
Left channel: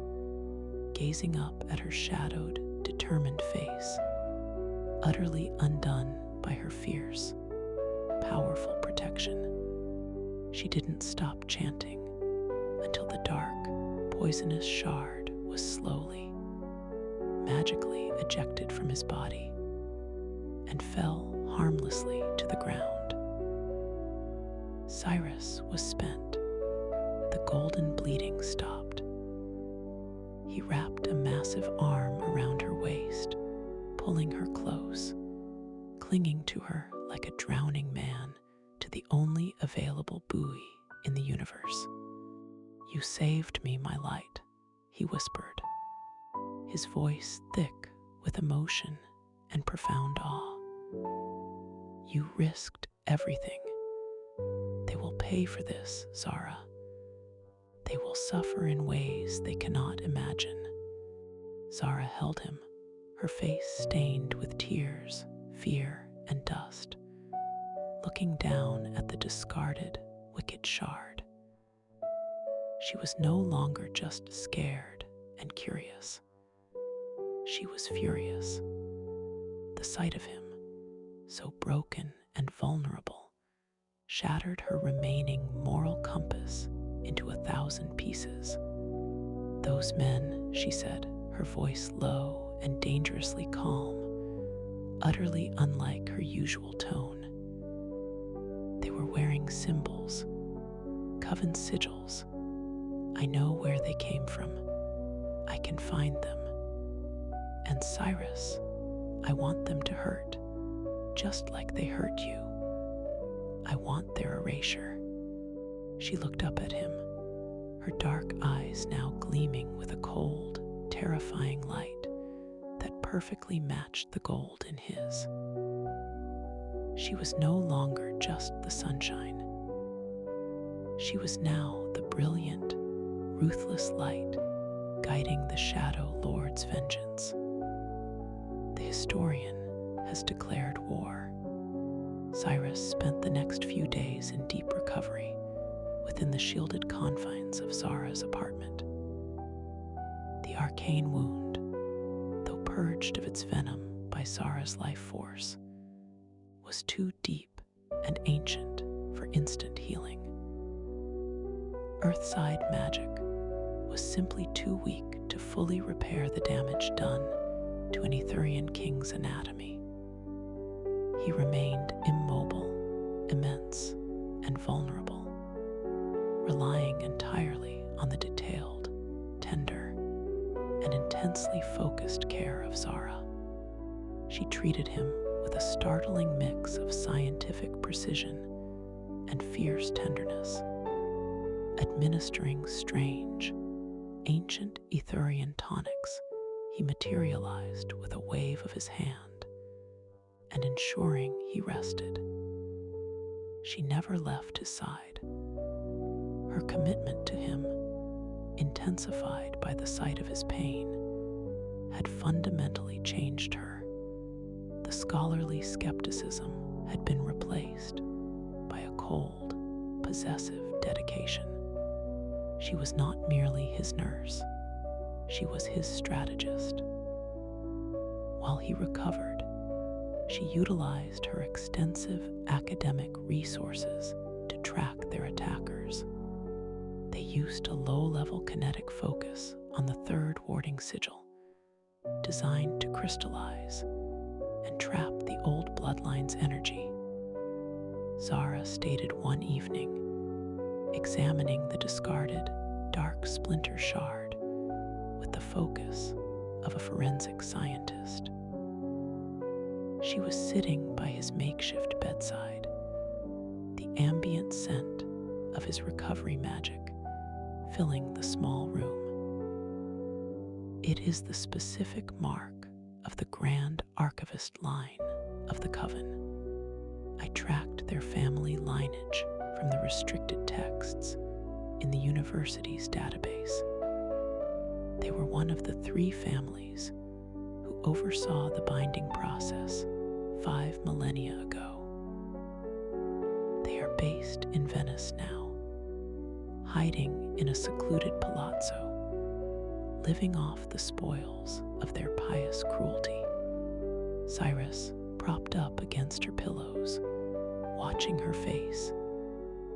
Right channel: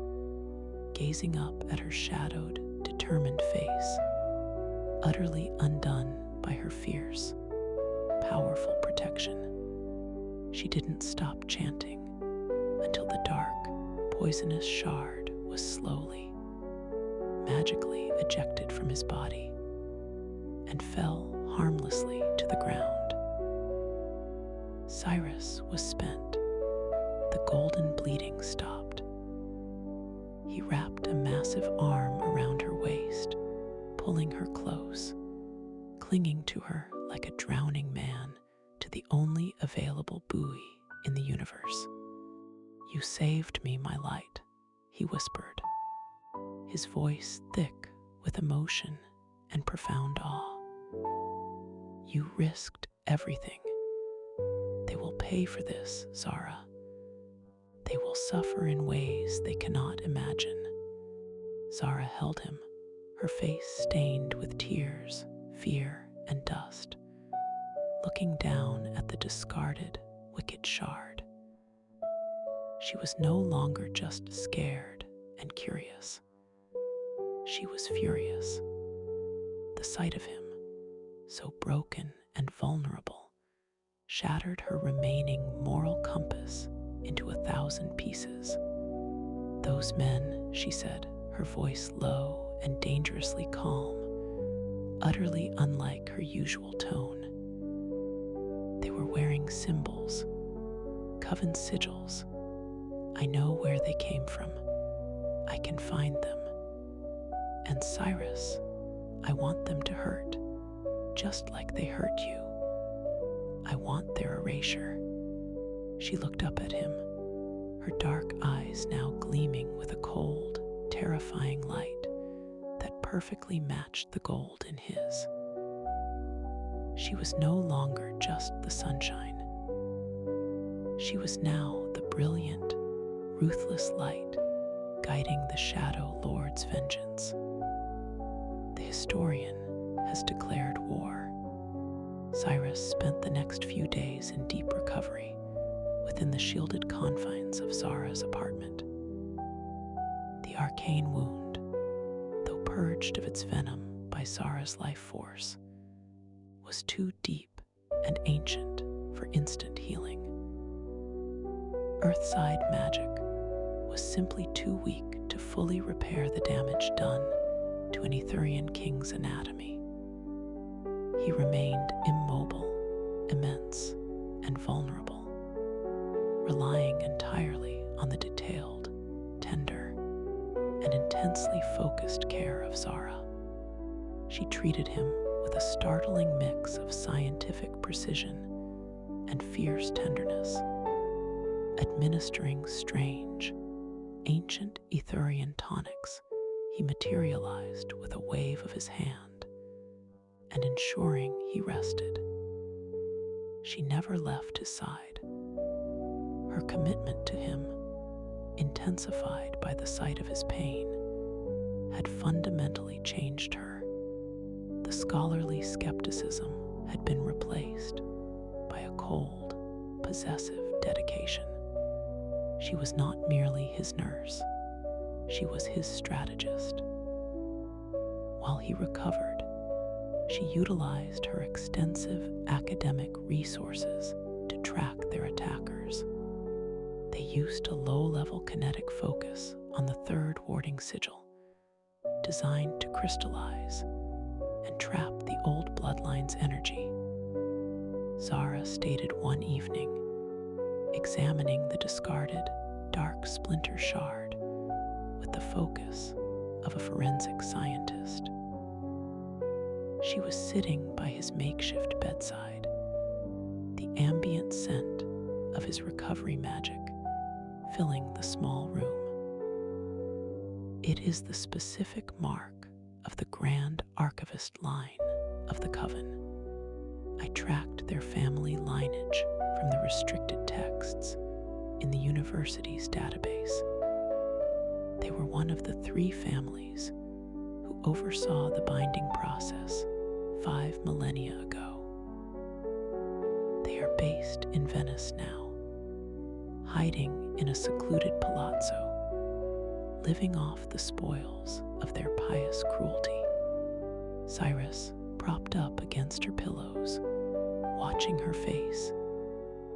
gazing up at her shadowed, determined face, utterly undone by her fierce, powerful protection. She didn't stop chanting until the dark, poisonous shard was slowly, magically ejected from his body and fell harmlessly to the ground. Cyrus was spent. The golden bleeding stopped. He wrapped a massive arm around her waist, pulling her close, clinging to her like a drowning man to the only available buoy in the universe. "You saved me, my light," he whispered, his voice thick with emotion and profound awe. "You risked everything. They will pay for this, Zara. They will suffer in ways they cannot imagine." Zara held him, her face stained with tears, fear, and dust, looking down at the discarded, wicked shard. She was no longer just scared and curious. She was furious. The sight of him, so broken and vulnerable, shattered her remaining moral compass into 1,000 pieces. "Those men," she said, her voice low and dangerously calm, utterly unlike her usual tone. "They were wearing symbols, coven sigils. I know where they came from. I can find them. And Cyrus, I want them to hurt, just like they hurt you. I want their erasure." She looked up at him, her dark eyes now gleaming with a cold, terrifying light that perfectly matched the gold in his. She was no longer just the sunshine. She was now the brilliant, ruthless light guiding the Shadow Lord's vengeance. The historian has declared war. Cyrus spent the next few days in deep recovery within the shielded confines of Zara's apartment. The arcane wound, though purged of its venom by Zara's life force, was too deep and ancient for instant healing. Earthside magic was simply too weak to fully repair the damage done to an Etherian king's anatomy. He remained immobile, immense, and vulnerable, relying entirely on the detailed, tender, and intensely focused care of Zara. She treated him with a startling mix of scientific precision and fierce tenderness, administering strange, ancient Etherian tonics he materialized with a wave of his hand, and ensuring he rested. She never left his side. Her commitment to him, intensified by the sight of his pain, had fundamentally changed her. The scholarly skepticism had been replaced by a cold, possessive dedication. She was not merely his nurse, she was his strategist. While he recovered, she utilized her extensive academic resources to track their attackers. They used a low-level kinetic focus on the third warding sigil, designed to crystallize and trap the old bloodline's energy. Zara stated one evening, examining the discarded dark splinter shard with the focus of a forensic scientist. She was sitting by his makeshift bedside, the ambient scent of his recovery magic filling the small room. It is the specific mark of the Grand Archivist line of the Coven. I tracked their family lineage from the restricted texts in the university's database. They were one of the 3 families who oversaw the binding process 5 millennia ago. They are based in Venice now, hiding in a secluded palazzo, living off the spoils of their pious cruelty. Cyrus, propped up against her pillows, watching her face,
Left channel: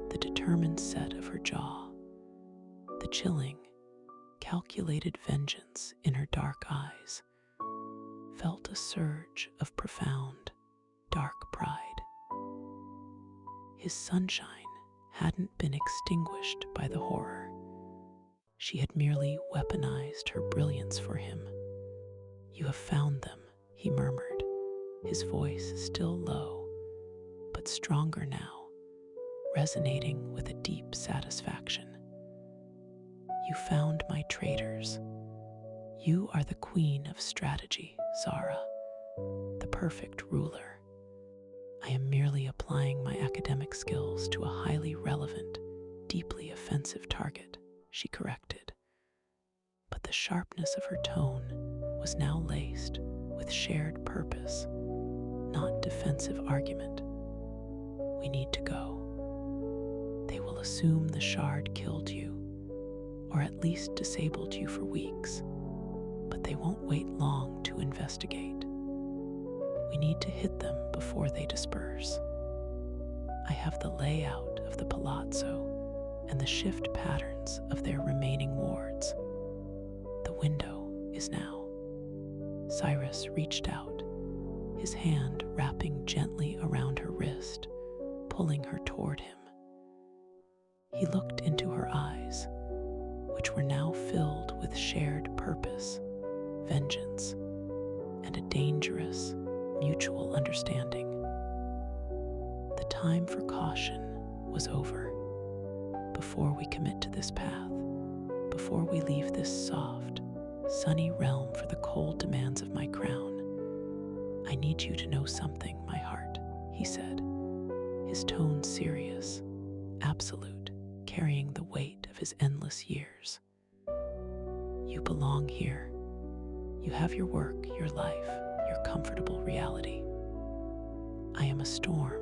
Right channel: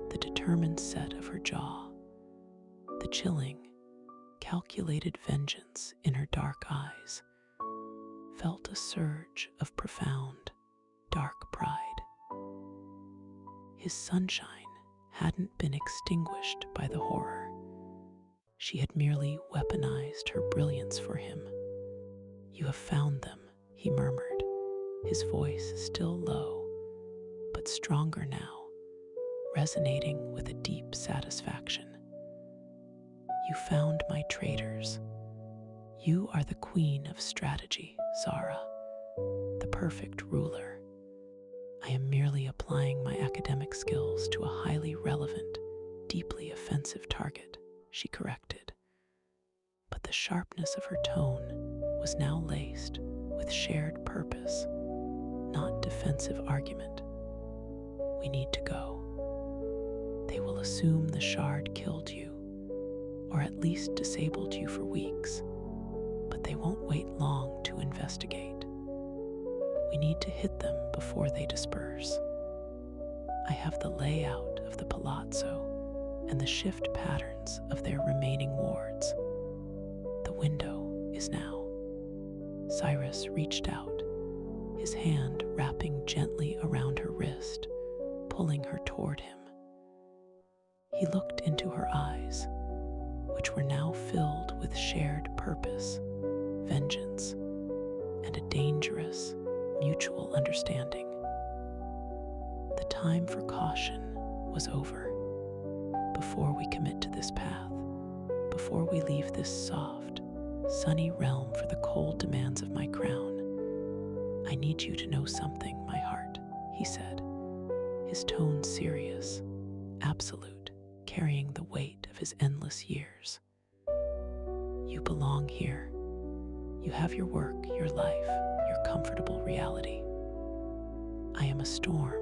the determined set of her jaw, the chilling, calculated vengeance in her dark eyes, felt a surge of profound, dark pride. His sunshine hadn't been extinguished by the horror. She had merely weaponized her brilliance for him. "You have found them," he murmured, his voice still low, but stronger now, resonating with a deep satisfaction. "You found my traitors. You are the queen of strategy, Zara, the perfect ruler. I am merely applying my academic skills to a highly relevant, deeply offensive target," she corrected. But the sharpness of her tone was now laced with shared purpose, not defensive argument. "We need to go. They will assume the shard killed you, or at least disabled you for weeks, but they won't wait long to investigate. We need to hit them before they disperse. I have the layout of the palazzo and the shift patterns of their remaining wards. The window is now." Cyrus reached out, his hand wrapping gently around her wrist, pulling her toward him. He looked into her eyes, which were now filled with shared purpose, vengeance, and a dangerous, mutual understanding. The time for caution was over. Before we commit to this path, before we leave this soft, sunny realm for the cold demands of my crown, I need you to know something, my heart, he said, his tone serious, absolute, carrying the weight of his endless years. You belong here. You have your work, your life, your comfortable reality. I am a storm,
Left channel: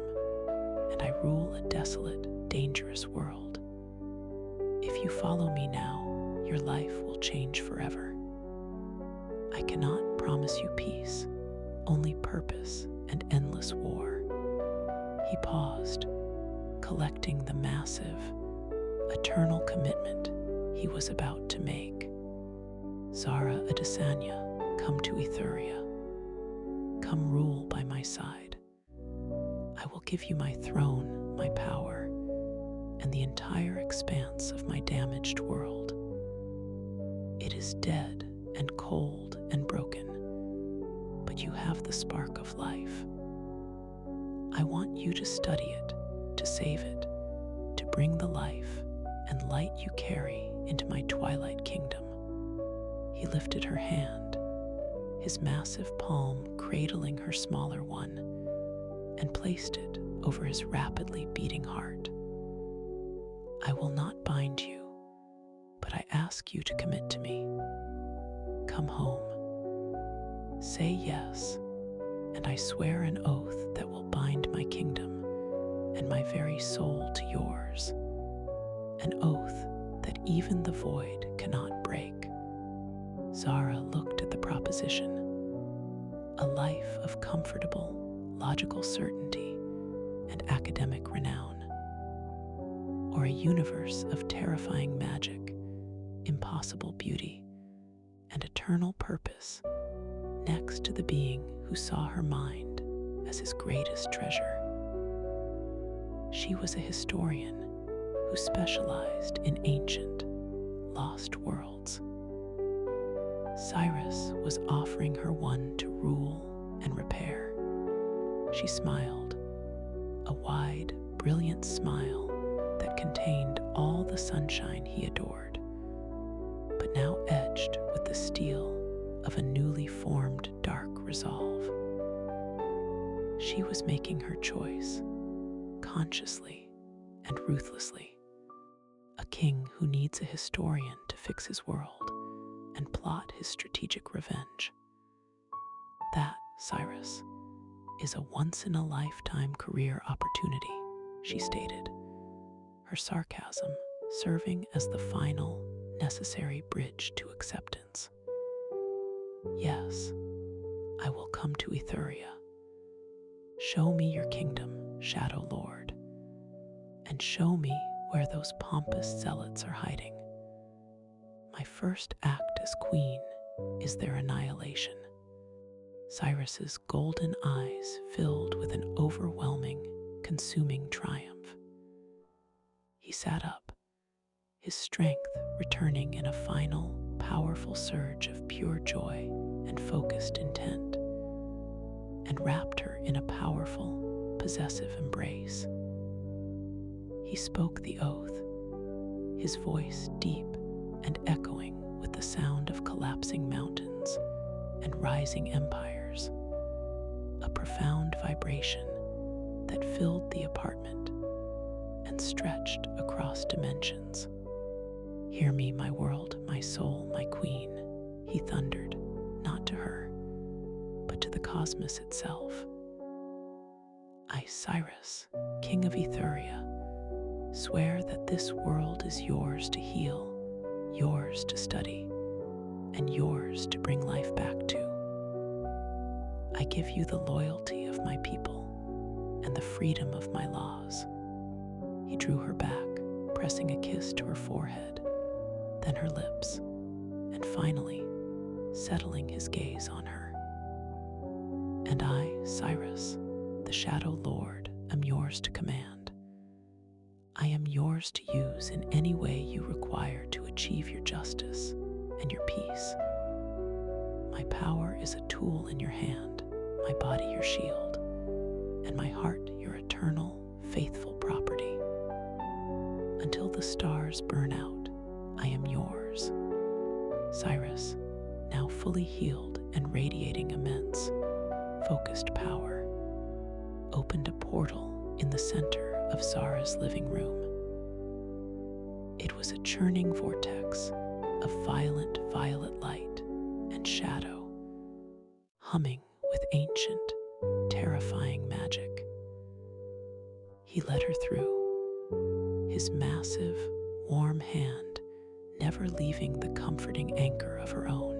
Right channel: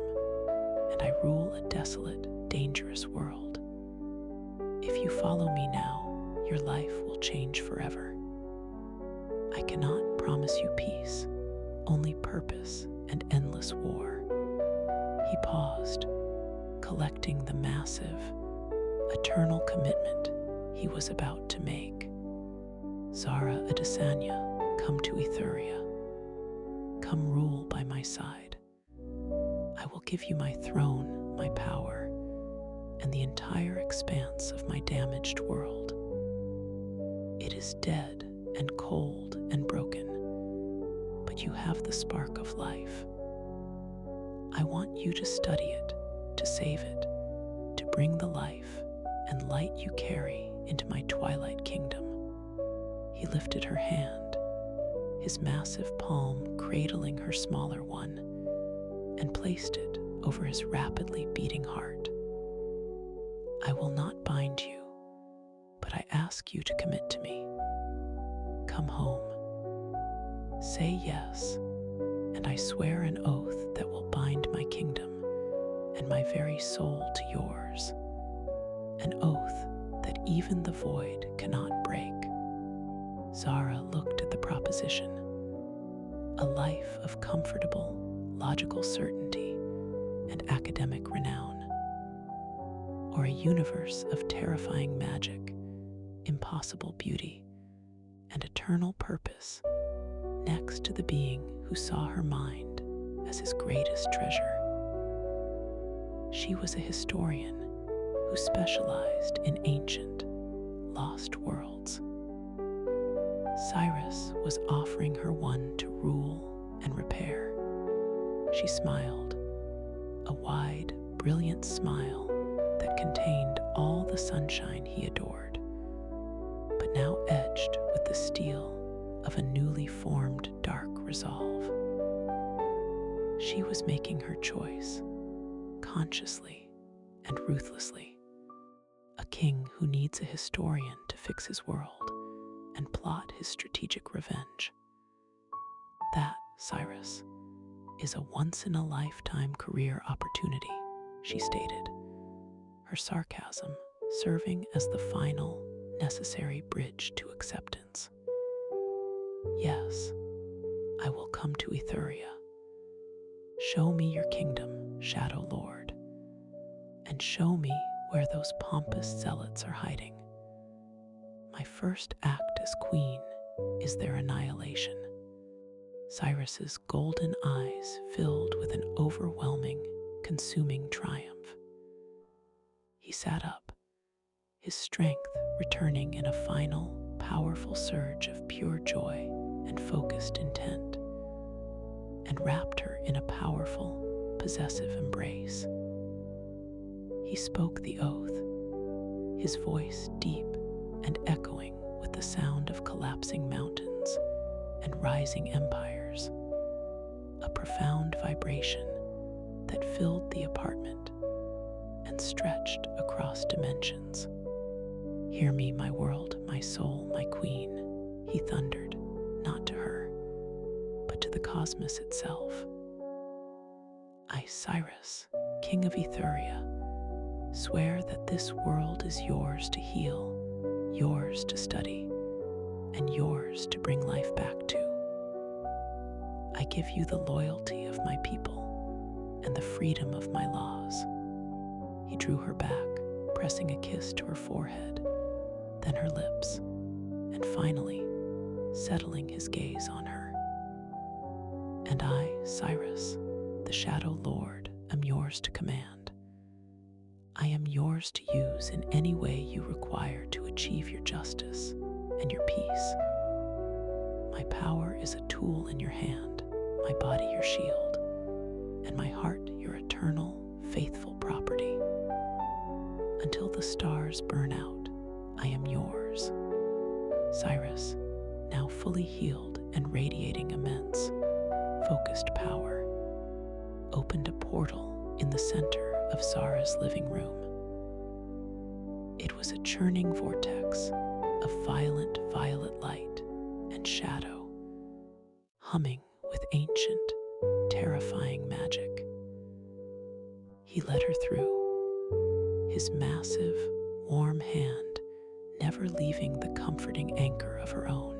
and I rule a desolate, dangerous world. If you follow me now, your life will change forever. I cannot promise you peace, only purpose and endless war." He paused, collecting the massive, eternal commitment he was about to make. "Zara Adesanya, come to Ethuria. Come rule by my side. I will give you my throne, my power, and the entire expanse of my damaged world. It is dead and cold and broken, but you have the spark of life. I want you to study it, to save it, to bring the life and light you carry into my twilight kingdom." He lifted her hand, his massive palm cradling her smaller one, and placed it over his rapidly beating heart. "I will not bind you, but I ask you to commit to me. Come home. Say yes, and I swear an oath that will bind my kingdom, and my very soul to yours, an oath that even the void cannot break. Zara looked at the proposition, a life of comfortable, logical certainty and academic renown, or a universe of terrifying magic, impossible beauty, and eternal purpose next to the being who saw her mind as his greatest treasure. She was a historian who specialized in ancient, lost worlds. Cyrus was offering her one to rule and repair. She smiled, a wide, brilliant smile that contained all the sunshine he adored, but now edged with the steel of a newly formed dark resolve. She was making her choice, consciously and ruthlessly, a king who needs a historian to fix his world and plot his strategic revenge. That, Cyrus, is a once-in-a-lifetime career opportunity, she stated, her sarcasm serving as the final, necessary bridge to acceptance. Yes, I will come to Etheria. Show me your kingdom, Shadow Lord, and show me where those pompous zealots are hiding. My first act as queen is their annihilation. Cyrus's golden eyes filled with an overwhelming, consuming triumph. He sat up, his strength returning in a final, powerful surge of pure joy and focused intent, and wrapped her in a powerful, possessive embrace. He spoke the oath, his voice deep and echoing with the sound of collapsing mountains and rising empires, a profound vibration that filled the apartment and stretched across dimensions. Hear me, my world, my soul, my queen, he thundered, not to her, but to the cosmos itself. I, Cyrus, king of Etheria, swear that this world is yours to heal, yours to study, and yours to bring life back to. I give you the loyalty of my people and the freedom of my laws. He drew her back, pressing a kiss to her forehead, then her lips, and finally settling his gaze on her. And I, Cyrus, the Shadow Lord, am yours to command. I am yours to use in any way you require to achieve your justice and your peace. My power is a tool in your hand, my body your shield, and my heart your eternal, faithful property. Until the stars burn out, I am yours. Cyrus, now fully healed and radiating immense, focused power, opened a portal in the center of Zara's living room. It was a churning vortex of violent violet light and shadow, humming with ancient, terrifying magic. He led her through, his massive, warm hand never leaving the comforting anchor of her own.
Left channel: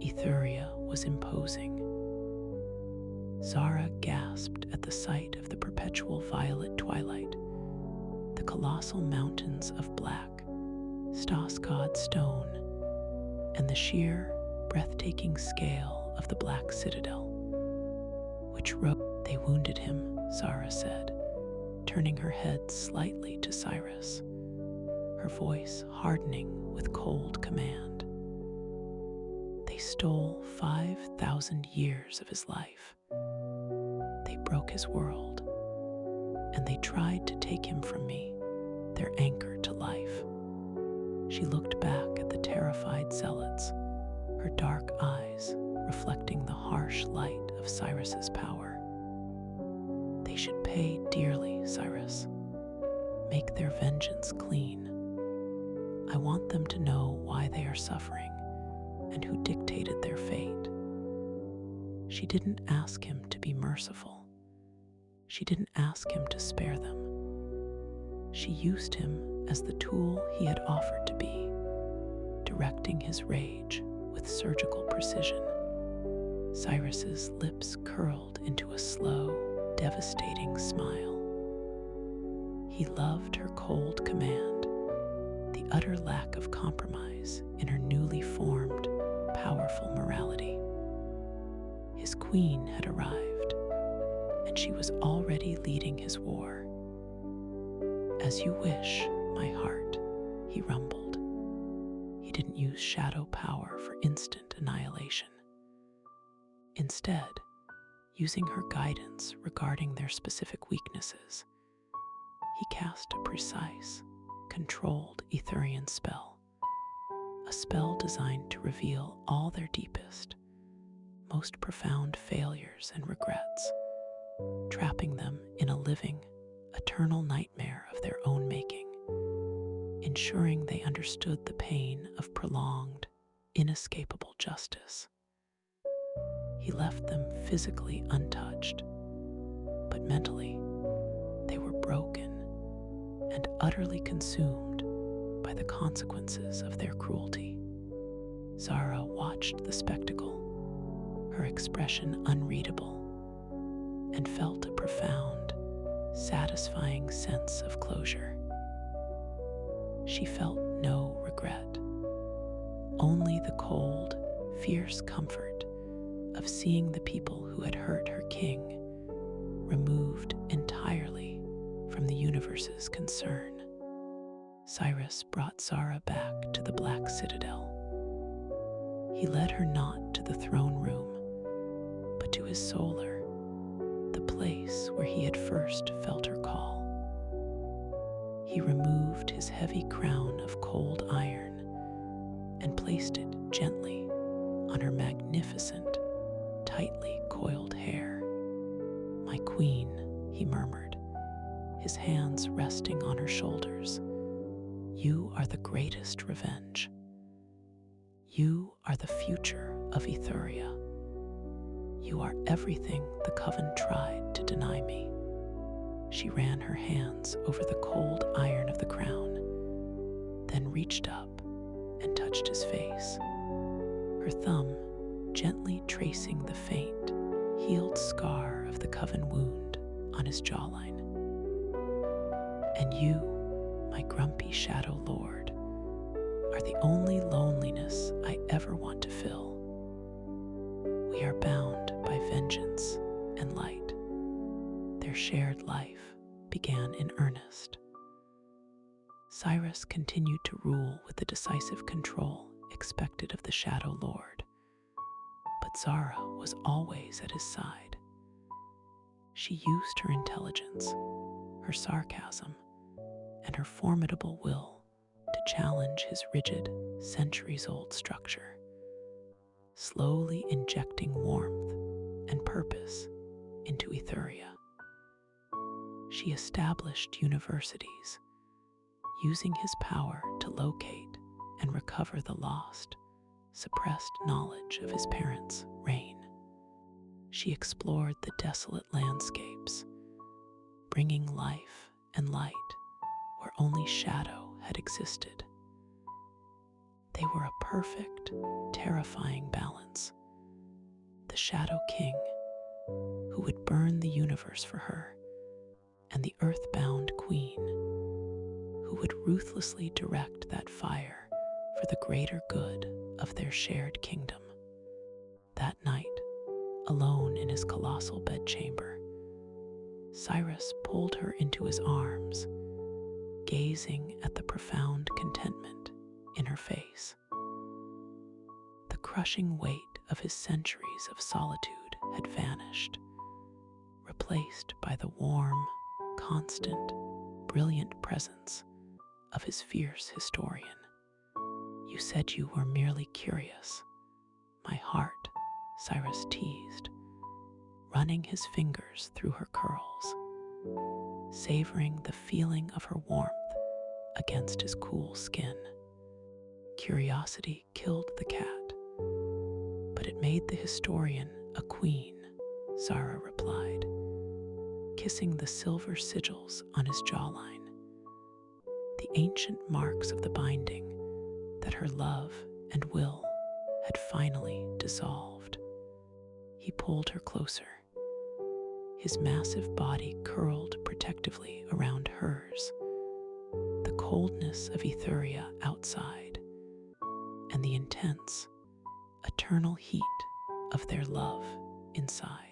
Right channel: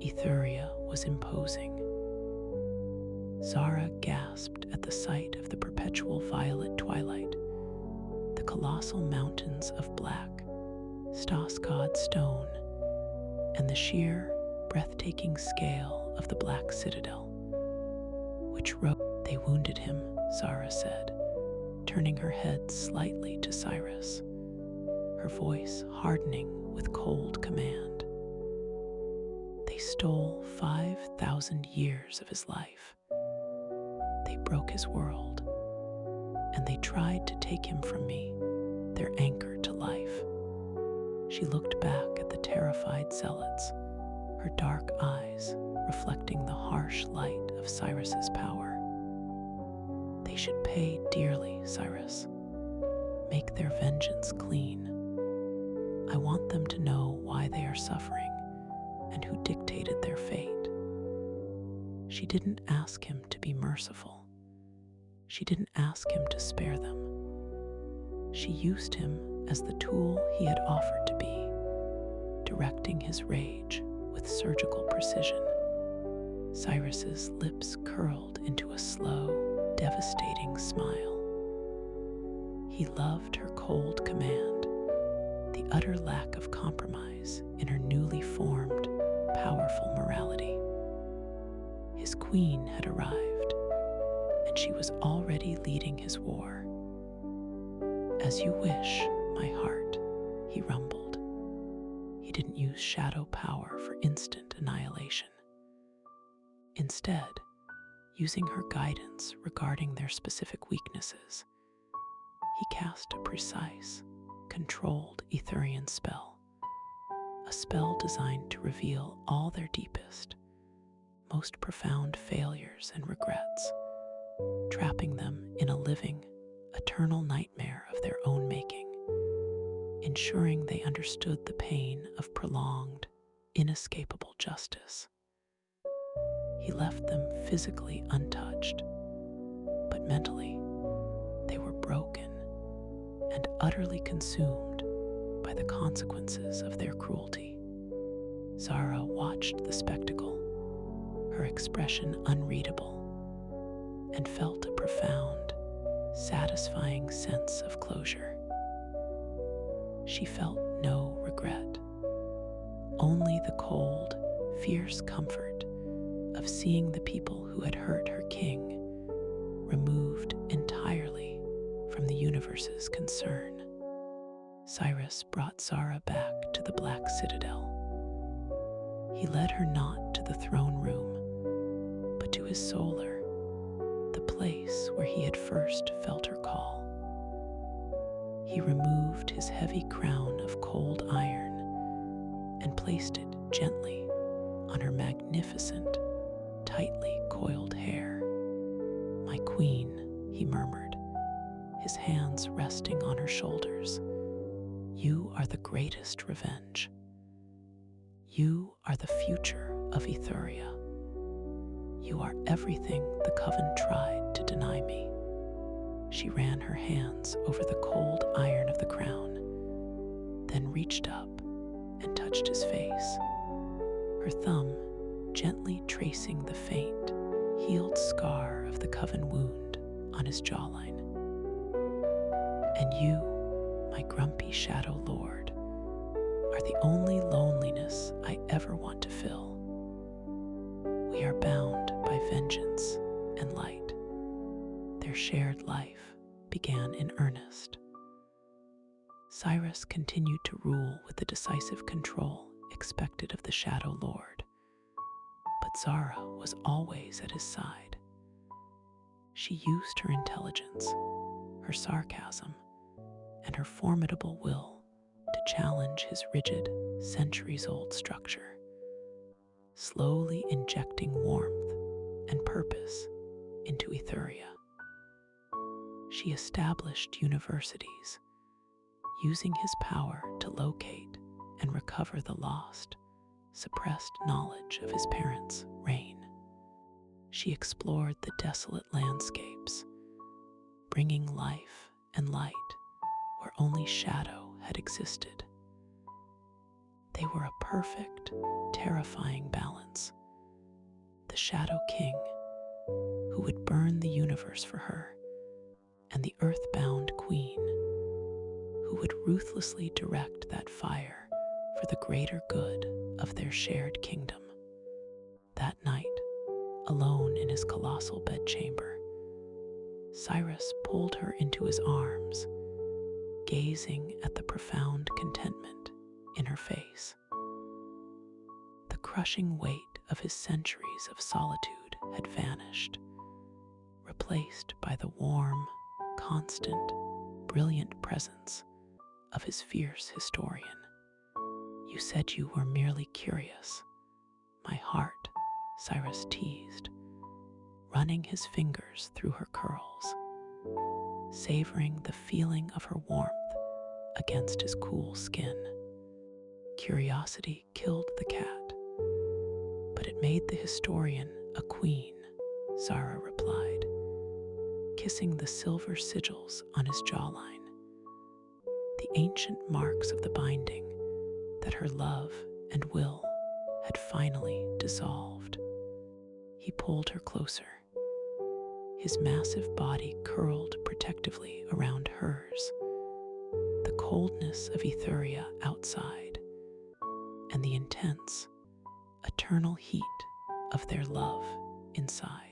Etheria was imposing. Zara gasped at the sight of the perpetual violet twilight, the colossal mountains of black, stoss-cawed stone, and the sheer, breathtaking scale of the black citadel, which rose. They wounded him, Zara said, turning her head slightly to Cyrus, her voice hardening with cold command. They stole 5,000 years of his life. They broke his world, and they tried to take him from me, their anchor to life. She looked back at the terrified zealots, her dark eyes reflecting the harsh light of Cyrus's power. They should pay dearly, Cyrus. Make their vengeance clean. I want them to know why they are suffering and who dictated their fate. She didn't ask him to be merciful. She didn't ask him to spare them. She used him as the tool he had offered to be, directing his rage with surgical precision. Cyrus's lips curled into a slow, devastating smile. He loved her cold command, the utter lack of compromise in her newly formed, powerful morality. His queen had arrived, and she was already leading his war. "As you wish, my heart," he rumbled. He didn't use shadow power for instant annihilation. Instead, using her guidance regarding their specific weaknesses, he cast a precise, controlled Etherian spell, a spell designed to reveal all their deepest, most profound failures and regrets, trapping them in a living, eternal nightmare of their own making, ensuring they understood the pain of prolonged, inescapable justice. He left them physically untouched, but mentally, they were broken and utterly consumed by the consequences of their cruelty. Zara watched the spectacle, her expression unreadable, and felt a profound, satisfying sense of closure. She felt no regret, only the cold, fierce comfort of seeing the people who had hurt her king removed entirely from the universe's concern. Cyrus brought Zara back to the Black Citadel. He led her not to the throne room, but to his solar, the place where he had first felt her call. He removed his heavy crown of cold iron and placed it gently on her magnificent, tightly coiled hair. "My queen," he murmured, his hands resting on her shoulders, "you are the greatest revenge. You are the future of Etheria. You are everything the Coven tried to deny me." She ran her hands over the cold iron of the crown, then reached up and touched his face, her thumb gently tracing the faint, healed scar of the Coven wound on his jawline. "And you, my grumpy shadow lord, are the only loneliness I ever want to fill. We are bound by vengeance and light." Their shared life began in earnest. Cyrus continued to rule with the decisive control expected of the Shadow Lord, but Zara was always at his side. She used her intelligence, her sarcasm, and her formidable will to challenge his rigid, centuries-old structure, slowly injecting warmth and purpose into Etheria. She established universities, using his power to locate and recover the lost, suppressed knowledge of his parents' reign. She explored the desolate landscapes, bringing life and light where only shadow had existed. They were a perfect, terrifying balance. The Shadow King, who would burn the universe for her, and the earthbound queen, who would ruthlessly direct that fire for the greater good of their shared kingdom. That night, alone in his colossal bedchamber, Cyrus pulled her into his arms, gazing at the profound contentment in her face. The crushing weight of his centuries of solitude had vanished, replaced by the warm, constant, brilliant presence of his fierce historian. "You said you were merely curious, my heart," Cyrus teased, running his fingers through her curls, savoring the feeling of her warmth against his cool skin. Curiosity killed the cat, but it made the historian a queen, Zara replied, kissing the silver sigils on his jawline, the ancient marks of the binding that her love and will had finally dissolved. He pulled her closer, his massive body curled protectively around hers, the coldness of Ethuria outside, and the intense, eternal heat of their love inside.